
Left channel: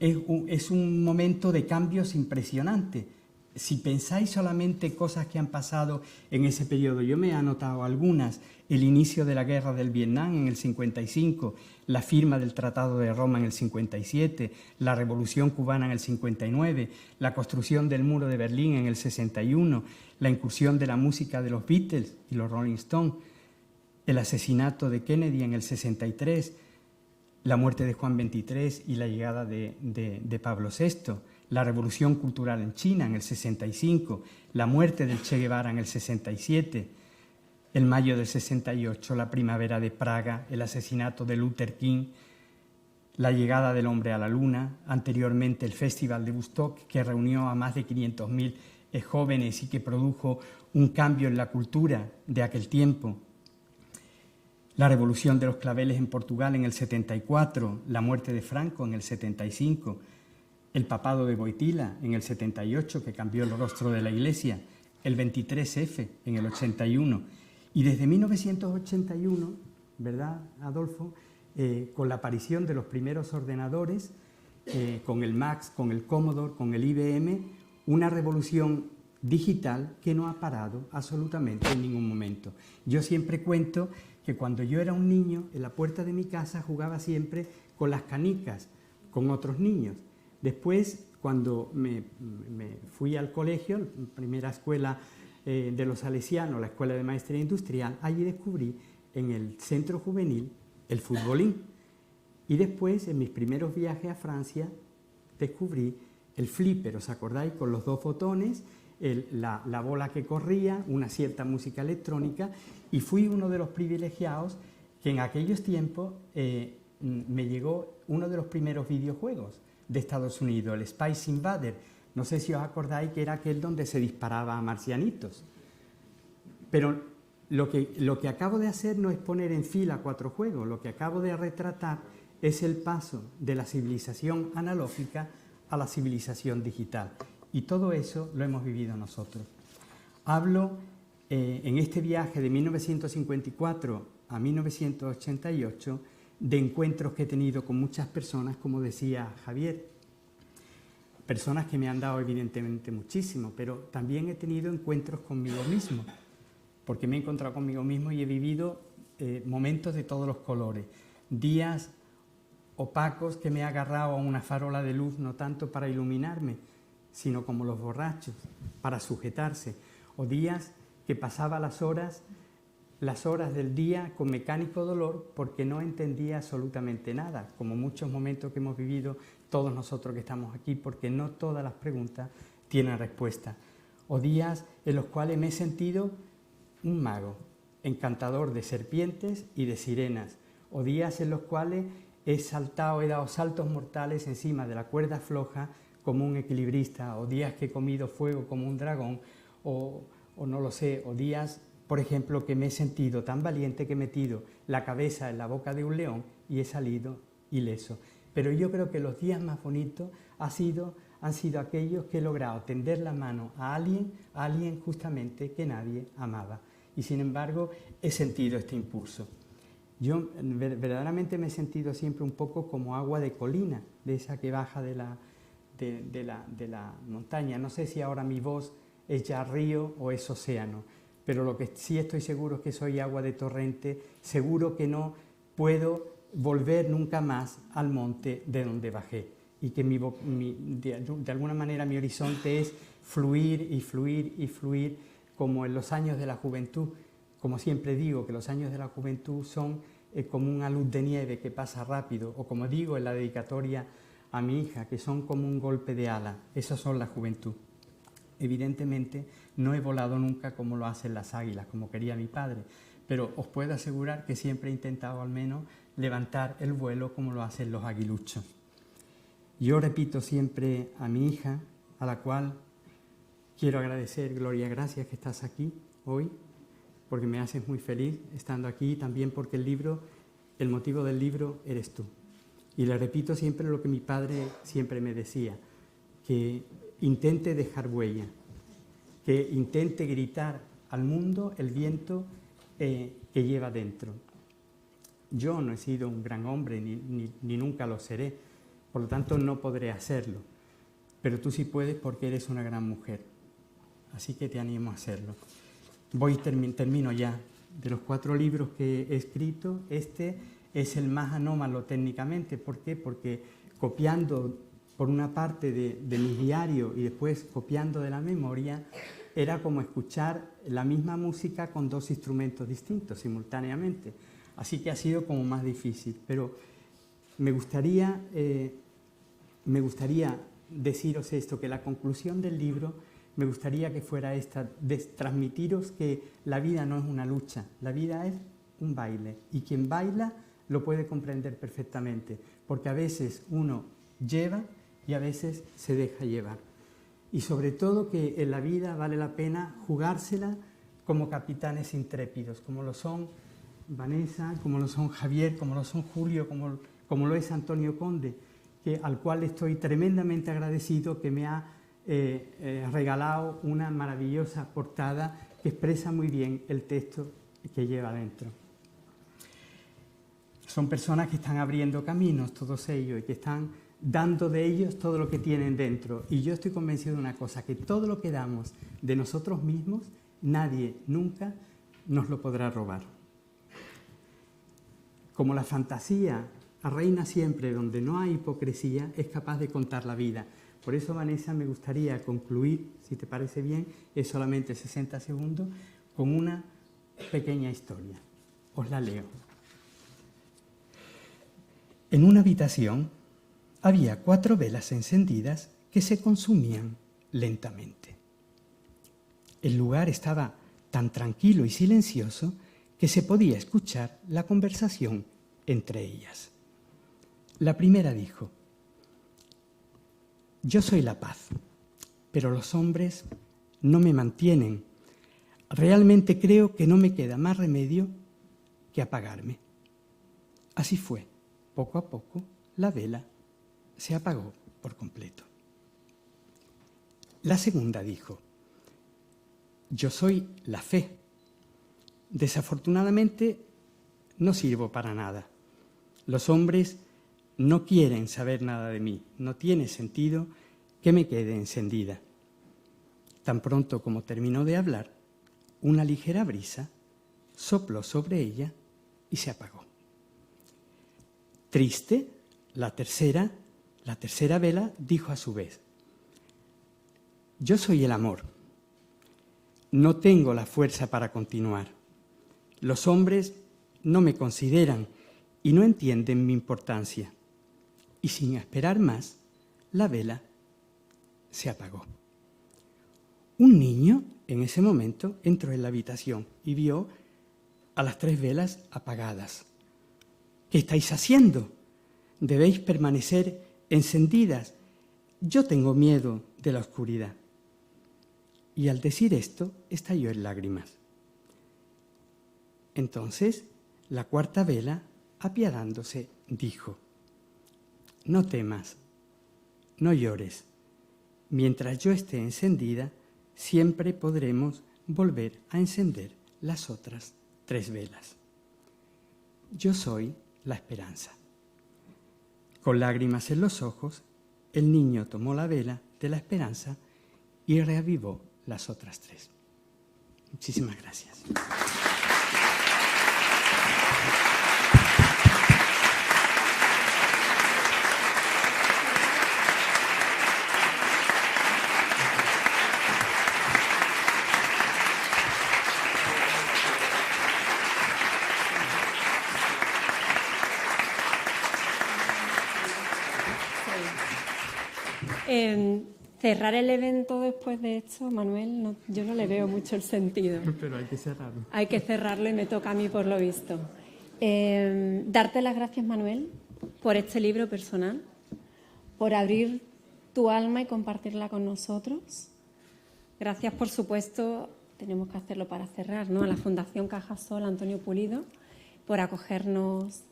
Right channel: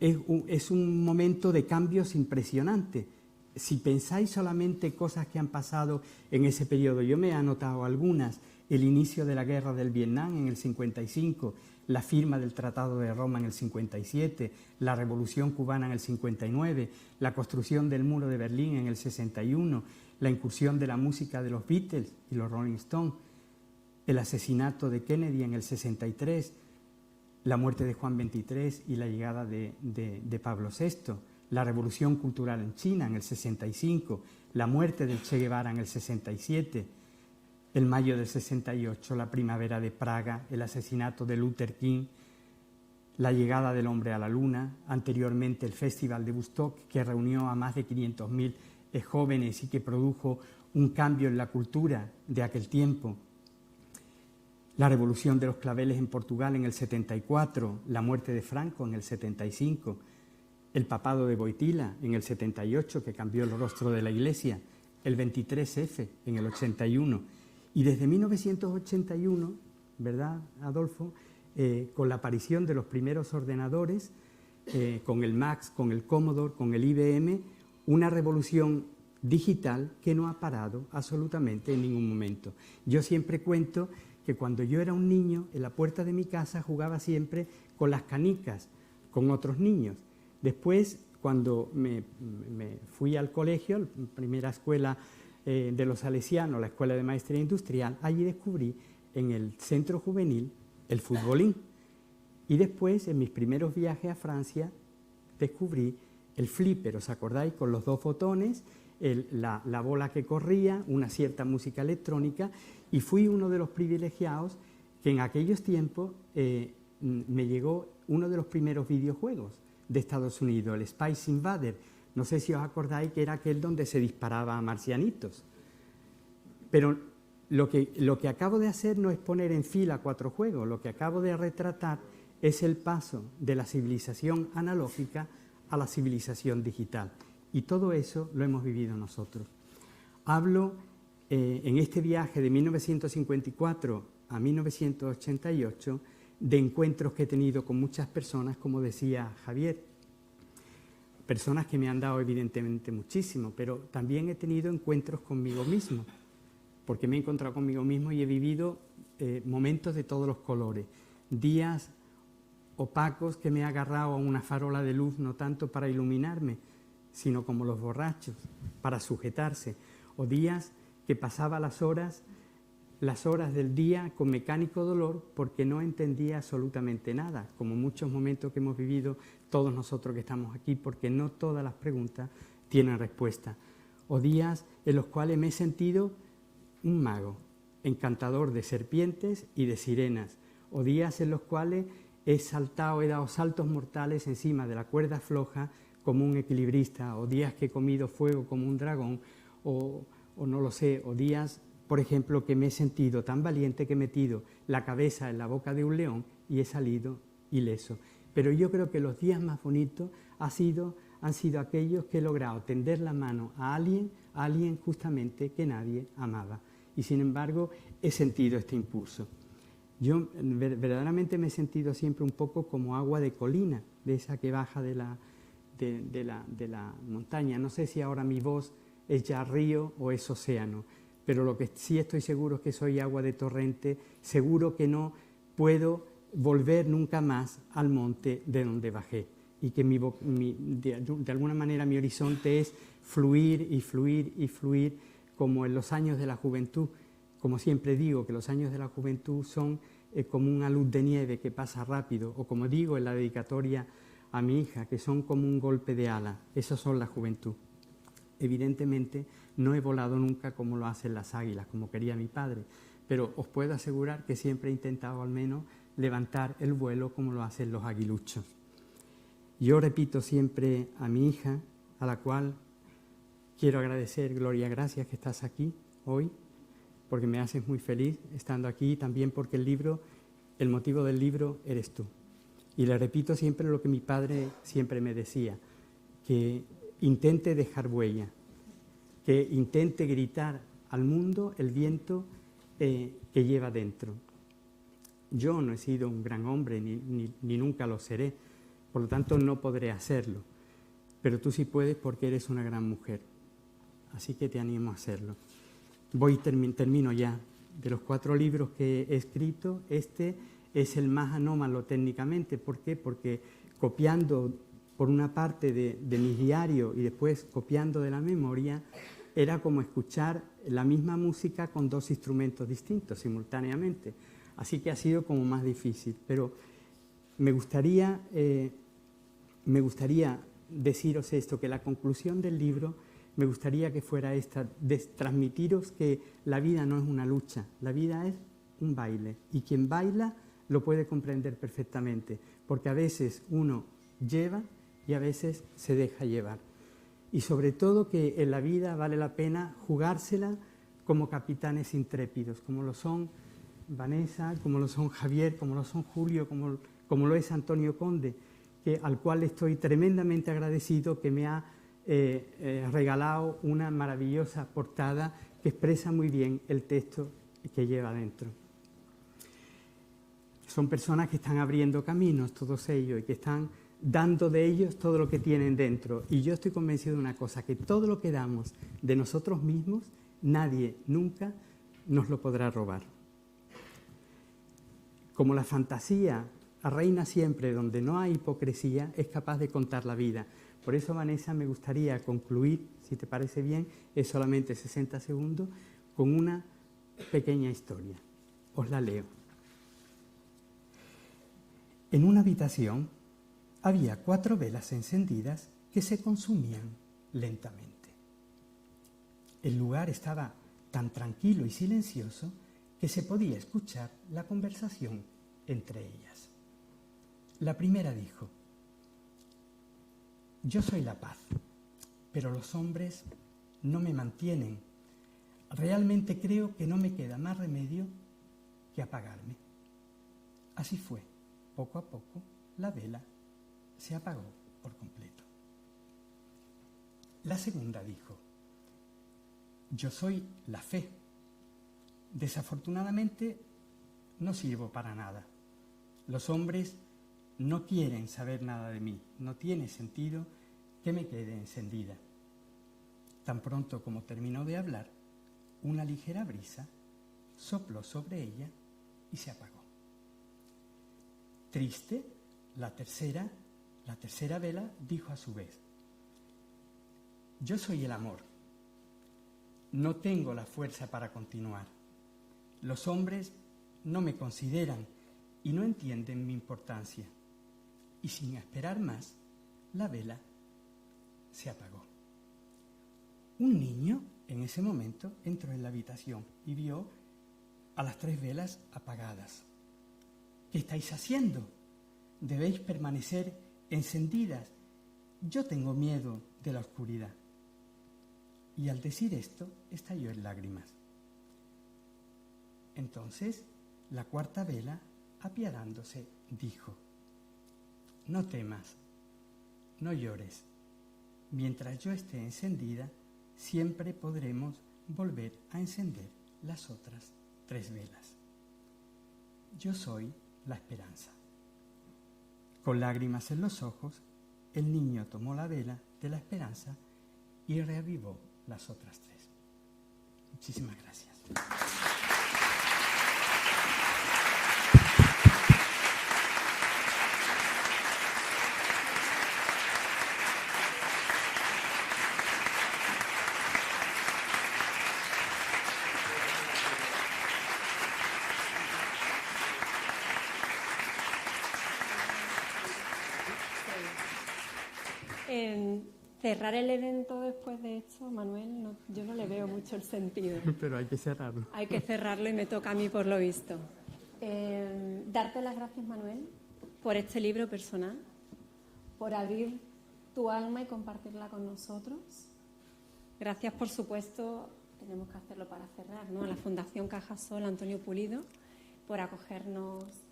es un momento de cambios impresionante. Si pensáis solamente cosas que han pasado en ese periodo, yo me he anotado algunas: el inicio de la guerra del Vietnam en el 55, la firma del Tratado de Roma en el 57, la Revolución Cubana en el 59, la construcción del Muro de Berlín en el 61, la incursión de la música de los Beatles y los Rolling Stones, el asesinato de Kennedy en el 63, la muerte de Juan XXIII y la llegada de Pablo VI, la revolución cultural en China en el 65, la muerte del Che Guevara en el 67, el mayo del 68, la primavera de Praga, el asesinato de Luther King, la llegada del hombre a la luna, anteriormente el Festival de Woodstock, que reunió a más de 500.000 jóvenes y que produjo un cambio en la cultura de aquel tiempo, la revolución de los claveles en Portugal en el 74, la muerte de Franco en el 75, el papado de Wojtyła en el 78, que cambió el rostro de la Iglesia, el 23F en el 81, y desde 1981, ¿verdad, Adolfo?, con la aparición de los primeros ordenadores, con el Mac, con el Commodore, con el IBM, una revolución digital que no ha parado absolutamente en ningún momento. Yo siempre cuento que cuando yo era un niño, en la puerta de mi casa jugaba siempre con las canicas, con otros niños. Después, cuando me fui al colegio, primera escuela de los salesianos, la Escuela de Maestría Industrial, allí descubrí en el centro juvenil el futbolín. Y después, en mis primeros viajes a Francia, descubrí el flipper, ¿os acordáis? Con los dos botones, la bola que corría, una cierta música electrónica, y fui uno de los privilegiados que en aquellos tiempos me llegó uno de los primeros videojuegos de Estados Unidos, el Space Invader. No sé si os acordáis que era aquel donde se disparaba a marcianitos. Pero lo que acabo de hacer no es poner en fila 4 juegos, lo que acabo de retratar es el paso de la civilización analógica a la civilización digital. Y todo eso lo hemos vivido nosotros. Hablo en este viaje de 1954 a 1988 de encuentros que he tenido con muchas personas, como decía Javier. Personas que me han dado evidentemente muchísimo, pero también he tenido encuentros conmigo mismo, porque me he encontrado conmigo mismo y he vivido momentos de todos los colores. Días opacos que me he agarrado a una farola de luz, no tanto para iluminarme, sino como los borrachos, para sujetarse. O días que pasaba las horas del día con mecánico dolor porque no entendía absolutamente nada, como muchos momentos que hemos vivido todos nosotros que estamos aquí, porque no todas las preguntas tienen respuesta. O días en los cuales me he sentido un mago, encantador de serpientes y de sirenas. O días en los cuales he dado saltos mortales encima de la cuerda floja como un equilibrista. O días que he comido fuego como un dragón, o no lo sé, o días, por ejemplo, que me he sentido tan valiente que he metido la cabeza en la boca de un león y he salido ileso. Pero yo creo que los días más bonitos han sido aquellos que he logrado tender la mano a alguien justamente que nadie amaba. Y sin embargo he sentido este impulso. Yo verdaderamente me he sentido siempre un poco como agua de colina, de esa que baja de la montaña. No sé si ahora mi voz es ya río o es océano, pero lo que sí estoy seguro es que soy agua de torrente, seguro que no puedo volver nunca más al monte de donde bajé, y que de alguna manera mi horizonte es fluir y fluir y fluir, como en los años de la juventud. Como siempre digo, que los años de la juventud son como una luz de nieve que pasa rápido, o como digo en la dedicatoria a mi hija, que son como un golpe de ala. Esas son la juventud. Evidentemente no he volado nunca como lo hacen las águilas, como quería mi padre, pero os puedo asegurar que siempre he intentado al menos levantar el vuelo como lo hacen los aguiluchos. Yo repito siempre a mi hija, a la cual quiero agradecer, Gloria, gracias que estás aquí hoy, porque me haces muy feliz estando aquí, también porque el motivo del libro eres tú. Y le repito siempre lo que mi padre siempre me decía, que intente dejar huella, que intente gritar al mundo el viento que lleva dentro. Yo no he sido un gran hombre, ni nunca lo seré, por lo tanto no podré hacerlo, pero tú sí puedes porque eres una gran mujer, así que te animo a hacerlo. Termino ya. De los 4 libros que he escrito, este es el más anómalo técnicamente. ¿Por qué? Porque copiando por una parte de mi diario y después copiando de la memoria, era como escuchar la misma música con 2 instrumentos distintos simultáneamente. Así que ha sido como más difícil. Pero me gustaría deciros esto, que la conclusión del libro me gustaría que fuera esta, de transmitiros que la vida no es una lucha, la vida es un baile, y quien baila lo puede comprender perfectamente, porque a veces uno lleva y a veces se deja llevar. Y sobre todo que en la vida vale la pena jugársela como capitanes intrépidos, como lo son Vanessa, como lo son Javier, como lo son Julio, como lo es Antonio Conde, al cual estoy tremendamente agradecido, que me ha regalado una maravillosa portada que expresa muy bien el texto que lleva dentro. Son personas que están abriendo caminos, todos ellos, y que están dando de ellos todo lo que tienen dentro. Y yo estoy convencido de una cosa, que todo lo que damos de nosotros mismos, nadie nunca nos lo podrá robar. Como la fantasía reina siempre donde no hay hipocresía, es capaz de contar la vida. Por eso, Vanessa, me gustaría concluir, si te parece bien, es solamente 60 segundos, con una pequeña historia. Os la leo. En una habitación había 4 velas encendidas que se consumían lentamente. El lugar estaba tan tranquilo y silencioso que se podía escuchar la conversación entre ellas. La primera dijo: «Yo soy la paz, pero los hombres no me mantienen. Realmente creo que no me queda más remedio que apagarme». Así fue. Poco a poco, la vela se apagó por completo. La segunda dijo: «Yo soy la fe. Desafortunadamente, no sirvo para nada. Los hombres no quieren saber nada de mí. No tiene sentido que me quede encendida». Tan pronto como terminó de hablar, una ligera brisa sopló sobre ella y se apagó. Triste, la tercera vela dijo a su vez: «Yo soy el amor. No tengo la fuerza para continuar. Los hombres no me consideran y no entienden mi importancia». Y sin esperar más, la vela se apagó. Un niño en ese momento entró en la habitación y vio a las 3 velas apagadas. «¿Qué estáis haciendo? Debéis permanecer encendidas. Yo tengo miedo de la oscuridad». Y al decir esto, estalló en lágrimas. Entonces, la 4ª vela, apiadándose, dijo: «No temas, no llores. Mientras yo esté encendida, siempre podremos volver a encender las otras 3 velas. Yo soy la esperanza». Con lágrimas en los ojos, el niño tomó la vela de la esperanza y reavivó las otras 3. Muchísimas gracias. Cerrar el evento después de esto, Manuel, yo no le veo mucho el sentido. Pero hay que cerrarlo. Hay que cerrarlo y me toca a mí por lo visto. Darte las gracias, Manuel, por este libro personal, por abrir tu alma y compartirla con nosotros. Gracias, por supuesto, tenemos que hacerlo para cerrar, ¿no?, a la Fundación Cajasol Antonio Pulido por acogernos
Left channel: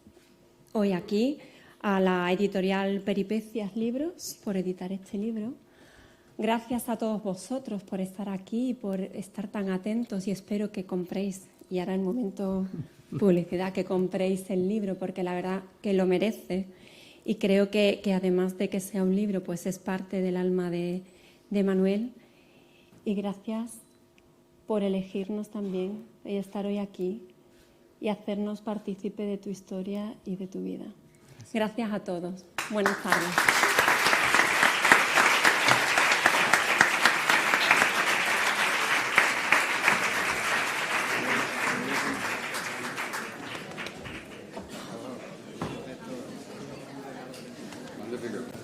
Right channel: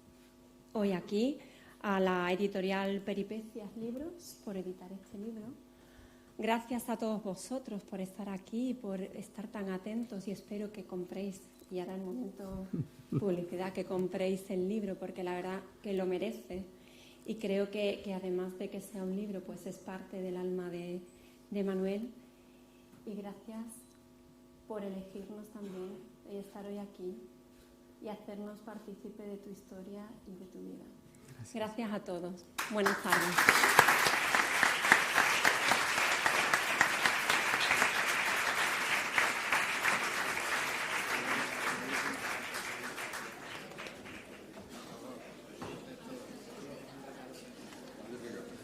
hoy aquí, a la editorial Peripecias Libros por editar este libro. Gracias a todos vosotros por estar aquí y por estar tan atentos, y espero que compréis, y ahora el momento publicidad, que compréis el libro, porque la verdad que lo merece, y creo que además de que sea un libro, pues es parte del alma de Manuel. Y gracias por elegirnos también y estar hoy aquí y hacernos partícipe de tu historia y de tu vida. Gracias a todos. Buenas tardes. Magnífico.